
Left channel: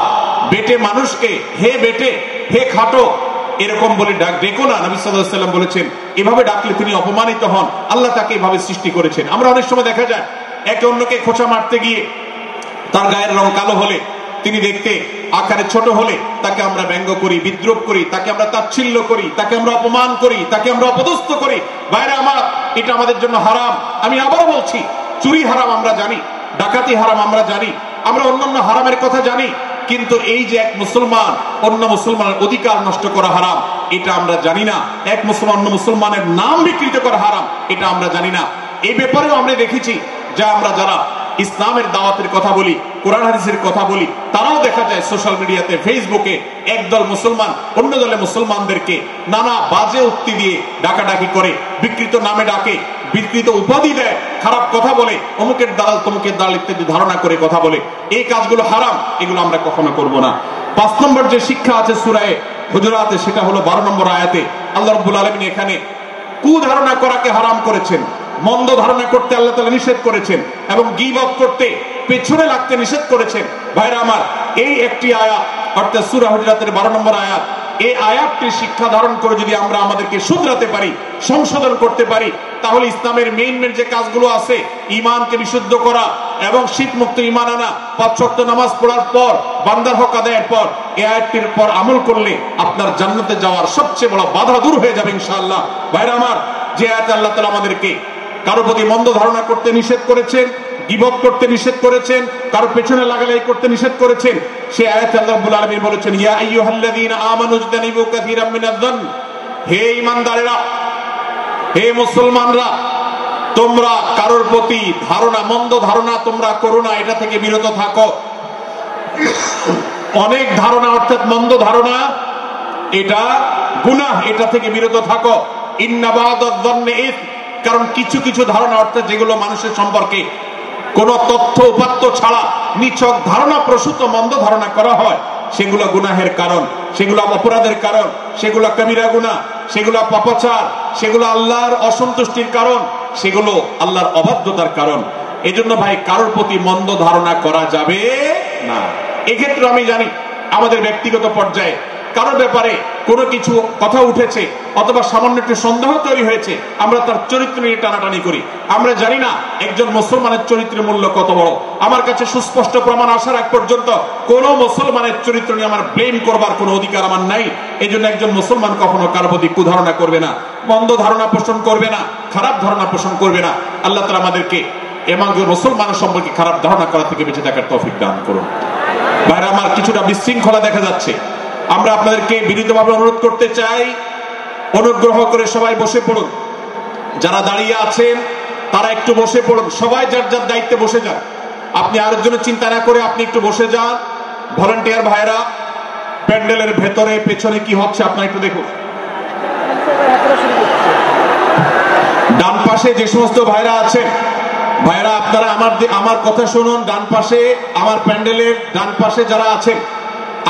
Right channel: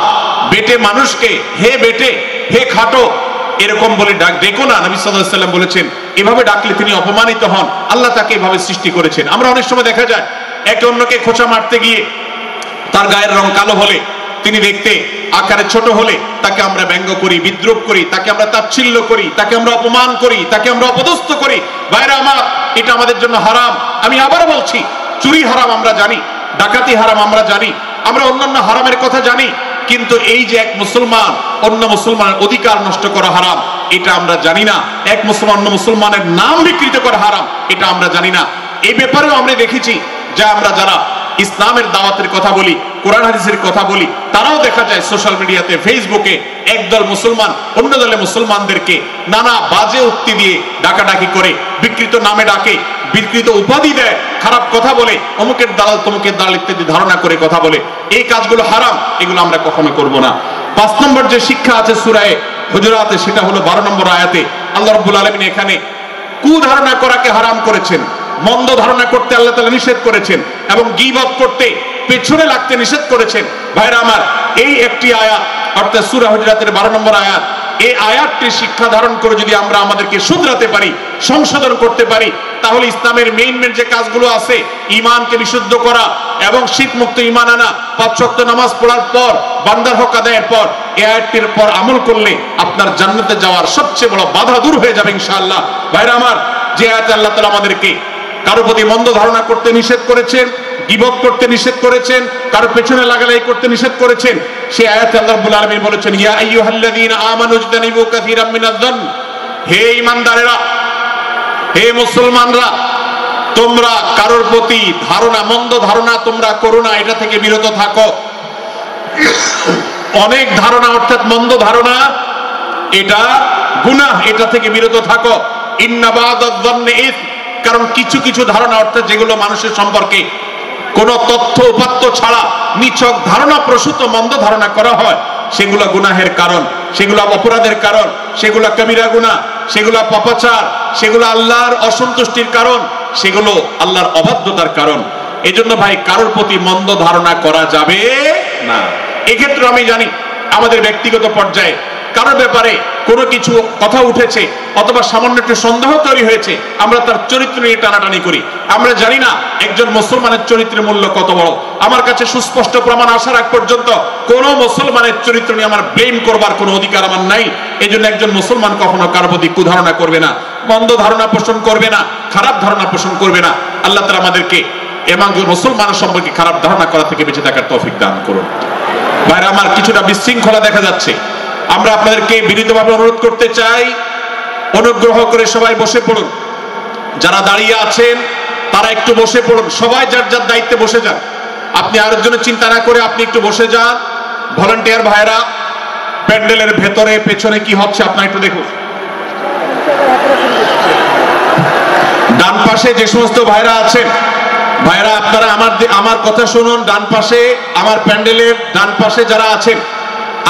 বেটে মানুষকে হে বেটে, হে খাটো এরকম বলে ডেকো না। নবী সাল্লাল্লাহু আলাইহি ওয়াসাল্লাম বলেছেন, এভাবে ডাকলে তিনি অপমানিত হন। আল্লাহ তাকে এভাবে সৃষ্টি করেছেন। আমরা অনেক সময় দেখা যায় একে অন্যকে খোঁচা মারতে গিয়ে তার গায়ের রং কালো হলে, তিনি দেখতে আকারে ছোট হলে তাকে আমরা ব্যঙ্গ করি, বিদ্রুপ করি, তাকে আমরা তাচ্ছিল্য করি, তাকে আমরা অপমান করি, তাকে আমরা অপদস্থ করি। ভাইরা আমার, এটা আমাদের জন্য হারাম। আমি আবার বলছি, চুরি হারাম আমরা জানি, ডাকাতি হারাম আমরা জানি, আমরা অন্যান্য হারামের কথা জানি, কিন্তু এই যে এক মুসলমান অন্য মুসলমানের অধিকার নষ্ট করা হারাম, এটা আমরা জানি না। এক মুসলমান অন্য মুসলমানের নাম বিকৃত করা হারাম, এটা আমরা জানি না। এই ব্যাপারেও আমরা দেখেছি যে আমরা যারা ইসলামের দাওয়াতের কথা বলি, কোরআন হাদিসের কথা বলি, তারাও দেখা যায় সোশ্যাল মিডিয়াতে, ফেসবুকে একদল মুসলমান অন্য দলে মুসলমানদেরকে নানা বাজে উক্তি দিয়ে ডাকাডাকি করে, বিকৃত নামে ডাকে, বিকৃত উপাধি দেয়, খারাপ কথা বলে, অমুকের দালাল তমুকের দালাল ইত্যাদি ধারণা করে কথা বলে। এই কাজগুলো হারাম, এগুলো আমরা কখনো করব না। 5 নম্বর যে শিক্ষা আছে সূরা হুজুরাতে, সেটা হলো 12 নম্বর আয়াতে আল্লাহ রাব্বুল আলামিন এখানে কুধারণা করাকে হারাম করেছেন, মন্দ ধারণা করতে আল্লাহ তাআলা নিষেধ করেছেন, এবং গীবত করতে, পেছনে লাগতে নিষেধ করেছেন। ভাইরা আমার, এই একটি আয়াত অর্থাৎ সূরা হুজুরাতের 12 নম্বর আয়াত, এই আয়াতটি শিক্ষা ধারণ করে যদি আমরা আমাদেরকে শুধরাতে পারি, সংশোধন করতে পারি, তাহলে ইসলামের মেইন যে কাজগুলো আছে, ঈমানকে বিশুদ্ধ করা এবং শিরক মুক্ত ঈমান আনা, 5 ওয়াক্ত নামাজ পড়ার পর, বান্দার হক আদায়ের পর, এই আয়াতটির পর আমল করলে আপনার জান্নাতে যাওয়ার সবচেয়ে বড় বাধা দূর হয়ে যাবে ইনশাআল্লাহ। ভাইরা আমার, যে আয়াতে আল্লাহ তাআলা আমাদেরকে কারো প্রতি মন্দ ধারণা করতে নিষেধ করেছেন, গীবত করতে নিষেধ করেছেন, কারো পেছনে লাগালাই করতে নিষেধ করেছেন, সেই আয়াতে আল্লাহ রাব্বুল আলামিন বলেছেন, ইয়া আইয়ুহাল্লাযীনা আমানু ইজতানিবু কাসীরাম মিনায-যন্ন, হে ঈমানদারেরা, হে মুসলমানরা, তোমরা কারোর প্রতি ধারণা, মন্দ ধারণা তোমরা করো না, এটা থেকে বিরত থাকো। অনেক ধারণা অর্থাৎ মন্দ ধারণা, এটা গুনাহ, এটা থেকে বিরত থাকো। ইন্না বা'দায-যন্নি ইসম, কারণ কিছু কিছু ধারণা অর্থাৎ যেগুলো মানুষের সম্পর্কে কোন তথ্য উপাত্ত ছাড়া নিছক ধারণা প্রসূত মন্দ ধারণা করা হয়, সেগুলো গুনাহের কারণ, সেগুলো অপরাধের কারণ, সেগুলো কবিরা গুনাহ, সেগুলো পাপাচার, সেগুলো আল্লাহর অসন্তুষ্টির কারণ, সেগুলো আল্লাহর অবাধ্যতার কারণ। এজন্য ভাই, কারোর প্রতি মন্দ ধারণা করা যাবে না। এক্ষেত্রে আমি জানি আমাদের ব্যক্তিগত পর্যায়ে কারোর ব্যাপারে কোনো কিছু কথা উঠেছে অথবা সামান্য একটু সন্দেহ তৈরি হয়েছে, আমরা তার চরিত্র নিয়ে টানাটানি করি। আমরা জানি না একজন মুসলমানের চরিত্রের মূল্য কত বড়। আমার কাছে সুস্পষ্ট প্রমাণ আসার আগ পর্যন্ত কোনো মুসলমানের চরিত্র নিয়ে আমার ব্লেম করবার কোনো অধিকার আমার নাই। এই জন্য একজন মুসলমান কখনো কারোর প্রতি কুধারণা করবে না, মন্দ ধারণা পোষণ করবে না, খারাপ ধারণা পোষণ করবে না। আল্লাহ তাআলা আমাদেরকে এবং মুসলমানের সম্পর্কে খারাপ ধারণা করা থেকে বেঁচে থাকার তৌফিক দান করুন। ভাইরা আমার, কিছুটা বিশৃঙ্খলা দেখা যাচ্ছে, আমরা আপনাদেরকে বিনীতভাবে অনুরোধ করতে চাই, অনুগ্রহ করে সবাই বসে পড়ুন। যারা দাঁড়িয়ে আছেন তারা একটু বসে পড়ুন, সবাই যার যার দায়িত্বে বসে যান। আপনি আরেকজনের চিন্তা না করে আপনি একটু বসে যান। ভলান্টিয়ার ভাইরা, প্যান্ডেলের ভেতরে পেছনে কি হচ্ছে আপনারা একটু দেখুন। ডান পাশে যে সমস্ত ভাইরা আছেন, ভাইরা আপনারা আমার কথা শুনুন। ডান পাশে, আমার প্যান্ডেলের ডান পাশে যারা আছেন,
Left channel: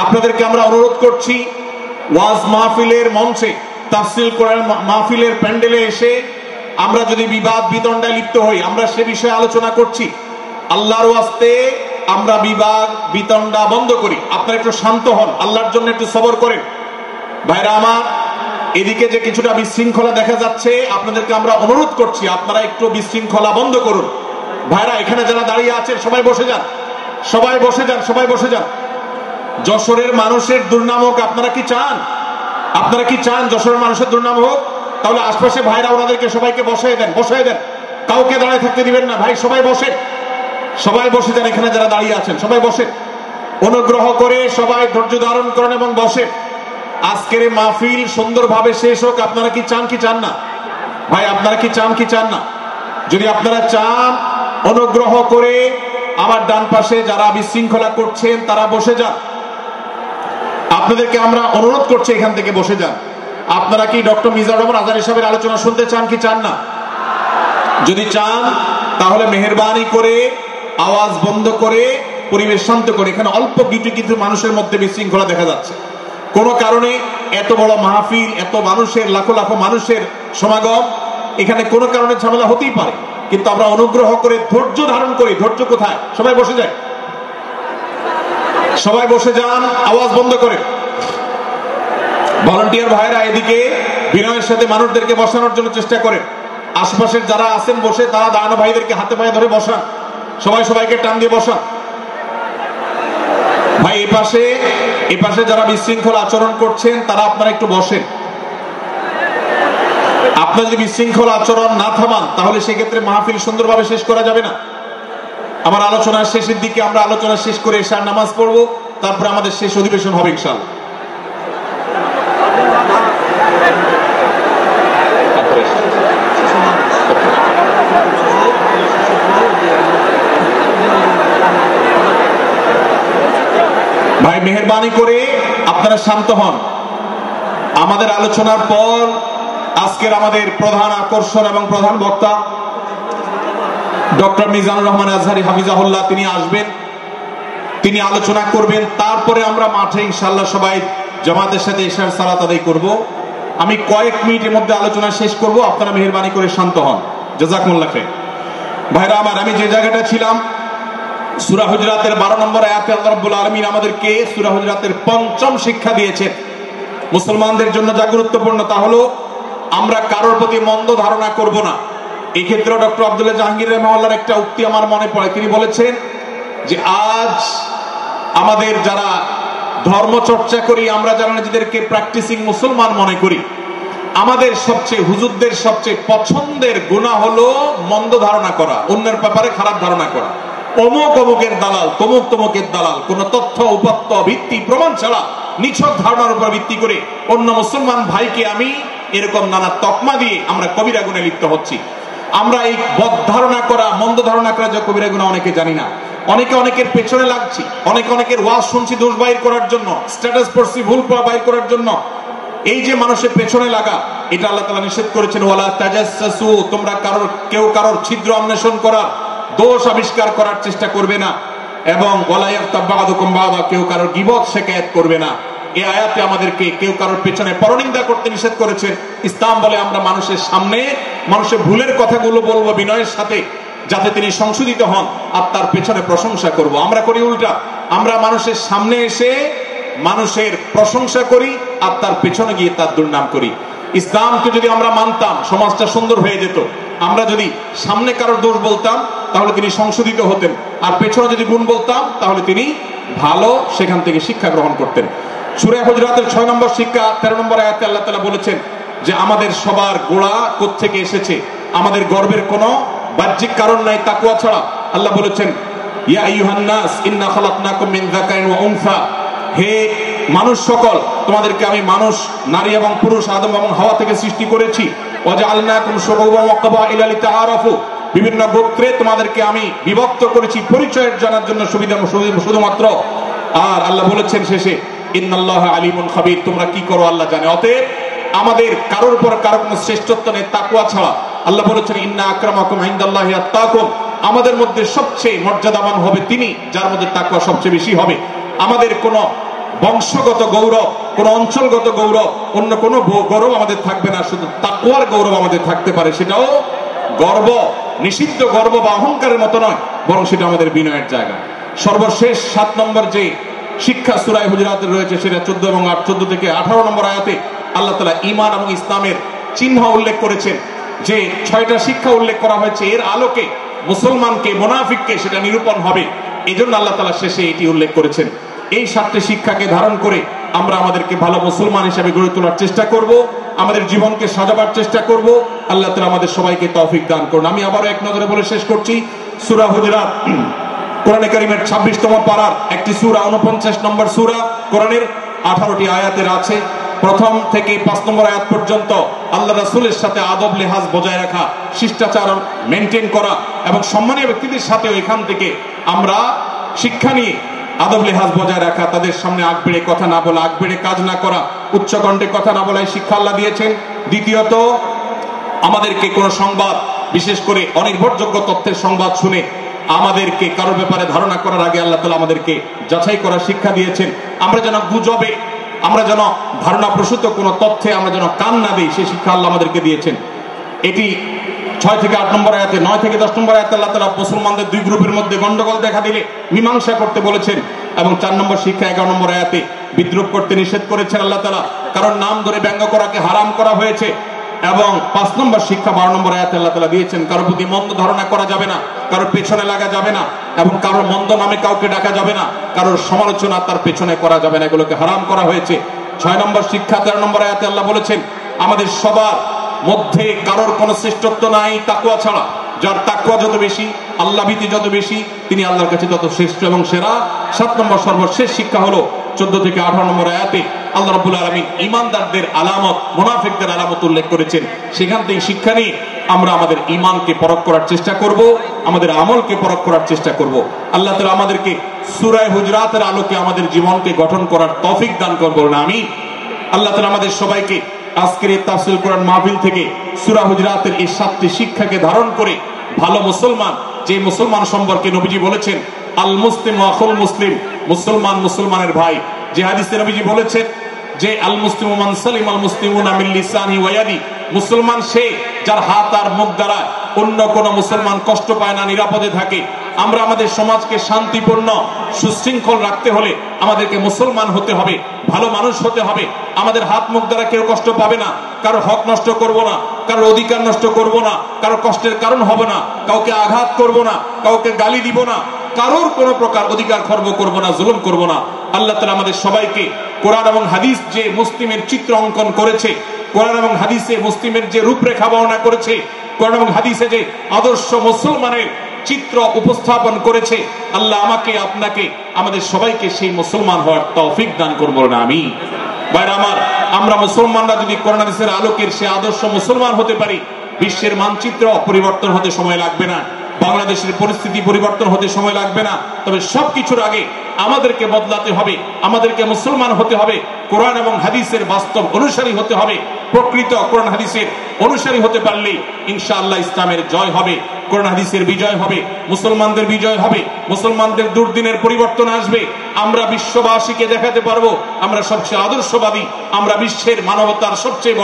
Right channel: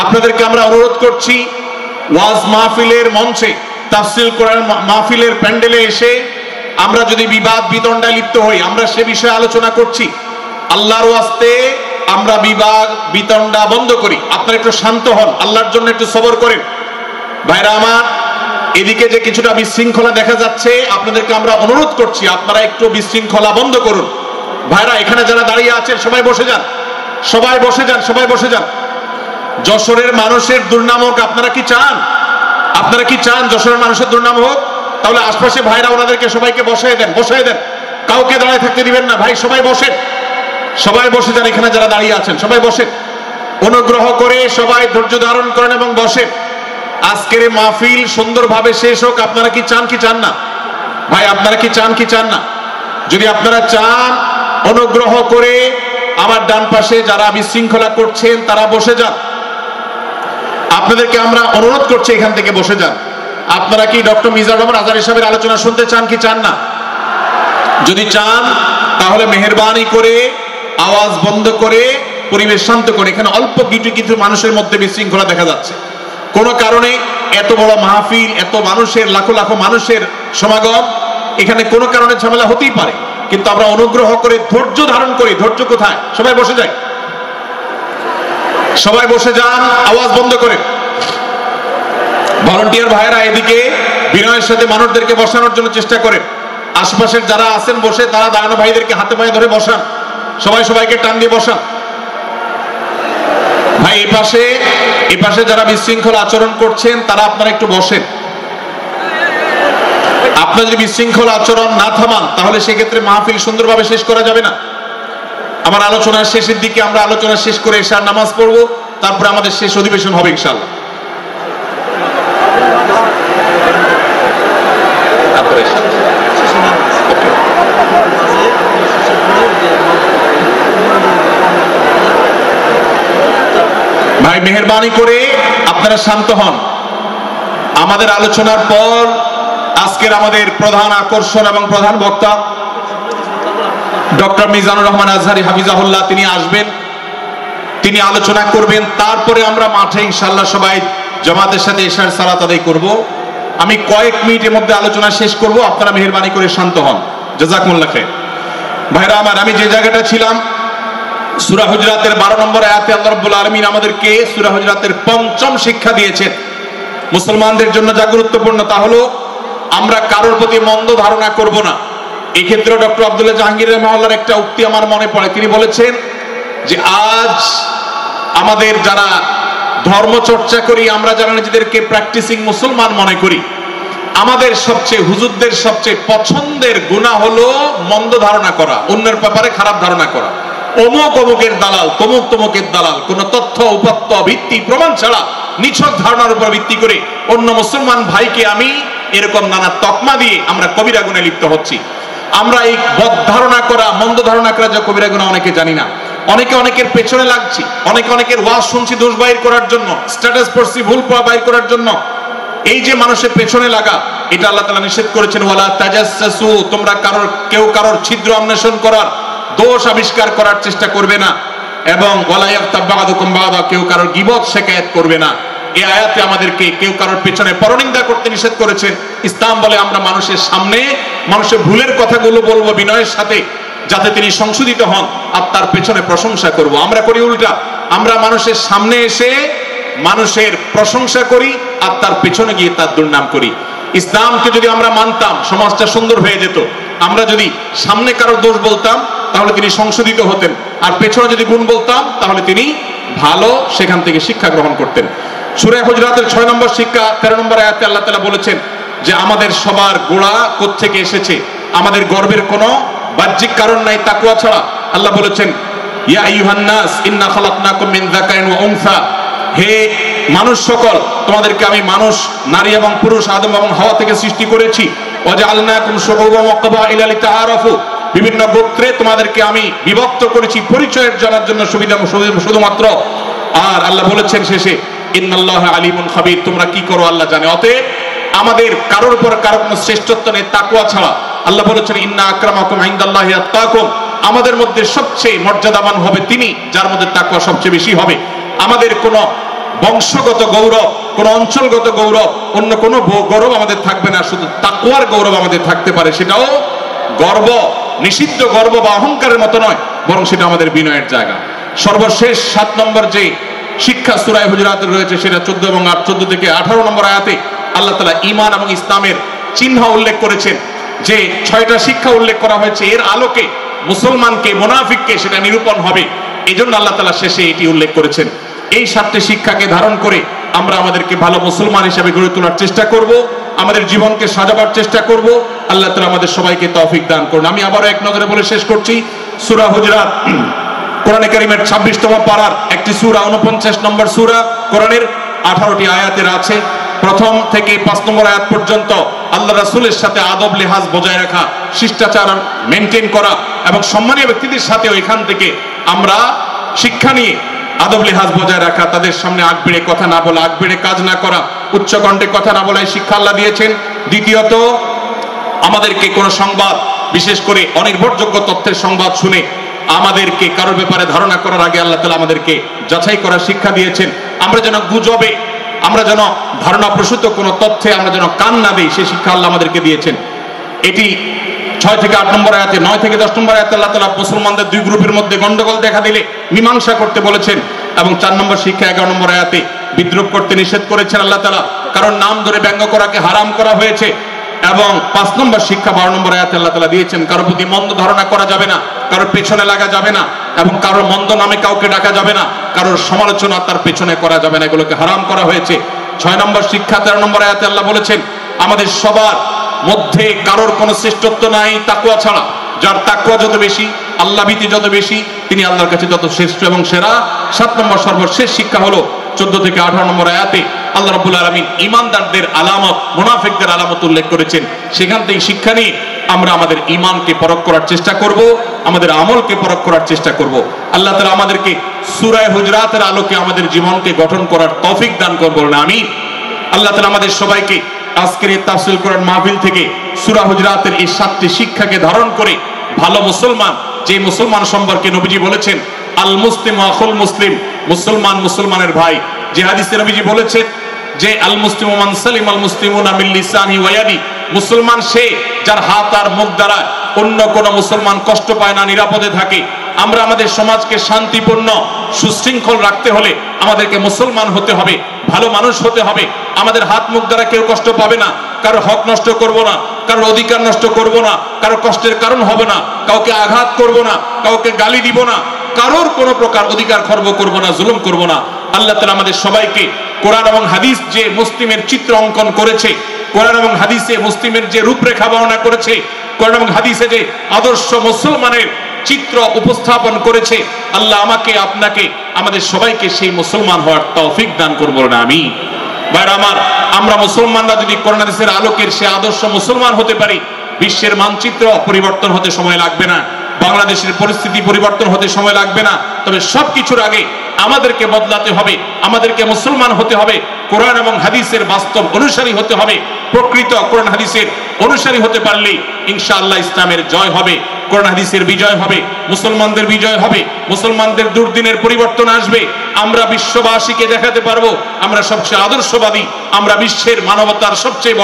আপনাদেরকে আমরা অনুরোধ করছি, ওয়াজ মাহফিলের মঞ্চে, তাফসীর কোরআন মাহফিলের প্যান্ডেলে এসে আমরা যদি বিবাদ বিতণ্ডায় লিপ্ত হই, আমরা সে বিষয়ে আলোচনা করছি, আল্লাহর ওয়াস্তে আমরা বিবাদ বিতণ্ডা বন্ধ করি। আপনারা একটু শান্ত হন, আল্লাহর জন্য একটু সবর করেন। ভাইরা আমার, এদিকে যে কিছুটা বিশৃঙ্খলা দেখা যাচ্ছে, আপনাদেরকে আমরা অনুরোধ করছি আপনারা একটু বিশৃঙ্খলা বন্ধ করুন। ভাইরা, এখানে যারা দাঁড়িয়ে আছেন সবাই বসে যান, সবাই বসে যান, সবাই বসে যান। যশোরের মানুষের দুর্নাম হোক, আপনারা কি চান? আপনারা কি চান যশোরের মানুষের দুর্নাম হোক? তাহলে আশপাশে ভাইরা ওনাদেরকে সবাইকে বসায় দেন, বসায় দেন, কাউকে দাঁড়ায় থাকতে দিবেন না। ভাই সবাই বসেন, সবাই বসে যান। এখানে যারা দাঁড়িয়ে আছেন সবাই বসেন, অনুগ্রহ করে সবাই ধৈর্য ধারণ করেন এবং বসেন। আজকের এই মাহফিল সুন্দরভাবে শেষ হোক। আপনারা কি চান কি চান না? ভাই আপনারা কি চান কি চান না? যদি আপনারা চান, অনুগ্রহ করে আমার ডান পাশে যারা বিশৃঙ্খলা করছেন তারা বসে যান। আপনাদেরকে আমরা অনুরোধ করছি এখান থেকে বসে যান। আপনারা কি ডক্টর মিজানুর রহমান আজহারী সাহেবের আলোচনা শুনতে চান কি চান না? যদি চান তাহলে মেহেরবানি করে আওয়াজ বন্ধ করে পরিবেশ শান্ত করে, এখানে অল্প কিছু মানুষের মধ্যে বিশৃঙ্খলা দেখা যাচ্ছে। কোন কারণে এত বড় মাহফিল, এত মানুষের, লাখো লাখো মানুষের সমাগম, এখানে কোনো কারণে ঝামেলা হতেই পারে, কিন্তু আমরা অনুগ্রহ করে ধৈর্য ধারণ করি। ধৈর্য কোথায়? সবাই বসে যায়, সবাই বসে যান, আওয়াজ বন্ধ করে। ভলান্টিয়ার ভাইরা এদিকে বিনয়ের সাথে মানুষদেরকে বসানোর জন্য চেষ্টা করেন। আশপাশের যারা আছেন বসে, তারা দাঁড়ানো ভাইদেরকে হাতে পায়ে ধরে বসান, সবাই সবাইকে টান দিয়ে বসান। ভাই এই পাশে যারা বিশৃঙ্খল আচরণ করছেন তারা আপনারা একটু বসেন। আপনারা যদি বিশৃঙ্খল আচরণ না থামান তাহলে সেক্ষেত্রে মাহফিল সুন্দরভাবে শেষ করা যাবে না। আমার আলোচনার শেষের দিকে আমরা আলোচনা শেষ করে এশার নামাজ পড়বো, তারপরে আমাদের শেষ অধিবেশন হবে ইনশাআল্লাহ। ভাই মেহেরবানি করে আপনারা শান্ত হন। আমাদের আলোচনার পর আজকের আমাদের প্রধান আকর্ষণ এবং প্রধান বক্তা ডক্টর মিজানুর রহমান আজহারি হাফিজাহুল্লাহ তিনি আসবেন, তিনি আলোচনা করবেন। তারপরে আমরা মাঠে ইনশাআল্লাহ সবাই জামাতের সাথে ইশার সালাত আদায় করব। আমি কয়েক মিনিটের মধ্যে আলোচনা শেষ করব, আপনারা মেহেরবানি করে শান্ত হন। জাযাকুমুল্লাহ খাইর। ভাইরা আমার, আমি যে জায়গাটা ছিলাম সূরা হুজরাতের 12 নম্বর আয়াতে আল্লাহ রাব্বুল আলামিন আমাদেরকে সূরা হুজরাতের পঞ্চম শিক্ষা দিয়েছেন। মুসলমানদের জন্য যা গুরুত্বপূর্ণ তা হলো আমরা কারোর প্রতি মন্দ ধারণা করব না। এই ক্ষেত্রে ডক্টর আব্দুল্লাহ জাহাঙ্গীর রাহিমাহুল্লাহর একটা উক্তি আমার মনে পড়ে। তিনি বলেছেন যে আজ আমাদের যারা ধর্ম চর্চা করি, আমরা যারা নিজেদেরকে প্র্যাকটিসিং মুসলমান মনে করি, আমাদের সবচেয়ে হুজুরদের সবচেয়ে পছন্দের গুনাহ হলো মন্দ ধারণা করা, অন্যের ব্যাপারে খারাপ ধারণা করা। অমুক অমুকের দালাল, তমুক তমুকের দালাল, কোন তথ্য উপাত্ত ভিত্তি প্রমাণ ছাড়া নিছক ধারণার উপর ভিত্তি করে অন্য মুসলমান ভাইকে আমি এরকম নানা তকমা দিয়ে আমরা কবিরা গুনাহে লিপ্ত হচ্ছি। আমরা এই বদ ধারণা করা, মন্দ ধারণা করা যে কবিরা গুনাহ অনেকে জানি না। অনেকে অনেকের পেছনে লাগছি, অনেকে অনেকের ওয়াজ শুনছি দোষ বাইর করার জন্য, স্ট্যাটাস পড়ছি ভুল বাইর করার জন্য। এই যে মানুষের পেছনে লাগা, এটা আল্লাহ তাআলা নিষেধ করেছেন, ওয়ালা তাজাসসু, তোমরা কেউ কারোর ছিদ্র অন্বেষণ করার, দোষ আবিষ্কার করার চেষ্টা করবে না, এবং ওয়ালা ইয়াগতাব বা'দুকুম বা'দা, কেউ কারোর গীবত শিকায়াত করবে না। এই আয়াতে আমাদেরকে কেউ কারোর পেছনে পরনিন্দা করতে নিষেধ করেছেন। ইসলাম বলে আমরা মানুষের সামনে মানুষের ভুলের কথাগুলো বলবো বিনয়ের সাথে, যাতে তিনি সংশোধিত হন, আর তার পেছনে প্রশংসা করব। আমরা করি উল্টা, আমরা মানুষের সামনে এসে মানুষের প্রশংসা করি আর তার পেছনে গিয়ে তার দুর্নাম করি। ইসলামকে যদি আমরা মানতাম সমাজটা সুন্দর হয়ে যেত। আমরা যদি সামনে কারো দোষ বলতাম তাহলে তিনি সংশোধিত হতেন, আর পেছনে যদি গুণ বলতাম তাহলে তিনি ভালো সেখান থেকে শিক্ষা গ্রহণ করতেন। সূরা হুজরাতের 6 নম্বর শিক্ষা 13 নম্বর আয়াতে আল্লাহ তাআলা বলেছেন যে আমাদের সবার গোড়া কোত্থেকে এসেছে, আমাদের গর্বের কোনো বাহ্যিক কারণ নাই তাকওয়া ছাড়া। আল্লাহ বলেছেন, ইয়া আইয়ুহান নাস ইন্না খালাকনাকুম মিন যাকারিন ওয়া উনসা, হে মানুষ সকল, তোমাদেরকে আমি মানুষ, নারী এবং পুরুষ, আদম এবং হাওয়া থেকে সৃষ্টি করেছি। ওয়া জাআলনাকুম শুউবান ওয়া ক্বাবাইলা লিতাআরাফু, বিভিন্ন গোত্রে তোমাদেরকে আমি বিভক্ত করেছি পরিচয়ের জানার জন্য, সুবিধা শুধুমাত্র। আর আল্লাহ বলেছেন শেষে, ইন্নাল্লাহা আলিমুন খাবীর, তোমরা কি করো আল্লাহ জানে। অতএব আমাদের কারোর উপর কারো কোনো শ্রেষ্ঠত্ব নেই তাকওয়া ছাড়া। আল্লাহ বলেছেন, ইন্না আকরামাকুম ইনদাল্লাহি আত্তাকুম, আমাদের মধ্যে সবচেয়ে মর্যাদাবান হবে তিনি যার মধ্যে তাকওয়া সবচেয়ে বেশি হবে। আমাদের কোনো বংশগত গৌরব, কোন অঞ্চলগত গৌরব, অন্য কোনো গৌরব আমাদের থাকবে না, শুধু তাকওয়ার গৌরব আমাদের থাকতে পারে। সেটাও গর্ব, নিষিদ্ধ গর্ব বা অহংকারের মতো নয়, বরং সেটা আমাদের বিনয়ের জায়গা। সর্বশেষ 7 নম্বর যে শিক্ষা সূরা হুজরাতে রয়েছে, সেটা 14 এবং 14 থেকে 18 নম্বর আয়াতে আল্লাহ তাআলা ঈমান এবং ইসলামের চিহ্ন উল্লেখ করেছেন। যে 6টা শিক্ষা উল্লেখ করা হয়েছে, এর আলোকে মুসলমানকে মুনাফিককে সেটা নিরূপণ হবে। এই জন্য আল্লাহ তাআলা শেষে এটি উল্লেখ করেছেন। এই 7টি শিক্ষাকে ধারণ করে আমরা আমাদেরকে ভালো মুসলমান হিসেবে গড়ে তোলার চেষ্টা করব, আমাদের জীবনকে সাজাবার চেষ্টা করব। আল্লাহ তাআলা আমাদের সবাইকে তৌফিক দান করুন। আমি আবারও এক নজরে বলে শেষ করছি, সূরা হুজরাত কোরআনে কারীমের 26তম পারার একটি সূরা, 49 নম্বর সূরা, কোরআনের 18টি আয়াতের আছে। প্রথম থেকে 5 নম্বর আয়াত পর্যন্ত আল্লাহ রাসূলের সাথে আদব লেহাজ বজায় রাখা, শিষ্টাচার মেনটেন করা এবং সম্মানীয় ব্যক্তিদের সাথে এখান থেকে আমরা শিক্ষা নিয়ে আদব লেহাজ বজায় রাখা, তাদের সামনে আগ বেড়ে কথা না বলা, আগ বেড়ে কাজ না করা, উচ্চ কণ্ঠে কথা না বলা, শিক্ষা আল্লাহ দিয়েছেন। দ্বিতীয়ত, আমাদেরকে কোনো সংবাদ, বিশেষ করে অনির্ভরযোগ্য তথ্যের সংবাদ শুনে আমাদেরকে কারোর ব্যাপারে ধারণা করার আগে আল্লাহ তাআলা আমাদেরকে যাচাই করার শিক্ষা দিয়েছেন। আমরা যেন গুজবে, আমরা যেন ধারণা প্রসূত কোনো তথ্যে আমরা যেন কান না দিই, সেই শিক্ষা আল্লাহ আমাদেরকে দিয়েছেন। এটি 6 থেকে 8 নম্বর আয়াতে, 9 থেকে 10 নম্বর আয়াতে আল্লাহ তাআলা মুসলমানদের 2 গ্রুপের মধ্যে গন্ডগোল দেখা দিলে মীমাংসা করতে বলেছেন, এবং 4 নম্বর শিক্ষা 11 নম্বর আয়াতে বিদ্রুপ করতে নিষেধ করেছেন আল্লাহ তাআলা, কারণ নাম ধরে ব্যঙ্গ করাকে হারাম করা হয়েছে। এবং 5 নম্বর শিক্ষা 12 নম্বর আয়াতে আল্লাহ তাআলা দিয়েছেন, কারোর প্রতি মন্দ ধারণা করা যাবে না, কারোর পেছনে লাগা যাবে না, এবং কারোর মন্দ নামে কাউকে ডাকা যাবে না, কারোর সমালোচনা তার পেছনে করা যাবে না, এগুলোকে হারাম করা হয়েছে। 6 নম্বর শিক্ষা 13 নম্বর আয়াতে আল্লাহ বলেছেন, আমাদের সবার মধ্যে কারোর কোনো শ্রেষ্ঠত্ব নাই তাকওয়া ছাড়া। যার তাকওয়া যত বেশি, আল্লাহ ভীতি যত বেশি, তিনি আল্লাহর কাছে তত শ্রেষ্ঠ এবং সেরা। 7 নম্বর সর্বশেষ শিক্ষা হলো 14 থেকে 18 নম্বর আয়াতে আল্লাহ রাব্বুল আলামিন ঈমানদারদের আলামত, মুনাফিকদের আলামত উল্লেখ করেছেন। সেখান থেকে শিক্ষা নিয়ে আমরা আমাদের ঈমানকে পরখ করার চেষ্টা করব, আমাদের আমলকে পরখ করার চেষ্টা করব। আল্লাহ তাআলা আমাদেরকে সূরা হুজরাতের আলোকে আমাদের জীবনকে গঠন করার তৌফিক দান করুন, আমিন। আল্লাহ তাআলা আমাদের সবাইকে আজকের এই তাফসীর কোরআন মাহফিল থেকে সূরা হুজরাতের এই 7টি শিক্ষাকে ধারণ করে ভালো মুসলমান, যে মুসলমান সম্পর্কে নবীজি বলেছেন আল মুসলিম আখুল মুসলিম, মুসলমান মুসলমানের ভাই। যে হাদিসে নবীজি বলেছেন যে আল মুসলিমু মান সালিম আল মুসলিমুনা মিন লিসানি ওয়া ইয়াদি, মুসলমান সে যার হাত আর মুখ দ্বারা অন্য কোন মুসলমান কষ্ট পায় না, নিরাপদে থাকে। আমরা আমাদের সমাজকে শান্তিপূর্ণ সুশৃঙ্খল রাখতে হলে আমাদেরকে মুসলমান হতে হবে, ভালো মানুষ হতে হবে। আমাদের হাত মুখ দ্বারা কেউ কষ্ট পাবে না, কারো হক নষ্ট করব না, কারো অধিকার নষ্ট করব না, কারো কষ্টের কারণ হবে না, কাউকে আঘাত করব না, কাউকে গালি দিব না, কারোর কোনো প্রকার অধিকার খর্ব করব না, জুলুম করব না। আল্লাহ তাআলা আমাদের সবাইকে কোরআন এবং হাদিস যে মুসলিমের চিত্র অঙ্কন করেছে, কোরআন এবং হাদিসে মুসলিমের যে রূপরেখা বর্ণনা করেছে, কোরআন এবং হাদিসে যে আদর্শ মুসলমানের চিত্র উপস্থাপন করেছে, আল্লাহ আমাকে আপনাকে আমাদের সবাইকে সেই মুসলমান হওয়ার তৌফিক দান করুন, আমিন। ভাইরা আমার, আমরা মুসলমানরা যদি কোরআন হাদিসের আলোকের সে আদর্শ মুসলমান হতে পারি, বিশ্বের মানচিত্র পরিবর্তন হতে সময় লাগবে না, বাংলাদেশের পরিস্থিতি পরিবর্তন হতে সময় লাগবে না। তবে সবকিছুর আগে আমাদেরকে বদলাতে হবে, আমাদেরকে মুসলমান হতে হবে, কোরআন এবং হাদিসের বাস্তব অনুসারী হতে হবে। প্রকৃত কোরআন হাদিসের অনুসারী হতে পারলে ইনশাআল্লাহ ইসলামের জয় হবে, কোরআন হাদিসের বিজয় হবে, মুসলমানদের বিজয় হবে, মুসলমানদের দুর্দিনের পরিবর্তন আসবে। আমরা বিশ্ববাসীকে দেখাতে পারবো আমরা সবচেয়ে আদর্শবাদী, আমরা বিশ্বের মানবতার সবচেয়ে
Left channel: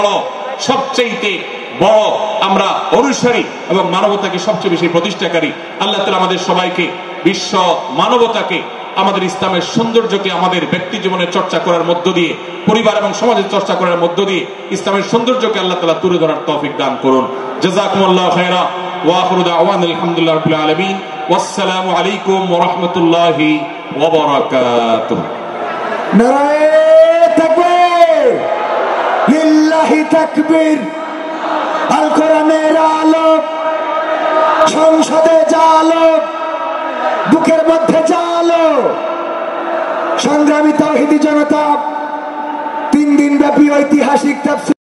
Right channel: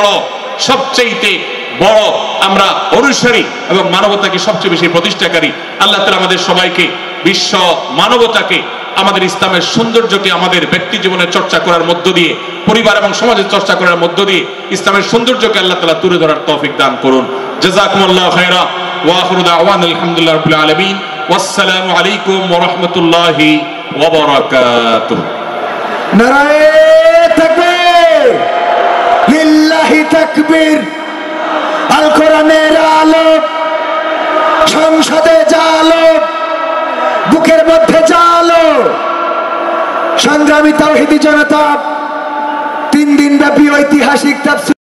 বড় আমরা অনুসারী এবং মানবতাকে সবচেয়ে বেশি প্রতিষ্ঠাকারী। আল্লাহ তাআলা আমাদের সবাইকে বিশ্ব মানবতাকে, আমাদের ইসলামের সৌন্দর্যকে আমাদের ব্যক্তি জীবনে চর্চা করার মধ্য দিয়ে, পরিবার এবং সমাজের চর্চা করার মধ্য দিয়ে ইসলামের সৌন্দর্যকে আল্লাহ তাআলা তুলে ধরার তৌফিক দান করুন। জাযাকুমুল্লাহু খায়রা ওয়া আখিরু দাওয়ানা আলহামদুলিল্লাহি রাব্বিল আলামিন। ওয়াসসালামু আলাইকুম ওয়া রাহমাতুল্লাহি ওয়া বারাকাতুহু। নারায়ে তাকবীর, লিল্লাহি তাকবীর। আল কোরআনের আলো, সংসদে জালো, বুকের মধ্যে জালো। সংগ্রামী তাওহীদি জনতা, 3 দিন ব্যাপী ঐতিহাসিক তাফসীর